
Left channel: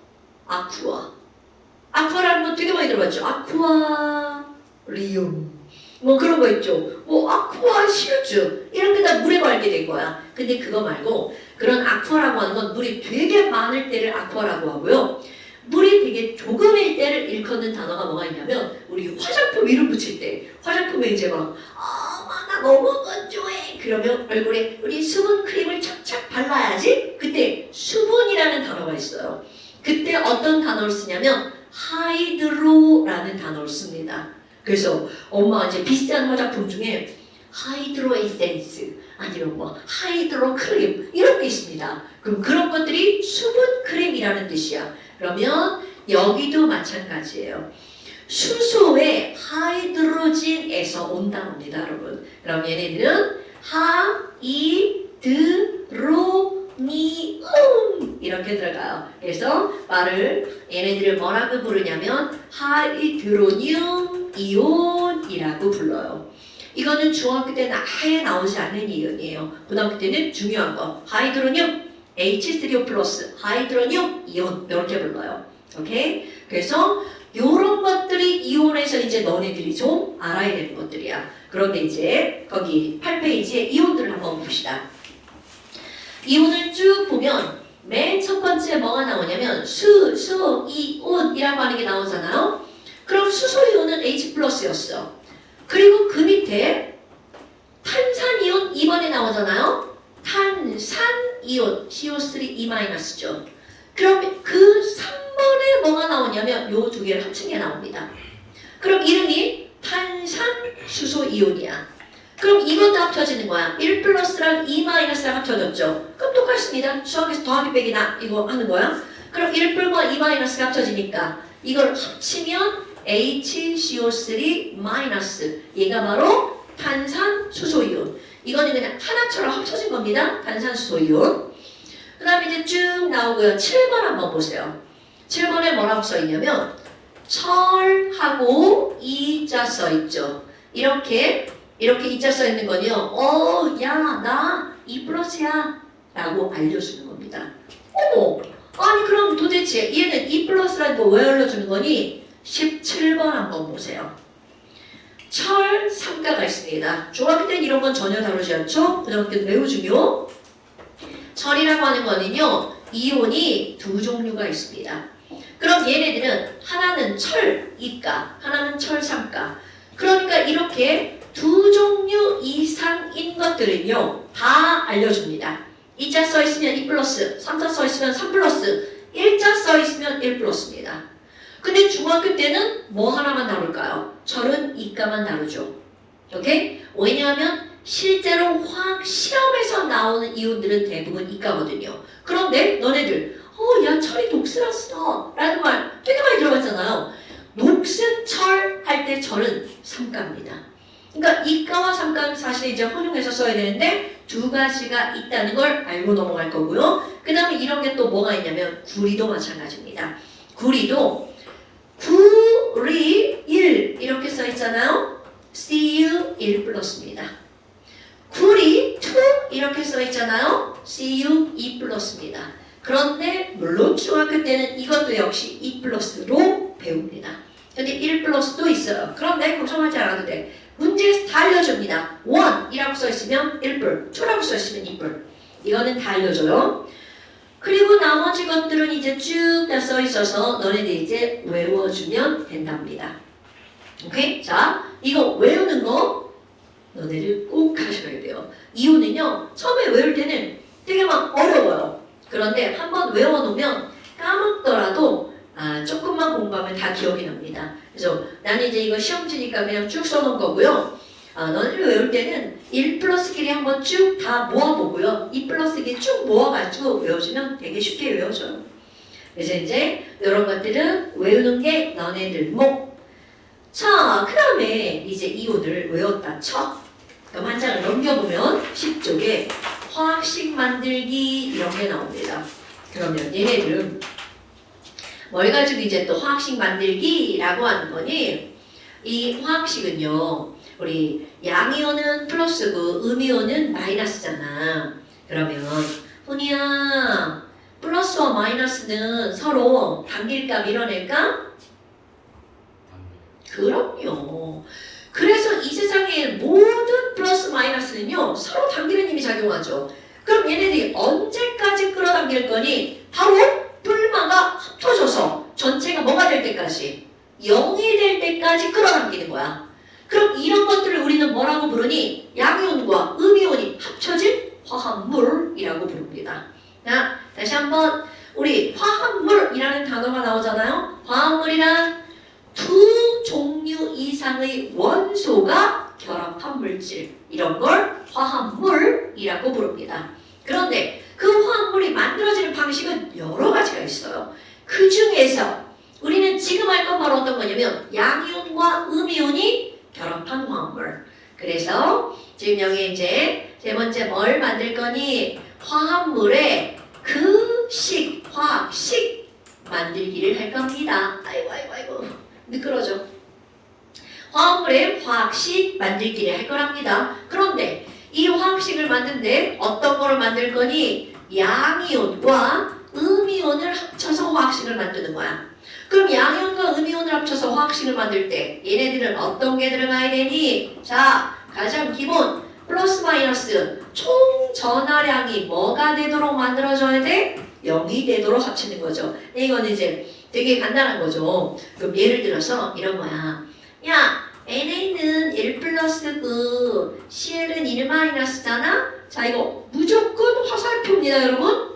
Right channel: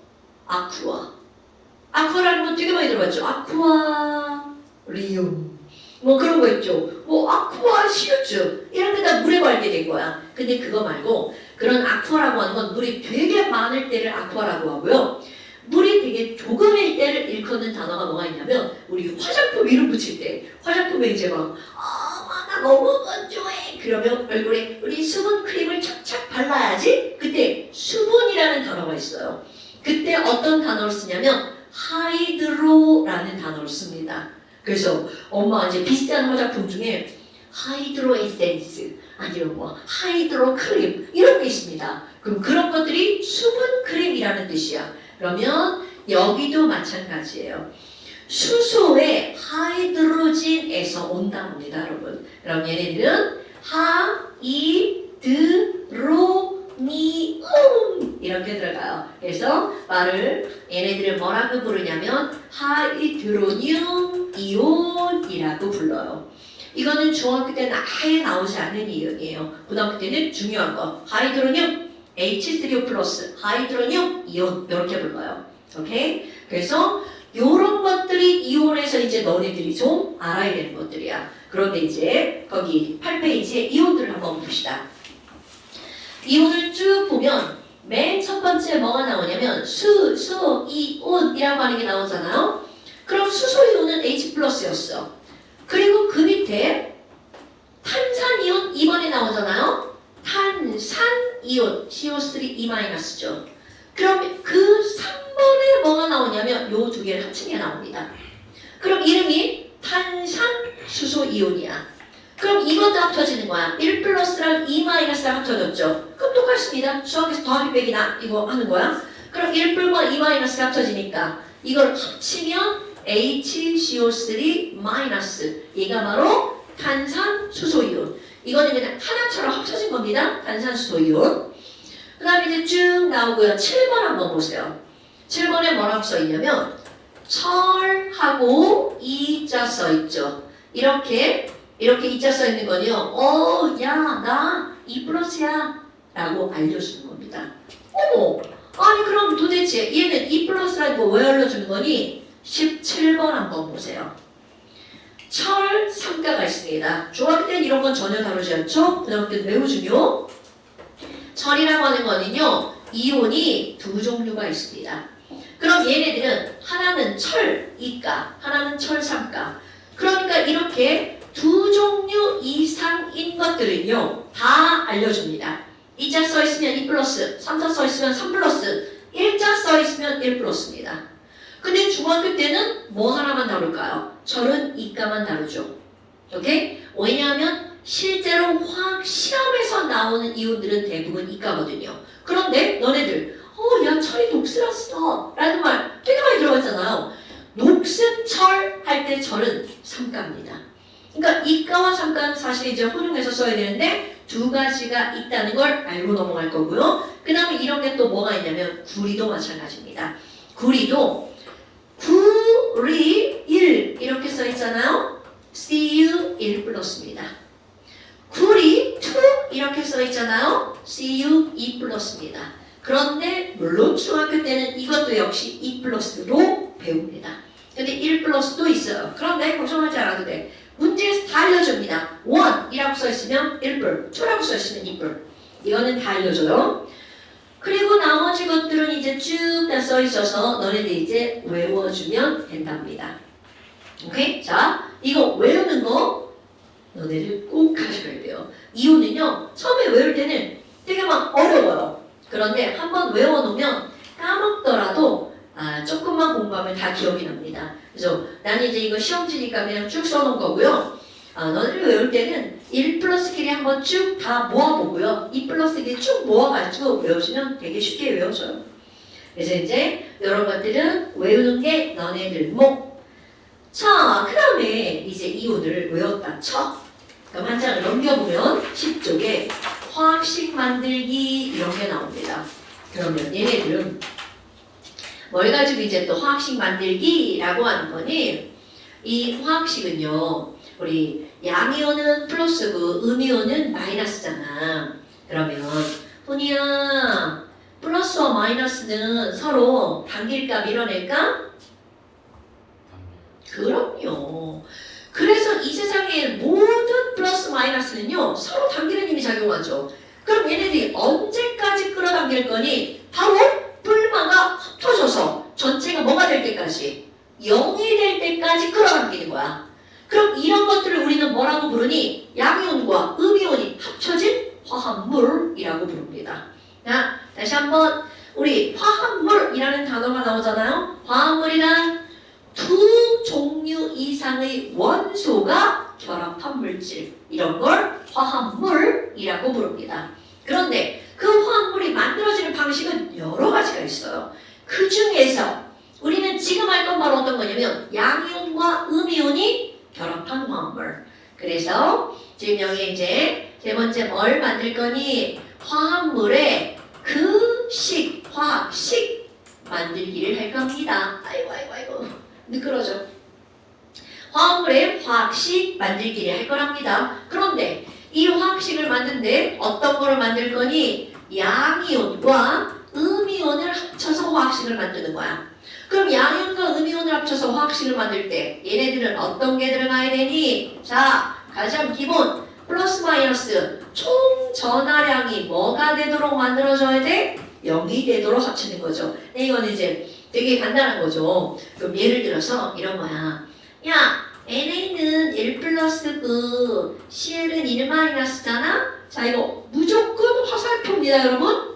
아쿠아. 아쿠아라는 거 되게 많이 들어봤죠. 아쿠아 리움 뭐 그런 거 있죠. 뭐 아쿠아 시루즈 이런 게 다 물에 관계 된 거야. 근데 그거 말고 그런 아쿠아라고 하는 건 물이 되게 많을 때를 아쿠아라고 하고요. 물이 되게 조금일 때를 일컫는 단어가 뭐가 있냐면 우리 화장품 이름 붙일 때 화장품에 이제 막 나 너무 건조해 그러면 얼굴에 우리 수분 크림을 착착 발라야지. 그때 수분이라는 단어가 있어요. 그때 어떤 단어를 쓰냐면 하이드로라는 단어를 씁니다. 그래서 엄마가 이제 비싼 화장품 중에 하이드로 에센스 아니면 뭐 하이드로 크림 이런 게 있습니다. 그럼 그런 것들이 수분 크림이라는 뜻이야. 그러면 여기도 마찬가지예요. 수소의 하이드로진에서 온답니다, 여러분. 그럼 얘네들은 하이드로니움 이렇게 들어가요. 그래서 얘네들을 뭐라고 부르냐면 하이드로늄 이온이라고 불러요. 이거는 중학교 때는 아예 나오지 않는 이온이에요. 고등학교 때는 중요한 거 하이드로늄 H3O 플러스 하이드로늄 이온 이렇게 불러요. 오케이? 그래서 요런 것들이 이온에서 이제 너네들이 좀 알아야 되는 것들이야. 그런데 이제 거기 8페이지에 이온들을 한번 봅시다. 이온을 쭉 보면 맨 첫 번째 뭐가 나오냐면 수소이온이라고 하는 게 나오잖아요. 그럼 수소이온은 H 플러스였어. 그리고 그 밑에 탄산이온 2번에 나오잖아요. 탄산이온 CO3E-죠. 그럼 그 3번에 뭐가 나오냐면 요 두 개를 합친 게 나옵니다. 그럼 이름이 탄산수소이온이야. 그럼 이것도 합쳐지는 거야. 1 플러스랑 2 마이너스랑 합쳐졌죠. 그럼 똑같습니다. 수학에서 더하기 빼기나 이거 하는 거야. 그럼 1 플러스 2 마이너스가 합쳐지니까 이걸 합치면 HCO3 마이너스 얘가 바로 탄산수소이온. 이거는 그냥 하나처럼 합쳐진 겁니다. 탄산수소이온. 그 다음에 이제 쭉 나오고요. 7번 한번 보세요. 7번에 뭐라고 써있냐면 철하고 이자 써있죠. 이렇게 이자 써있는 거는요. 야, 나 2 플러스야 라고 알려주는 겁니다. 어머, 아니 그럼 도대체 얘는 2 플러스라는 거 왜 알려주는 거니? 17번 한번 보세요. 철 삼가가 있습니다. 중학교 때는 이런 건 전혀 다루지 않죠? 고등학교 때는 매우 중요. 철이라고 하는 거는요. 이온이 두 종류가 있습니다. 그럼 얘네들은 하나는 철 2가, 하나는 철 3가. 그러니까 이렇게 두 종류 이상인 것들은요. 다 알려줍니다. 2자 써있으면 2 플러스, 3자 써있으면 3 플러스, 1자 써있으면 1 플러스입니다. 근데 중학교 때는 뭐 하나만 다룰까요? 철은 이과만 다루죠. 오케이? 왜냐하면 실제로 화학 시험에서 나오는 이온들은 대부분 이과거든요. 그런데 너네들 야 철이 녹슬었어 라는 말 되게 많이 들어봤잖아요. 녹슨 철 할 때 철은 삼가입니다. 그러니까 이과와 삼가는 사실 이제 혼용해서 써야 되는데 두 가지가 있다는 걸 알고 넘어갈 거고요. 그 다음에 이런 게 또 뭐가 있냐면 구리도 마찬가지입니다. 구리도 구리 1 이렇게 써 있잖아요. Cu 1 플러스입니다. 구리 2 이렇게 써 있잖아요. Cu 2 플러스입니다. 그런데 물론 중학교 때는 이것도 역시 2 플러스로 배웁니다. 근데 1 플러스도 있어요. 그런데 걱정하지 않아도 돼. 문제에서 다 알려줍니다. 1이라고 써 있으면 1불, 2라고 써 있으면 2불. 이거는 다 알려줘요. 그리고 나머지 것들은 이제 쭉 다 써 있어서 너네들 이제 외워주면 된답니다. 오케이? 자, 이거 외우는 거 너네들 꼭 하셔야 돼요. 이유는요, 처음에 외울 때는 되게 막 어려워요. 그런데 한번 외워놓으면 까먹더라도 조금만 공부하면 다 기억이 납니다. 그래서 나는 이제 이거 시험지니까 그냥 쭉 써놓은 거고요. 너네들 외울 때는 1 플러스 길이 한번 쭉 다 모아보고요. 2 플러스 길이 쭉 모아가지고 외우시면 되게 쉽게 외워져요. 그래서 이제 이런 것들은 외우는 게 너네들 목. 자, 그 다음에 이제 이온을 외웠다 쳐. 그럼 한 장을 넘겨보면 10쪽에 화학식 만들기 이런 게 나옵니다. 그러면 얘네들은 뭘 가지고 이제 또 화학식 만들기라고 하는 거니? 이 화학식은요, 우리 양이온은 플러스고 음이온은 마이너스잖아. 그러면 훈이야, 플러스와 마이너스는 서로 단길까 밀어낼까? 그럼요. 그래서 이 세상의 모든 플러스 마이너스는요 서로 당기는 힘이 작용하죠. 그럼 얘네들이 언제까지 끌어당길 거니? 바로 뿔마가 합쳐져서 전체가 뭐가 될 때까지? 0이 될 때까지 끌어당기는 거야. 그럼 이런 것들을 우리는 뭐라고 부르니? 양이온과 음이온이 합쳐진 화합물이라고 부릅니다. 자, 다시 한번 우리 화합물이라는 단어가 나오잖아요. 화합물이란 두 종류 이상의 원소가 결합한 물질, 이런 걸 화합물이라고 부릅니다. 그런데 그 화합물이 만들어지는 방식은 여러 가지가 있어요. 그 중에서 우리는 지금 할 건 바로 어떤 거냐면 양이온과 음이온이 결합한 화합물. 그래서 지금 여기 이제 세 번째 뭘 만들 거니? 화합물의 그 식, 화학식 만들기를 할 겁니다. 아이고 미끄러져. 화합물의 화학식 만들기를 할 거랍니다. 그런데 이 화학식을 만드는데 어떤 거를 만들 거니? 양이온과 음이온을 합쳐서 화학식을 만드는 거야. 그럼 양이온과 음이온을 합쳐서 화학식을 만들 때 얘네들은 어떤 게 들어가야 되니? 자, 가장 기본 플러스 마이너스 총 전하량이 뭐가 되도록 만들어져야 돼? 0이 되도록 합치는 거죠. 이건 이제 되게 간단한 거죠. 그럼 예를 들어서 이런 거야. 야, NA는 1 플러스고 CL은 1 마이너스잖아? 자, 이거 무조건 화살표입니다, 여러분.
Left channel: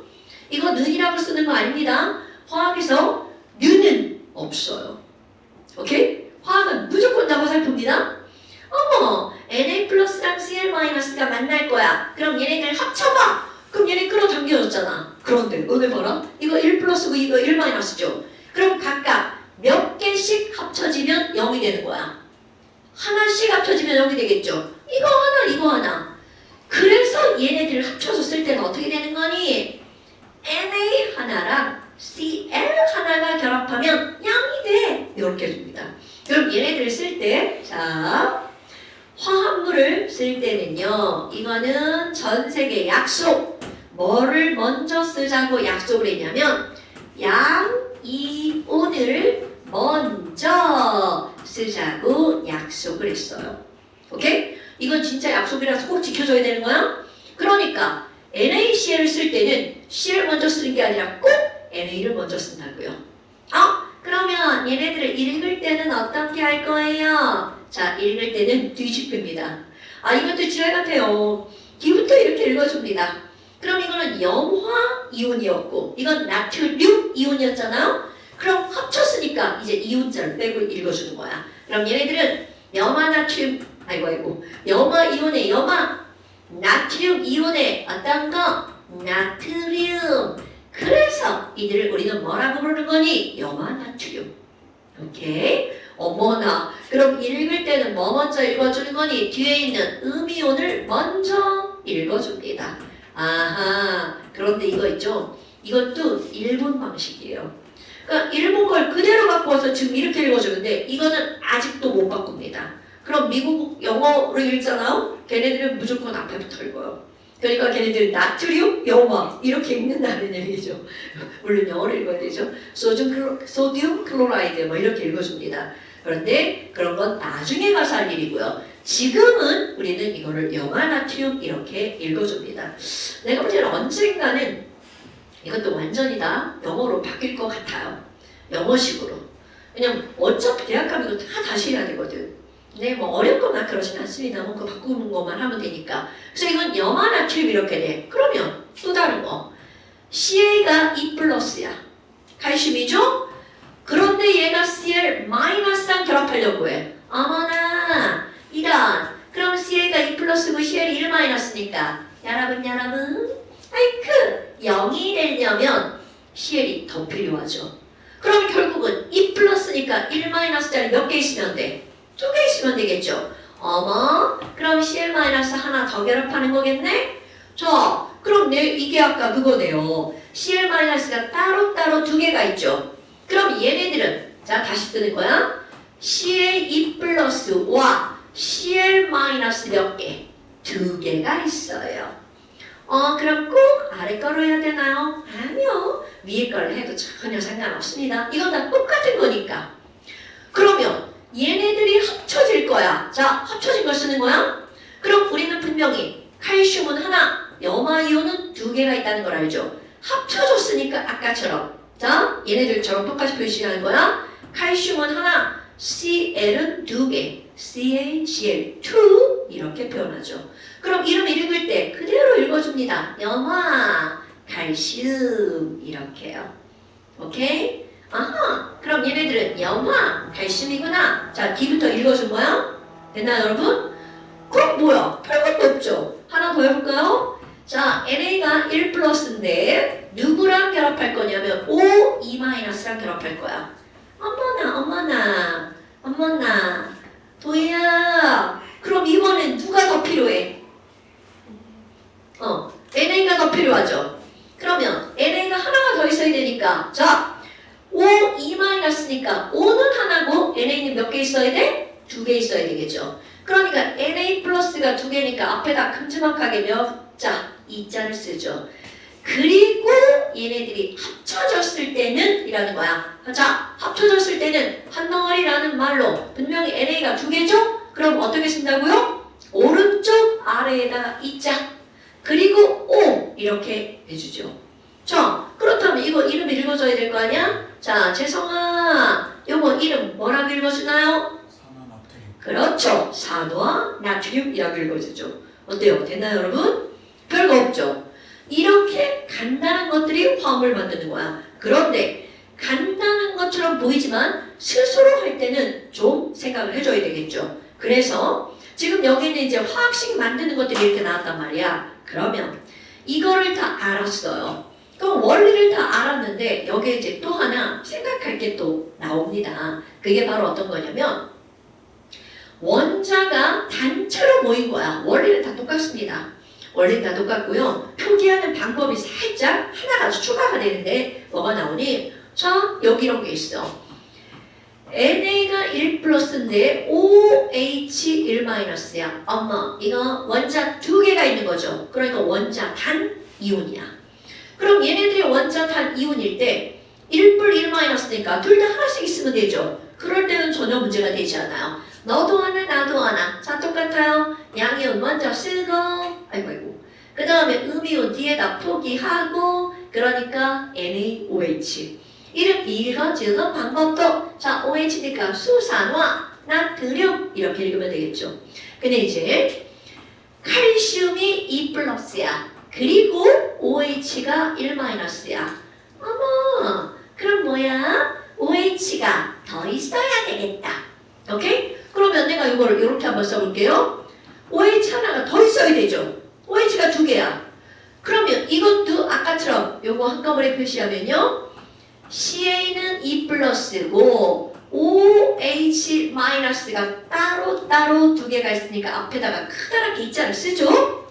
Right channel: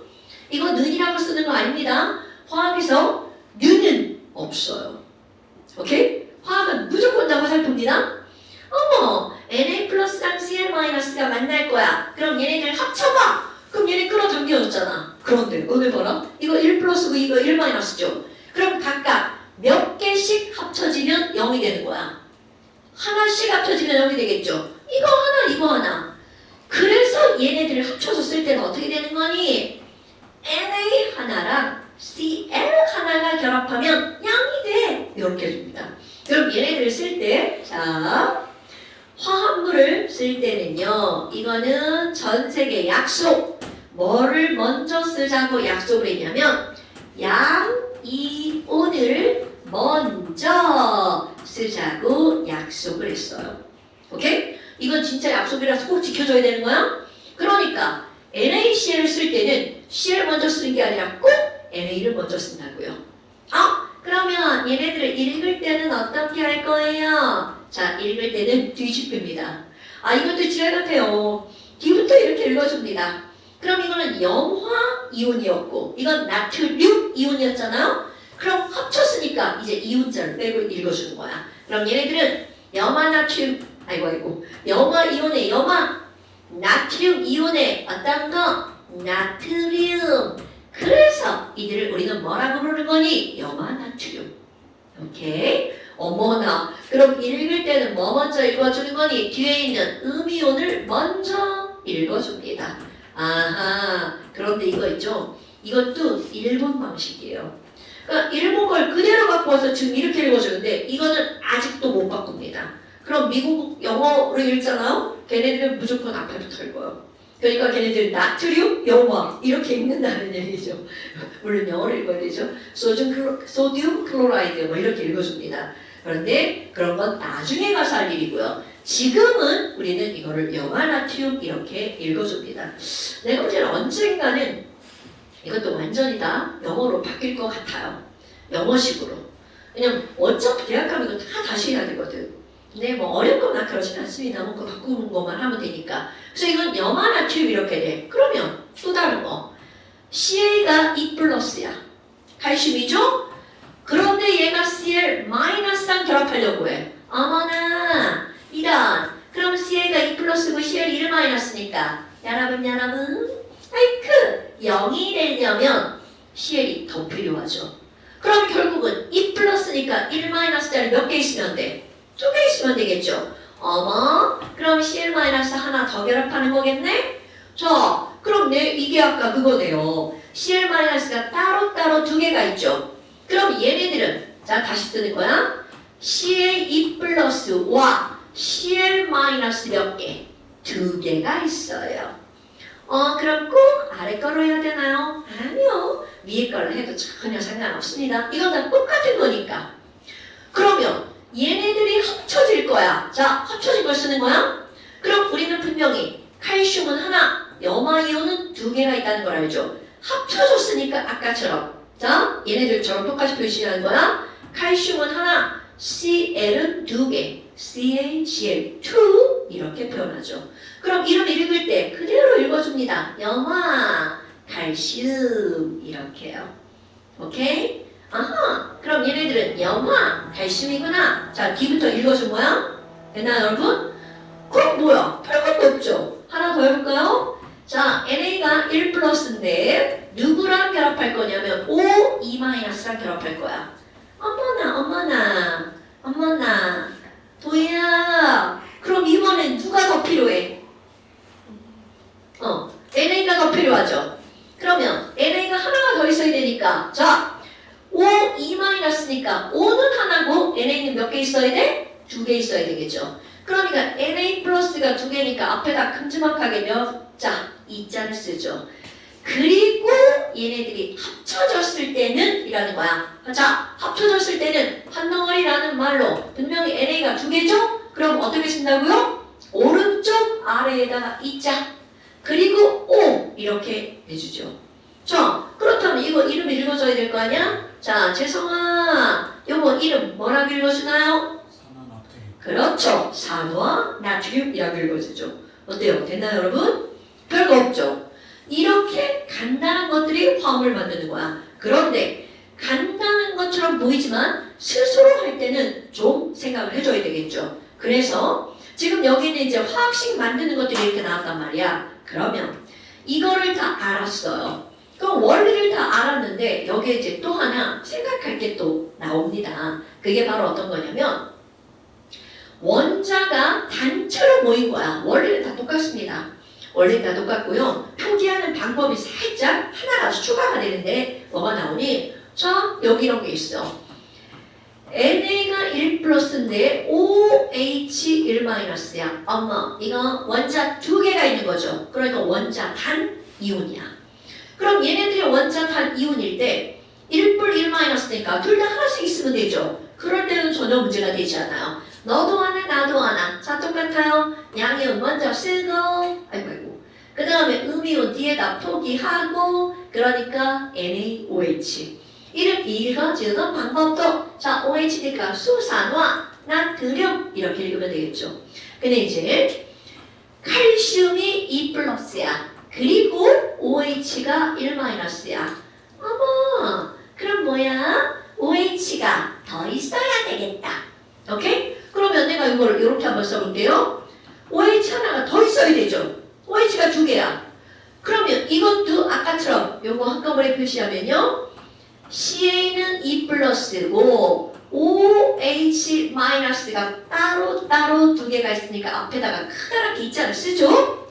이거 는이라고 쓰는 거 아닙니다. 화학에서 는은 없어요. 오케이? 화학은 무조건 다 화살표입니다. 어머, Na 플러스랑 Cl 마이너스가 만날 거야. 그럼 얘네들 합쳐봐. 그럼 얘네 끌어당겨졌잖아. 그런데 오늘 봐라. 이거 1 플러스고 이거 1 마이너스죠. 그럼 각각 몇 개씩 합쳐지면 0이 되는 거야. 하나씩 합쳐지면 0이 되겠죠. 이거 하나, 이거 하나. 그래서 얘네들을 합쳐줬을 때는 어떻게 되는 거니? Na 하나랑 Cl 하나가 결합하면 0이 돼. 이렇게 해줍니다. 그럼 얘네들을 쓸 때, 자, 화합물을 쓸 때는요, 이거는 전 세계 약속. 뭐를 먼저 쓰자고 약속을 했냐면, 양이온을 먼저 쓰자고 약속을 했어요. 오케이? 이건 진짜 약속이라서 꼭 지켜줘야 되는 거야. 그러니까 NaCl을 쓸 때는 Cl 먼저 쓰는 게 아니라 꼭 NA를 먼저 쓴다고요. 그러면 얘네들을 읽을 때는 어떻게 할 거예요? 자, 읽을 때는 뒤집힙니다. 이것도 지랄 같아요. 뒤부터 이렇게 읽어줍니다. 그럼 이거는 염화 이온이었고 이건 나트륨 이온이었잖아요. 그럼 합쳤으니까 이제 이온자를 빼고 읽어주는 거야. 그럼 얘네들은 염화 나트륨 염화 이온의 염화, 나트륨 이온의 어떤 거? 나트륨. 그래서 이들을 우리는 뭐라고 부르는 거니? 염화 나트륨. 오케이? 어머나. 그럼 읽을 때는 뭐 먼저 읽어주는 거니? 뒤에 있는 음이온을 먼저 읽어줍니다. 아하. 그런데 이거 있죠? 이것도 일본 방식이에요. 그러니까 일본 걸 그대로 갖고 와서 지금 이렇게 읽어주는데 이거는 아직도 못 바꿉니다. 그럼 미국 영어를 읽잖아요? 걔네들은 무조건 앞에부터 읽어요. 그러니까 걔네들 나트륨, 염화 이렇게 읽는다는 얘기죠. 물론 영어를 읽어야 되죠. 소듐 클로라이드 뭐 이렇게 읽어줍니다. 그런데 그런 건 나중에 가서 할 일이고요. 지금은 우리는 이거를 염화 나트륨 이렇게 읽어줍니다. 내가 볼 때는 언젠가는 이것도 완전히 다 영어로 바뀔 것 같아요. 영어식으로. 왜냐면 어차피 대학 가면 이거 다 다시 해야 되거든. 근데 뭐 어렵거나 그러진 않습니다. 뭐 그거 바꾸는 것만 하면 되니까. 그래서 이건 염화 나트륨 이렇게 돼. 그러면 또 다른 거. CA가 E 플러스야. 칼슘이죠? 그런데 얘가 Cl 마이너스랑 결합하려고 해. 어머나 이런. 그럼 CA가 E 플러스고 Cl 1 마이너스니까 여러분 아이크 0이 되려면 CL이 더 필요하죠. 그럼 결국은 E 플러스니까 1 마이너스짜리 몇 개 있으면 돼? 2개 있으면 되겠죠. 어머, 그럼 CL 마이너스 하나 더 결합하는 거겠네? 자, 그럼 이게 아까 그거네요. CL 마이너스가 따로따로 2개가 있죠. 그럼 얘네들은 자 다시 쓰는 거야. CL E 플러스와 CL 마이너스 몇 개? 2개가 있어요. 그럼 꼭 아래 거로 해야 되나요? 아니요. 위에 거를 해도 전혀 상관없습니다. 이건 다 똑같은 거니까. 그러면 얘네들이 합쳐질 거야. 자, 합쳐진 걸 쓰는 거야? 그럼 우리는 분명히 칼슘은 하나, 염화이온은 2개가 있다는 걸 알죠? 합쳐졌으니까 아까처럼 자, 얘네들처럼 똑같이 표시하는 거야. 칼슘은 하나, Cl은 2개, CaCl2 이렇게 표현하죠. 그럼 이름 읽을 때 그대로 읽어줍니다. 염화, 칼슘 이렇게요. 오케이? 아하, 그럼 얘네들은 염화, 칼슘이구나. 자, 뒤부터 읽어준 거야? 됐나요, 여러분? 그럼 뭐야? 별것도 없죠. 하나 더 해볼까요? 자, NA가 1 플러스인데 누구랑 결합할 거냐면 O, E-랑 결합할 거야. 어머나, 도희야. 그럼 이번엔 누가 더 필요해? NA가 더 필요하죠. 그러면 NA가 하나가 더 있어야 되니까 자, O, E-니까 O는 하나고 NA는 몇 개 있어야 돼? 2개 있어야 되겠죠. 그러니까 NA 플러스가 2개니까 앞에다 큼지막하게 몇 자? 2자를 쓰죠. 그리고 얘네들이 합쳐졌을 때는 이라는 거야. 자, 합쳐졌을 때는 한 덩어리라는 말로 분명히 NA가 2개죠? 그럼 어떻게 쓴다고요? 오른쪽 아래에다가 2자 그리고 O 이렇게 해주죠. 자, 그렇다면 이거 이름 읽어줘야 될 거 아니야? 자, 재성아, 요거 이름 뭐라고 읽어주나요? 산화나트륨. 그렇죠. 산화 나트륨이라고 읽어주죠. 어때요? 됐나요, 여러분? 별거 없죠? 이렇게 간단한 것들이 화합을 만드는 거야. 그런데 간단한 것처럼 보이지만 스스로 할 때는 좀 생각을 해줘야 되겠죠. 그래서 지금 여기는 이제 화학식 만드는 것들이 이렇게 나왔단 말이야. 그러면 이거를 다 알았어요. 그럼 원리를 다 알았는데 여기에 이제 또 하나 생각할 게 또 나옵니다. 그게 바로 어떤 거냐면 원자가 단체로 모인 거야. 원리는 다 똑같습니다. 원리는 다 똑같고요. 표기하는 방법이 살짝 하나가 추가가 되는데 뭐가 나오니? 자, 여기 이런 게 있어. NA가 1 플러스인데 OH 1 마이너스야. 엄마, 이거 원자 2개가 있는 거죠. 그러니까 원자 단 이온이야. 그럼 얘네들이 원자 단 이온일 때 1불 1 마이너스니까 둘 다 하나씩 있으면 되죠. 그럴 때는 전혀 문제가 되지 않아요. 너도 하나 나도 하나. 자, 똑같아요. 양이온 먼저 쓰고 아이고 그 다음에 음이온 뒤에다 포기하고 그러니까 NaOH 이렇게 읽어주는 방법도 자, OH니까 수산화 나트륨 이렇게 읽으면 되겠죠. 근데 이제 칼슘이 2 플러스야. 그리고 OH가 1 마이너스야. 어머, 그럼 뭐야? OH가 더 있어야 되겠다. 오케이? 그러면 내가 이걸 이렇게 한번 써볼게요. OH 하나가 더 있어야 되죠. OH가 2개야. 그러면 이것도 아까처럼 요거 한꺼번에 표시하면요. CA는 2 플러스고 OH 마이너스가 따로 2개가 있으니까 앞에다가 크다랗게 있자를 쓰죠.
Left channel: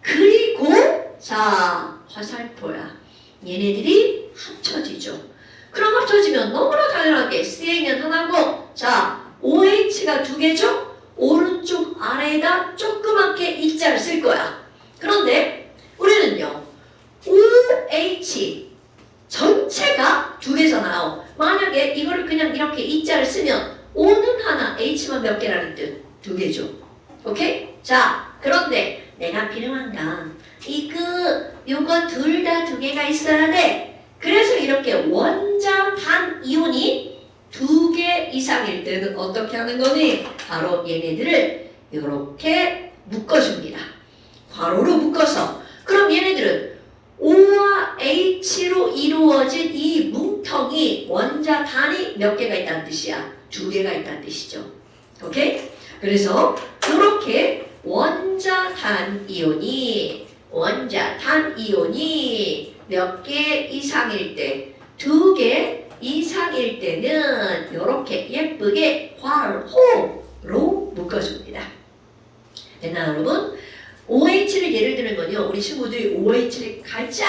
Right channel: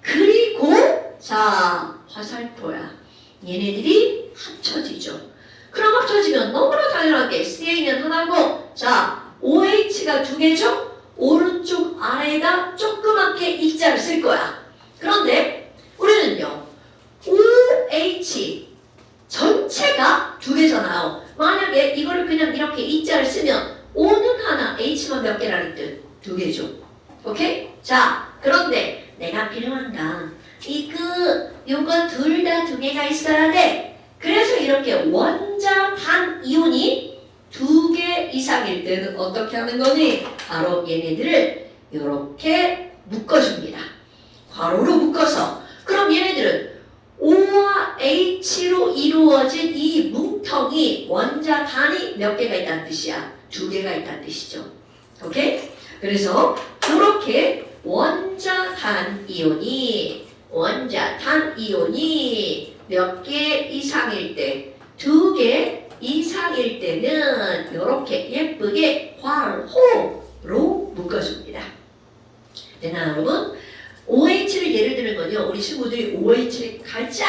그리고 자, 화살표야. 얘네들이 합쳐지죠. 그럼 합쳐지면 너무나 당연하게 CA는 하나고 자, OH가 2개죠? 오른쪽 아래에다 조그맣게 이자를 쓸 거야. 그런데 우리는요. OH 전체가 2개잖아요. 만약에 이거를 그냥 이렇게 이자를 쓰면 O는 하나, H만 몇 개라는 뜻? 2개죠. 오케이? 자, 그런데 내가 필요한 건 요거 둘 다 2개가 있어야 돼. 그래서 이렇게 원자 단 이온이 2개 이상일 때는 어떻게 하는 거니? 바로 얘네들을 이렇게 묶어줍니다. 괄호로 묶어서. 그럼 얘네들은 O와 H로 이루어진 이 뭉텅이 원자 단이 몇 개가 있다는 뜻이야? 2개가 있다는 뜻이죠. 오케이? 그래서 이렇게 원자 단 이온이 몇 개 이상일 때 2개 이상일 때는 이렇게 예쁘게 괄호로 묶어줍니다. 됐나요, 여러분? OH를 예를 드는 건요. 우리 친구들이 OH를 가장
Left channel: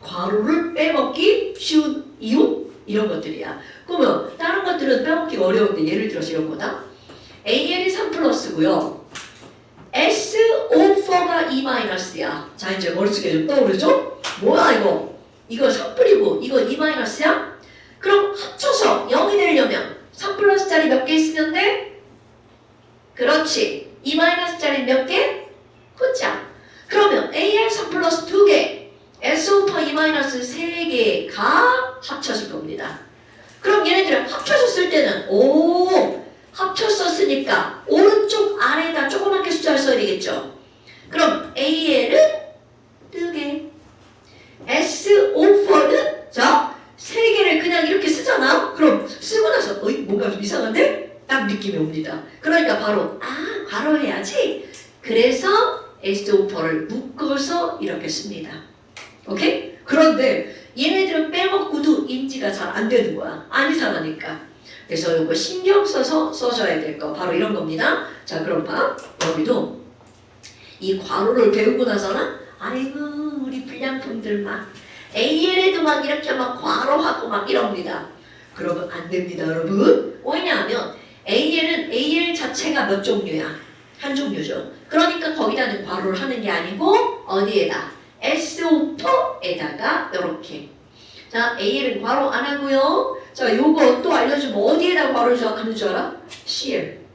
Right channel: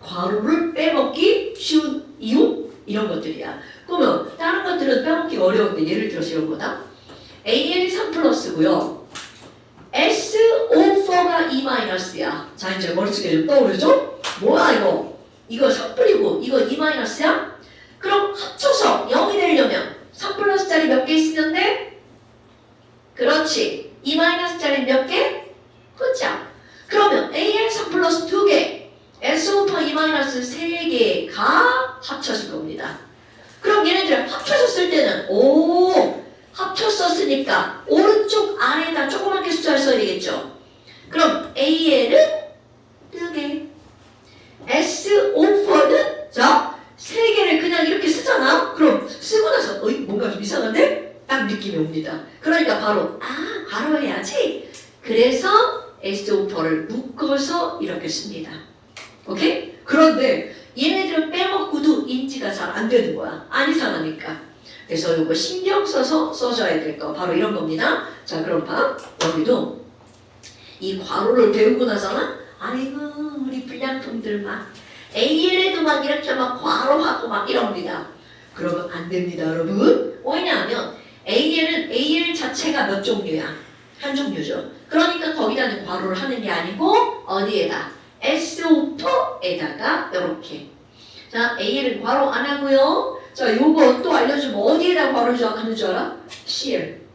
괄호를 빼먹기 쉬운 이유? 이런 것들이야. 그러면 다른 것들은 빼먹기가 어려운데 예를 들어서 이런 거다. AN이 3 플러스고요. SO4가 2 마이너스야. 자, 이제 머릿속에 좀 떠오르죠? 뭐야 이거? 이거 3뿌리고 이거 2 마이너스야? 그럼 합쳐서 0이 되려면 3 플러스짜리 몇 개 있으면 돼? 그렇지. 2 마이너스짜리 몇 개? 혼자. 그러면 AN 3 플러스 2개, SO4 2 마이너스 3개가 합쳐질 겁니다. 그럼 얘네들 합쳐졌을 때는 합쳤었으니까 오른쪽 아래에다 조그맣게 숫자를 써야 되겠죠. 그럼 AN은 2개, 느낌이 옵니다. 그러니까 바로 괄호해야지. 그래서 SO4를 묶어서 이렇게 씁니다. 오케이? 그런데 얘네들은 빼먹고도 인지가 잘 안 되는 거야. 안 이상하니까. 그래서 이거 신경 써서 써줘야 될 거 바로 이런 겁니다. 자, 그럼 봐. 여기도 이 괄호를 배우고 나서는 아이고 우리 불량품들 막 AL에도 막 이렇게 막 괄호하고 막 이럽니다. 그러면 안 됩니다, 여러분. 왜냐하면 AL은 AL 자체가 몇 종류야? 한 종류죠. 그러니까 거기다는 괄호를 하는 게 아니고 어디에다? SO4에다가 이렇게. 자, AL은 괄호 안 하고요. 자, 요거 또 알려주면 어디에다 괄호 하는 줄 알아? CL.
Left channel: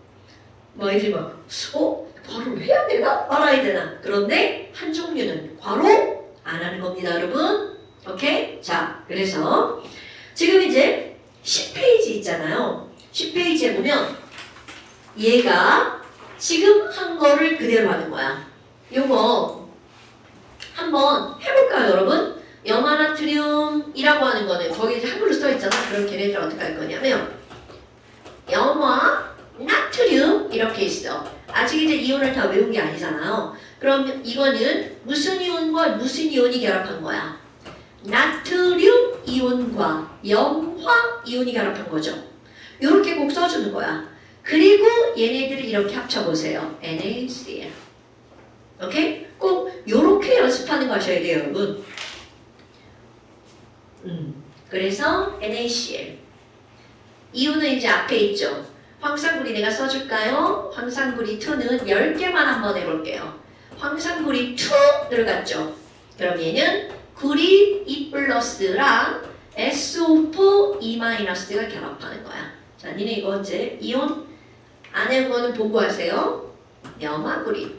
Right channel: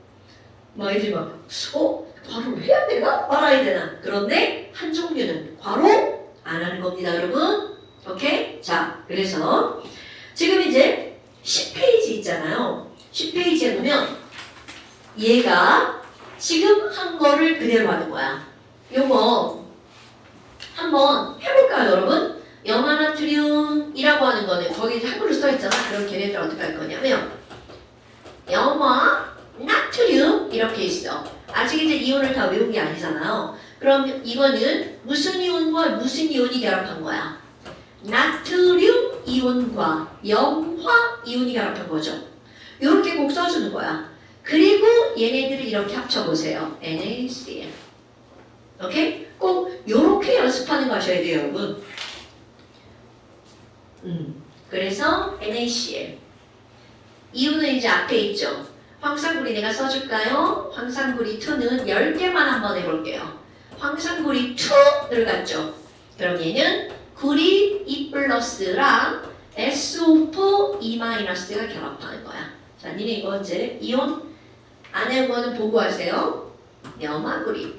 뭐 애들이 막 괄호를 해야 되나? 말아야 되나? 그런데 한 종류는 괄호 안 하는 겁니다, 여러분. 오케이? 자, 그래서 지금 이제 10페이지 있잖아요. 10페이지에 보면 얘가 지금 한 거를 그대로 하는 거야. 요거 한번 해볼까요, 여러분? 염화나트륨이라고 하는 거는 거기 이제 한글로 써 있잖아. 그럼 걔네들 어떻게 할 거냐면 염화 나트륨 이렇게 있어. 아직 이제 이온을 다 외운 게 아니잖아요. 그럼 이거는 무슨 이온과 무슨 이온이 결합한 거야? 나트륨 이온과 염화 이온이 결합한 거죠. 이렇게 꼭 써주는 거야. 그리고 얘네들을 이렇게 합쳐보세요. NaCl. 오케이? 꼭 이렇게 연습하는 거 하셔야 돼요, 여러분. 그래서 NaCl. 이유는 이제 앞에 있죠. 황산구리 내가 써줄까요? 황산구리 2는 10개만 한번 해볼게요. 황산구리 2를 갖죠. 그럼 얘는 구리 2 플러스랑 SO4 2-가 결합하는 거야. 자, 니네 이거 이제 이온 안에 거는 보고 하세요. 염화구리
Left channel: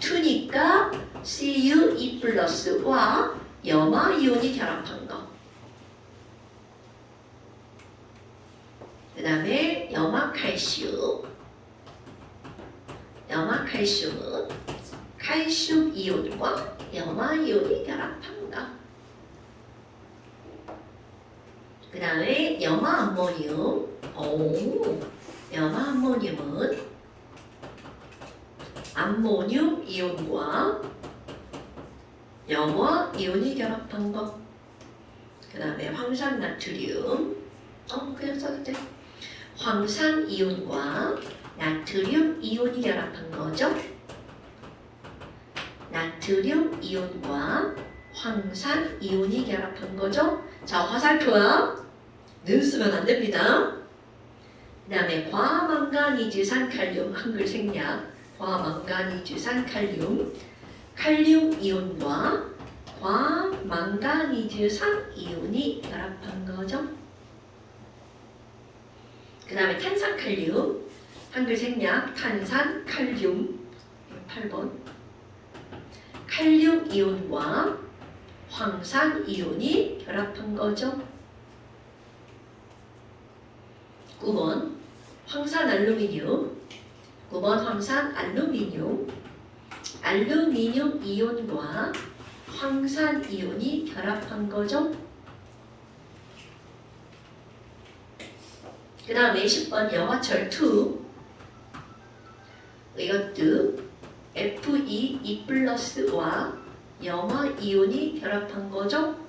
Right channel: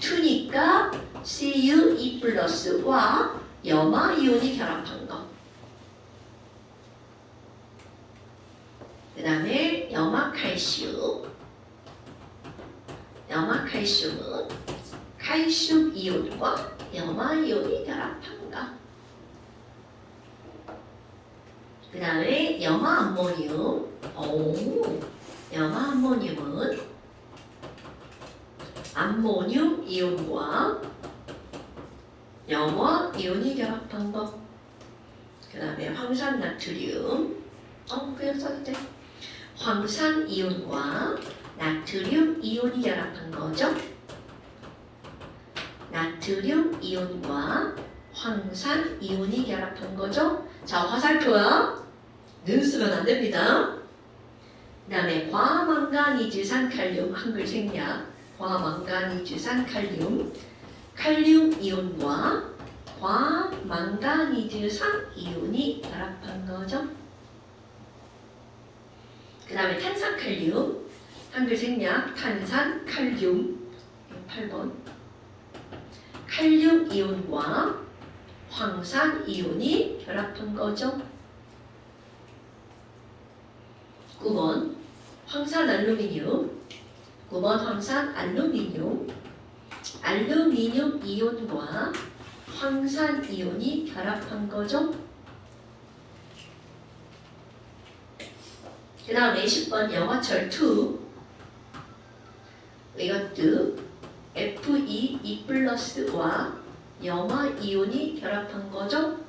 2니까 Cu 2 플러스와 염화 이온이 결합한 거. 그 다음에 염화칼슘은 칼슘 이온과 염화 이온이 결합한 거. 그 다음에 염화암모늄은 암모늄 이온과 염화 이온이 결합한 거. 그 다음에 황산나트륨 그냥 써도 돼. 황산 이온과 나트륨 이온이 결합한 거죠. 나트륨 이온과 황산 이온이 결합한 거죠. 자, 화살표야. 늘 쓰면 안 됩니다. 그 다음에 과망가니즈산 칼륨 한글 생략. 과망가니즈산 칼륨 칼륨 이온과 과망가니즈산 이온이 결합한 거죠. 그 다음에 탄산칼륨 한글 생략 탄산칼륨 8번 칼륨 이온과 황산 이온이 결합한 거죠. 9번 황산 알루미늄 9번 황산 알루미늄 알루미늄 이온과 황산 이온이 결합한 거죠. 그 다음에 10번 염화철 2 이것도 Fe 2 플러스와 염화 이온이 결합한 거죠.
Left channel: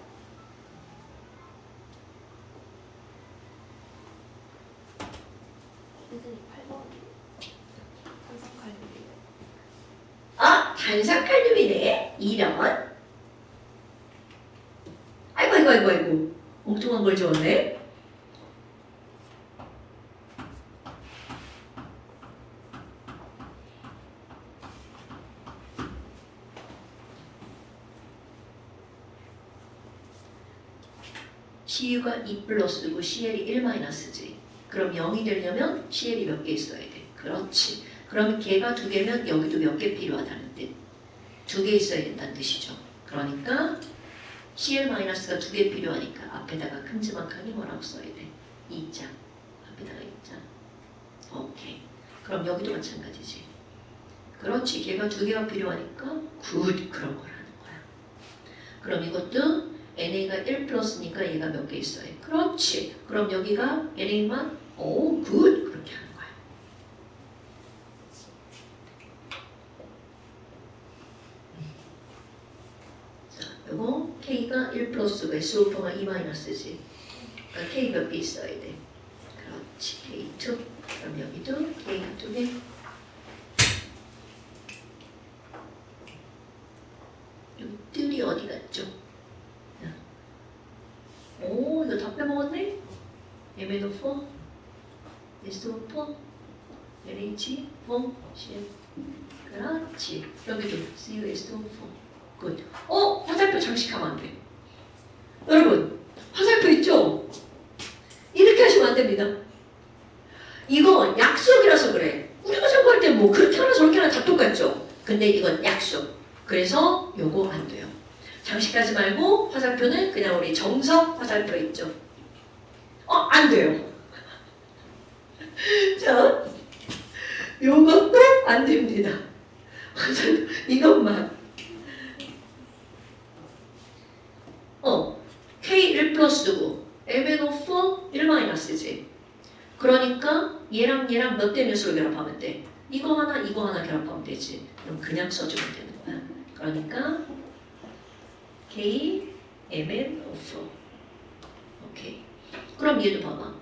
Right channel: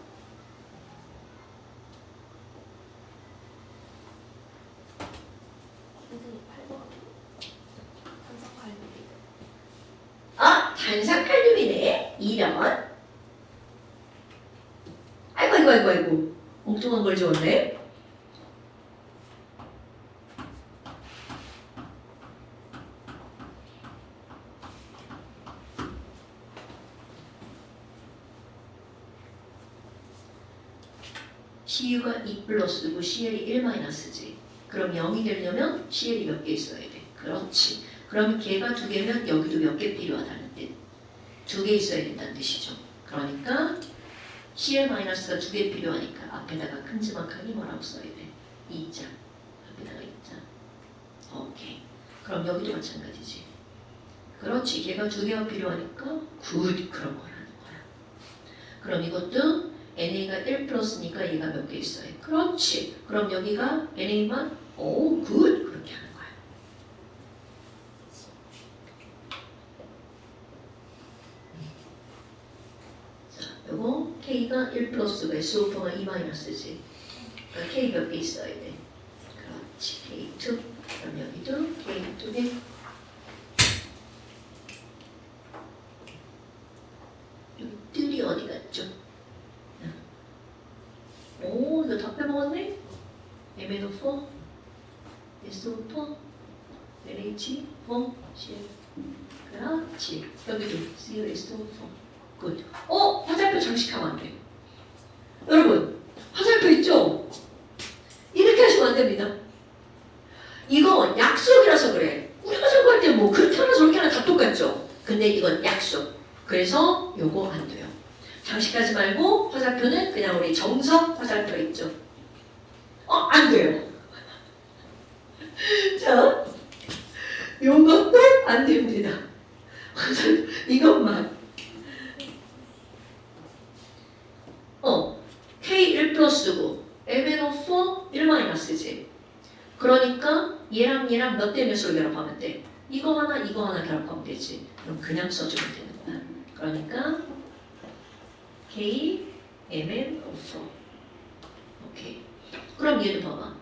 탄산칼륨이네. 2번. 아이고. 엉뚱한 걸 적었네. Cu가 2 플러스고 Cl이 1 마이너스지. 그럼 0이 되려면 Cl이 몇 개 있어야 돼. 그렇지. 그럼 걔가 2개면 여기도 몇 개 필요하다는 뜻. 2개 있어야 된다는 뜻이죠. 그러니까 Cl-가 2개 필요하니까 앞에다가 큼지막하게 뭐라고 써야 돼? 2자. 앞에다가 2자. 오케이. 그럼 여기도 마찬가지지. 그렇지. 걔가 2개가 필요하니까 굿. 그런 거라는 거야. 그럼 이것도 NA가 1 플러스니까 얘가 몇 개 있어요? 그렇지. 그럼 여기가 NA만 오, 굿. 그렇게 하는 거야. 자, 요거 K가 1 플러스 S5가 2 마이너스지. 그러니까 K 몇 개 있어야 돼. 그렇지. K2. 그럼 여기도 K 2개. 여기 뜰이 어디 갔죠? 오, 이거 다 빼먹었네? MNO4, SO4, NH4, CL. 그렇지. 여기도 COSO4. 굿. 화살표 장식하면 안 돼. 여러분, 화살표 있죠? 이렇게 하시면 안 됩니다. 이거 약속이라서 그래. 우리가 생각할 때 뭐 그렇게 하나 저렇게 하나 다 똑같죠? 근데 이건 약속. 그래서 요거 안 돼요. 장식하지 말고 화살표는 그냥 우리 정석 화살표 있죠? 안 돼요. 자, 요것도 안 됩니다. 이것만. K1 플러스고 MNO4 1 마이너스지. 그러니까 얘랑 몇 대 몇으로 결합하면 돼? 이거 하나 결합하면 되지. 그럼 그냥 써주면 되는 거야. 그러니까 K, MNO4. 오케이. 그럼 얘도 봐봐.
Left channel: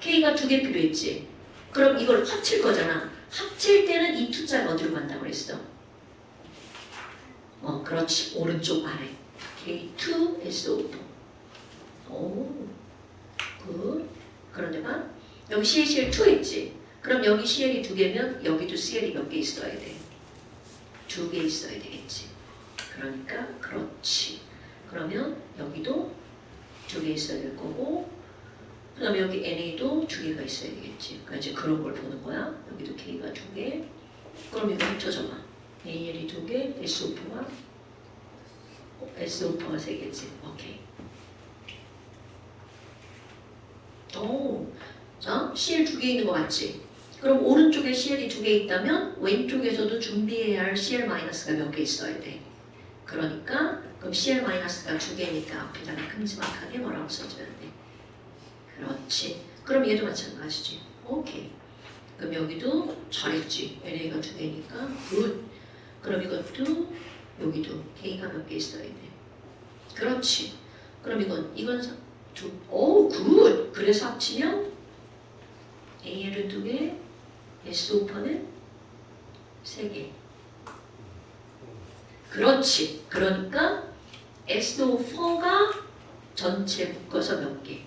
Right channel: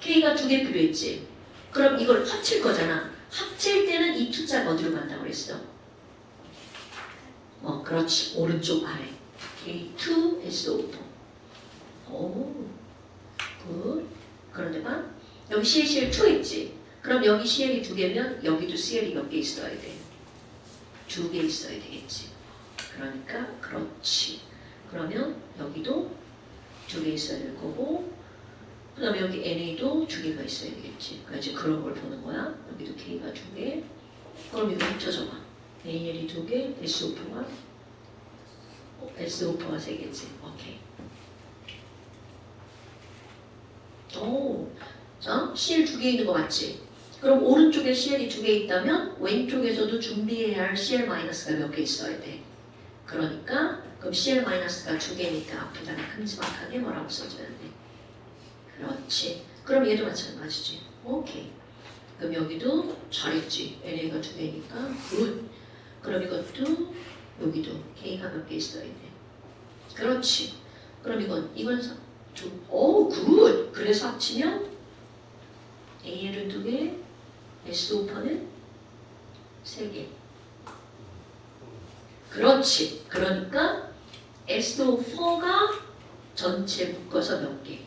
K가 2개 필요했지. 그럼 이걸 합칠 거잖아. 합칠 때는 이 투자가 어디로 간다고 그랬어? 그렇지. 오른쪽 아래. K2, SO4. 오, 굿. 그런데만 여기 CL2 있지. 그럼 여기 CL이 2개면 여기도 CL이 몇 개 있어야 돼? 2개 있어야 되겠지. 그러니까 그렇지. 그러면 여기도 2개 있어야 될 거고, 그 다음에 여기 NA도 2개가 있어야 되겠지. 그러니까 이제 그런 걸 보는 거야. 여기도 K가 2개. 그럼 이거 합쳐줘봐. AL이 2개, SO4가 3개지. 오케이. 자, CL 2개 있는 거 맞지? 그럼 오른쪽에 CL이 2개 있다면 왼쪽에서도 준비해야 할 CL-가 몇 개 있어야 돼. 그러니까 그럼 CL-가 2개니까 앞에다가 큼지막하게 뭐라고 써줘야 돼. 그렇지. 그럼 얘도 마찬가지지. 오케이. 그럼 여기도 잘했지. NA가 2개니까 굿. 그럼 이것도 여기도 K가 몇 개 있어야 돼. 그렇지. 그럼 이건 굿. 그래서 합치면 AL은 2개, SO4는 3개. 그렇지. 그러니까 SO4가 전체 묶어서 몇 개?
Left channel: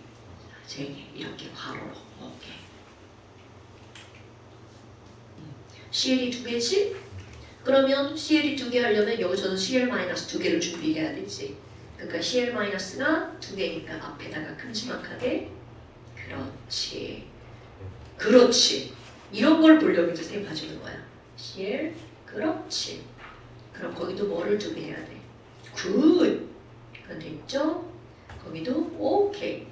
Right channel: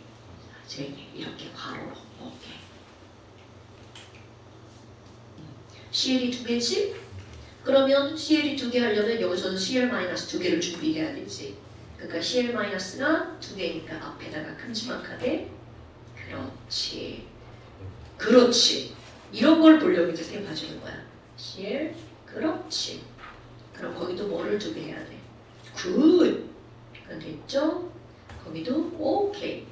3개. 이렇게 괄호로. 오케이. CL이 2개지? 그러면 CL이 2개 하려면 여기서는 CL-2개를 준비해야 되지. 그러니까 CL-가 2개니까 앞에다가 큼지막하게. 그렇지. 그렇지. 이런 걸 보려고 이제 쌤 봐주는 거야. CL. 그렇지. 그럼 거기도 뭐를 준비해야 돼? 굿. 그건 됐죠? 거기도 오케이.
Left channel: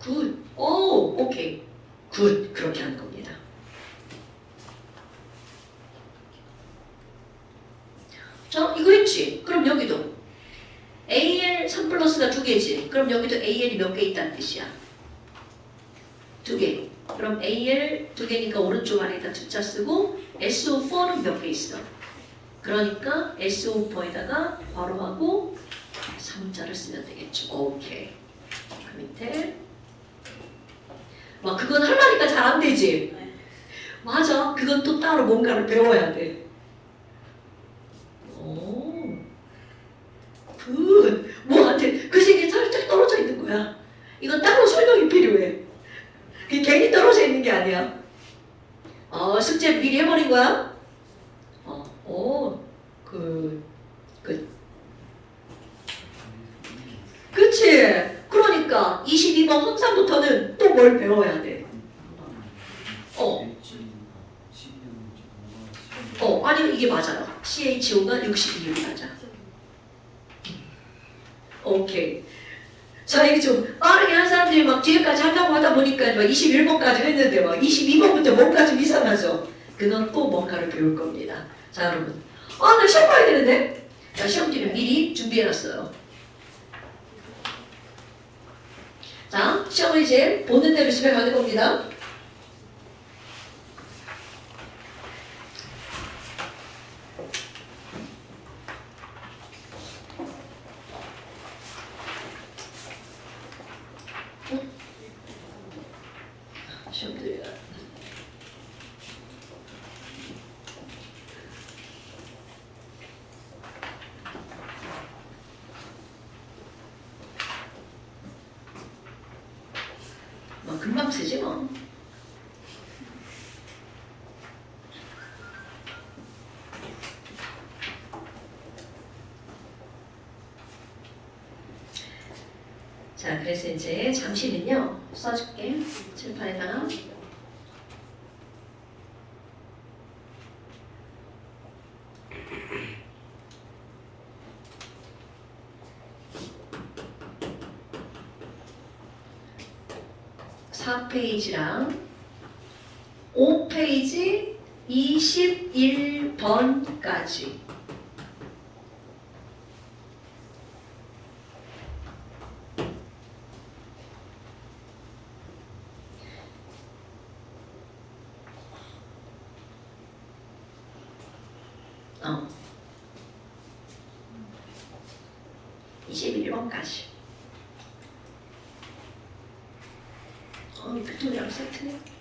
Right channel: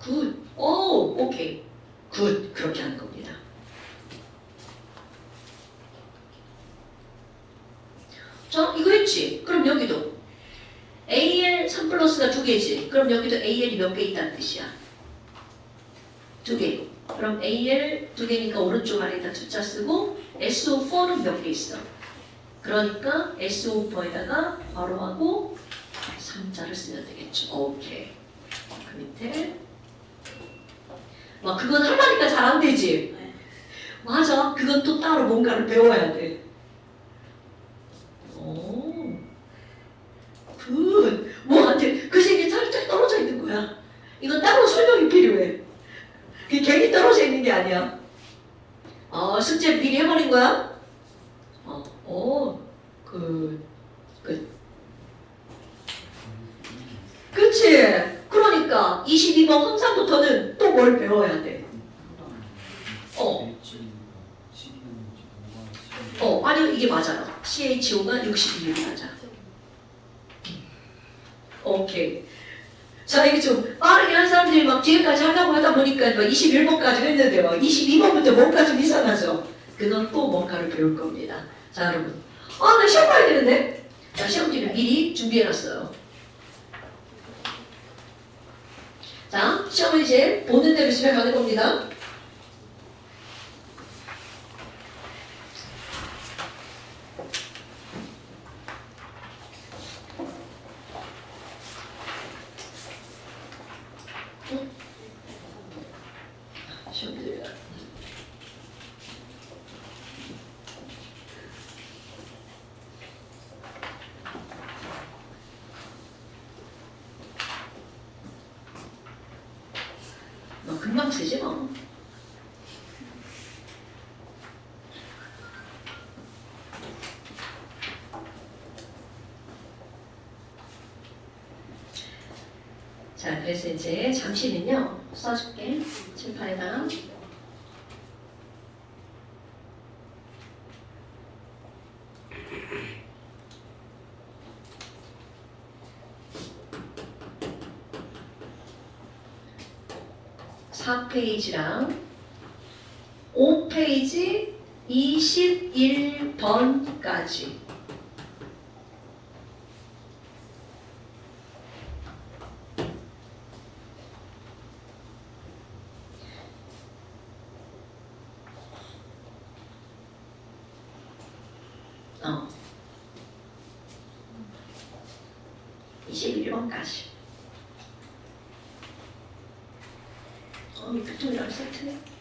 굿. 오케이. 굿. 그렇게 하는 겁니다. 자, 이거 했지? 그럼 여기도 AL 3 플러스가 2개지. 그럼 여기도 AL이 몇 개 있다는 뜻이야? 2개. 그럼 AL 2개니까 오른쪽 아래에다 투자 쓰고 SO4는 몇 개 있어? 그러니까 SO4에다가 괄호하고 3자를 쓰면 되겠죠. 오케이. 그 밑에 그건 하려니까 잘 안 되지? 맞아. 그건 또 따로 뭔가를 배워야 돼. 뭐한테 그 색이 살짝 떨어져 있는 거야. 이건 따로 설명이 필요해. 그게 괜히 떨어져 있는 게 아니야. 숙제 미리 해버린 거야? 그치? 그러니까 22번 항상부터는 또 뭘 배워야 돼? 아니 이게 맞아. CHO가 62로 맞아. 오케이. 자, 이게 좀 빠르게 한 사람들이 막 뒤에까지 하려고 하다 보니까 막 21번까지 했는데 막 22번부터 뭔가 좀 이상하죠? 그건 또 뭔가를 배울 겁니다. 자, 여러분. 나 시험 봐야 되는데? 자, 시험지를 미리 준비해놨어요. 자, 시험을 이제 보는 대로 집에 가는 겁니다. 쓰지 뭐. 자, 그래서 이제 잠시는요 써줄게 칠판에다가. 사 페이지랑 5페이지 21번까지. 어. 21번까지. 그쪽이랑 세트네.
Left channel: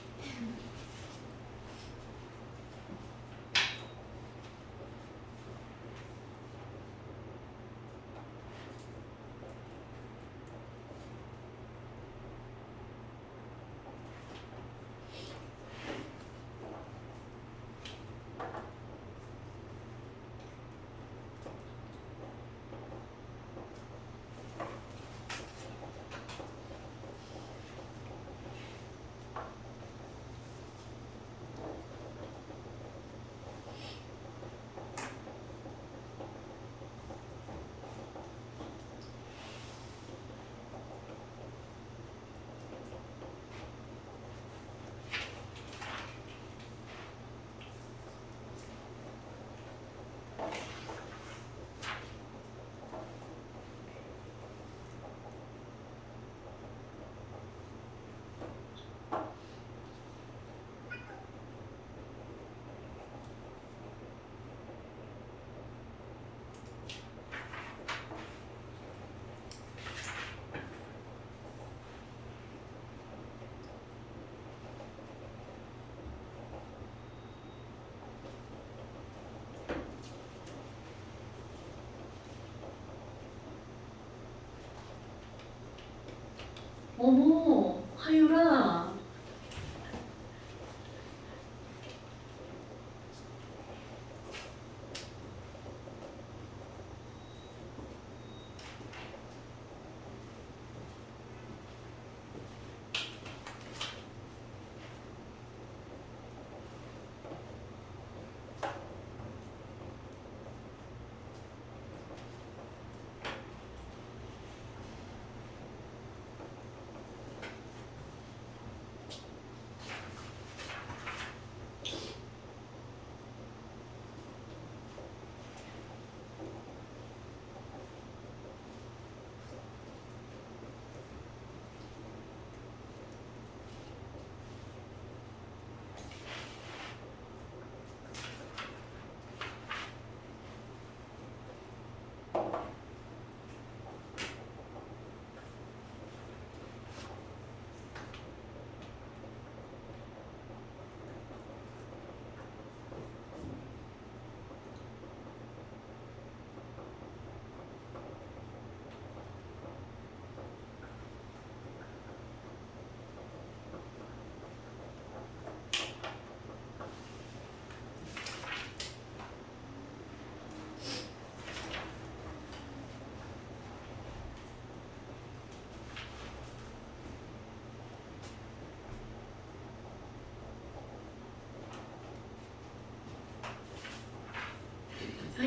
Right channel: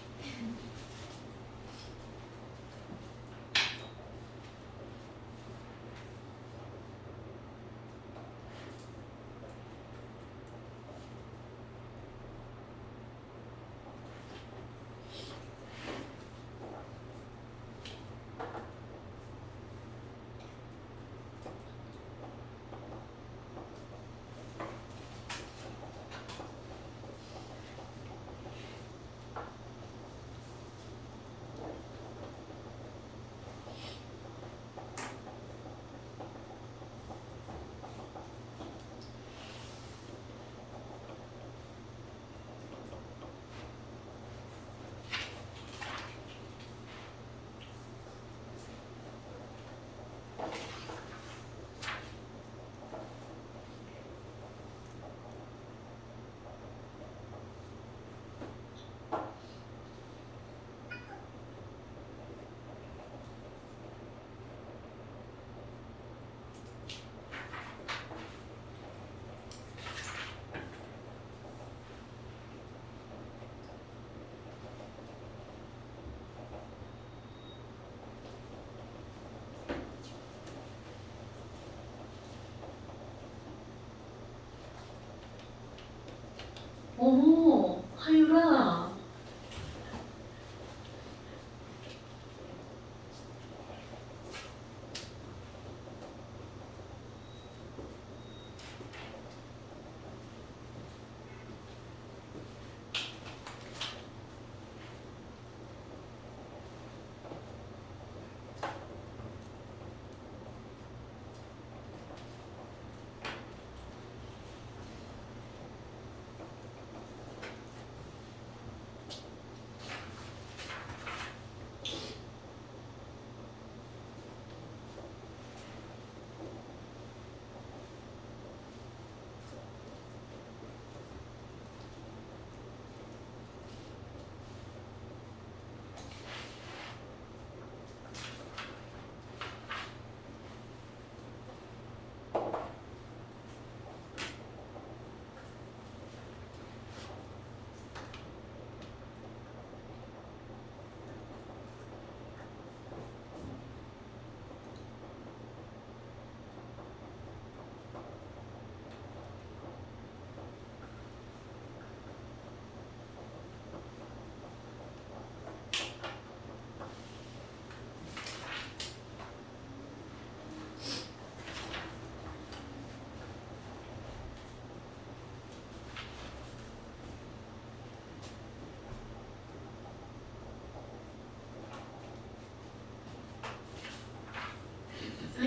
어머, 하유라.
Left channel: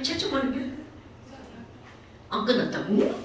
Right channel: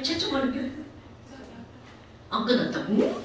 채점하는 안 끝났다고?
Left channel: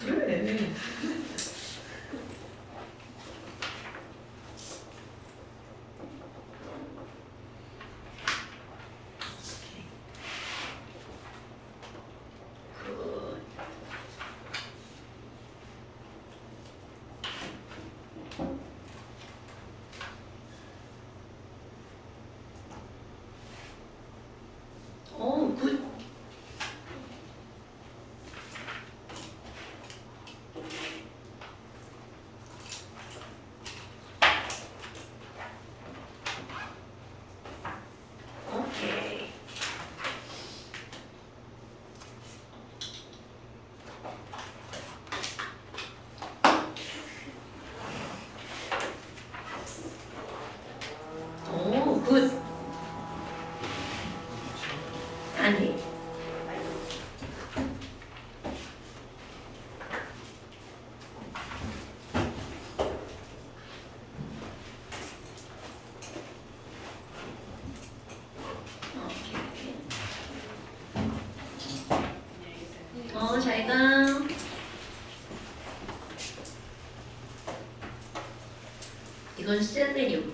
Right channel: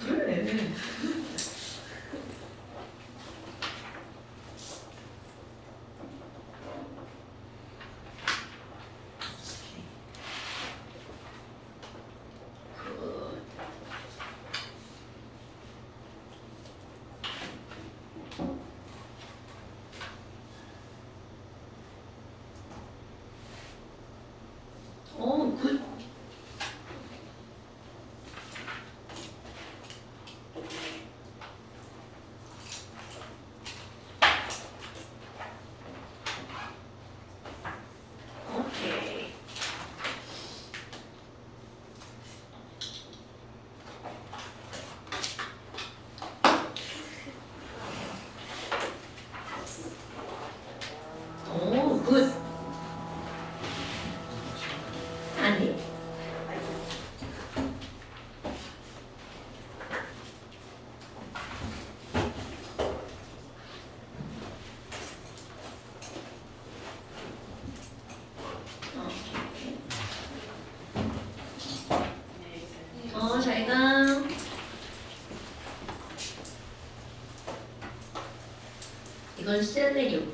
그래. 이건 셀레늄.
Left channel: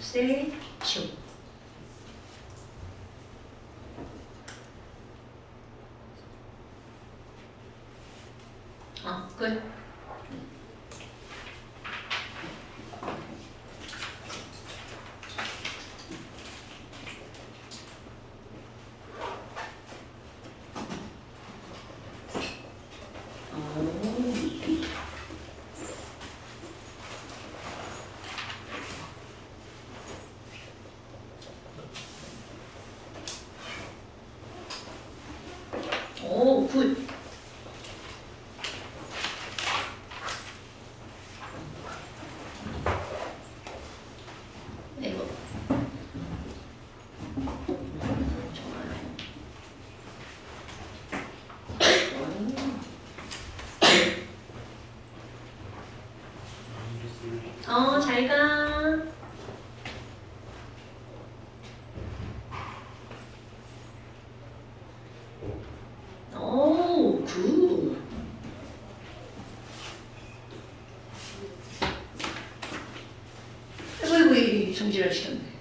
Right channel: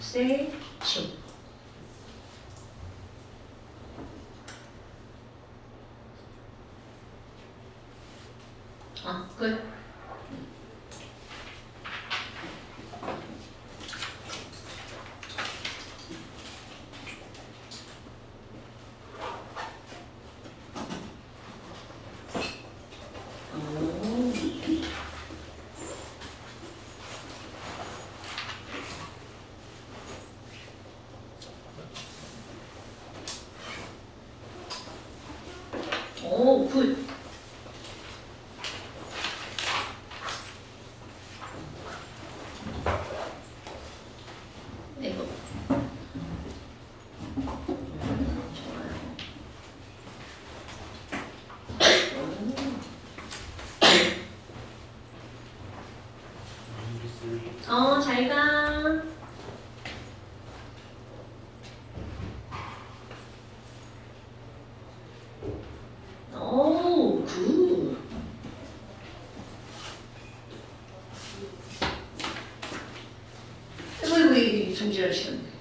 세슘. 끝. 오, 굿. 이거. 잘 가. 오, 굿. 아이고, 정지할 시간.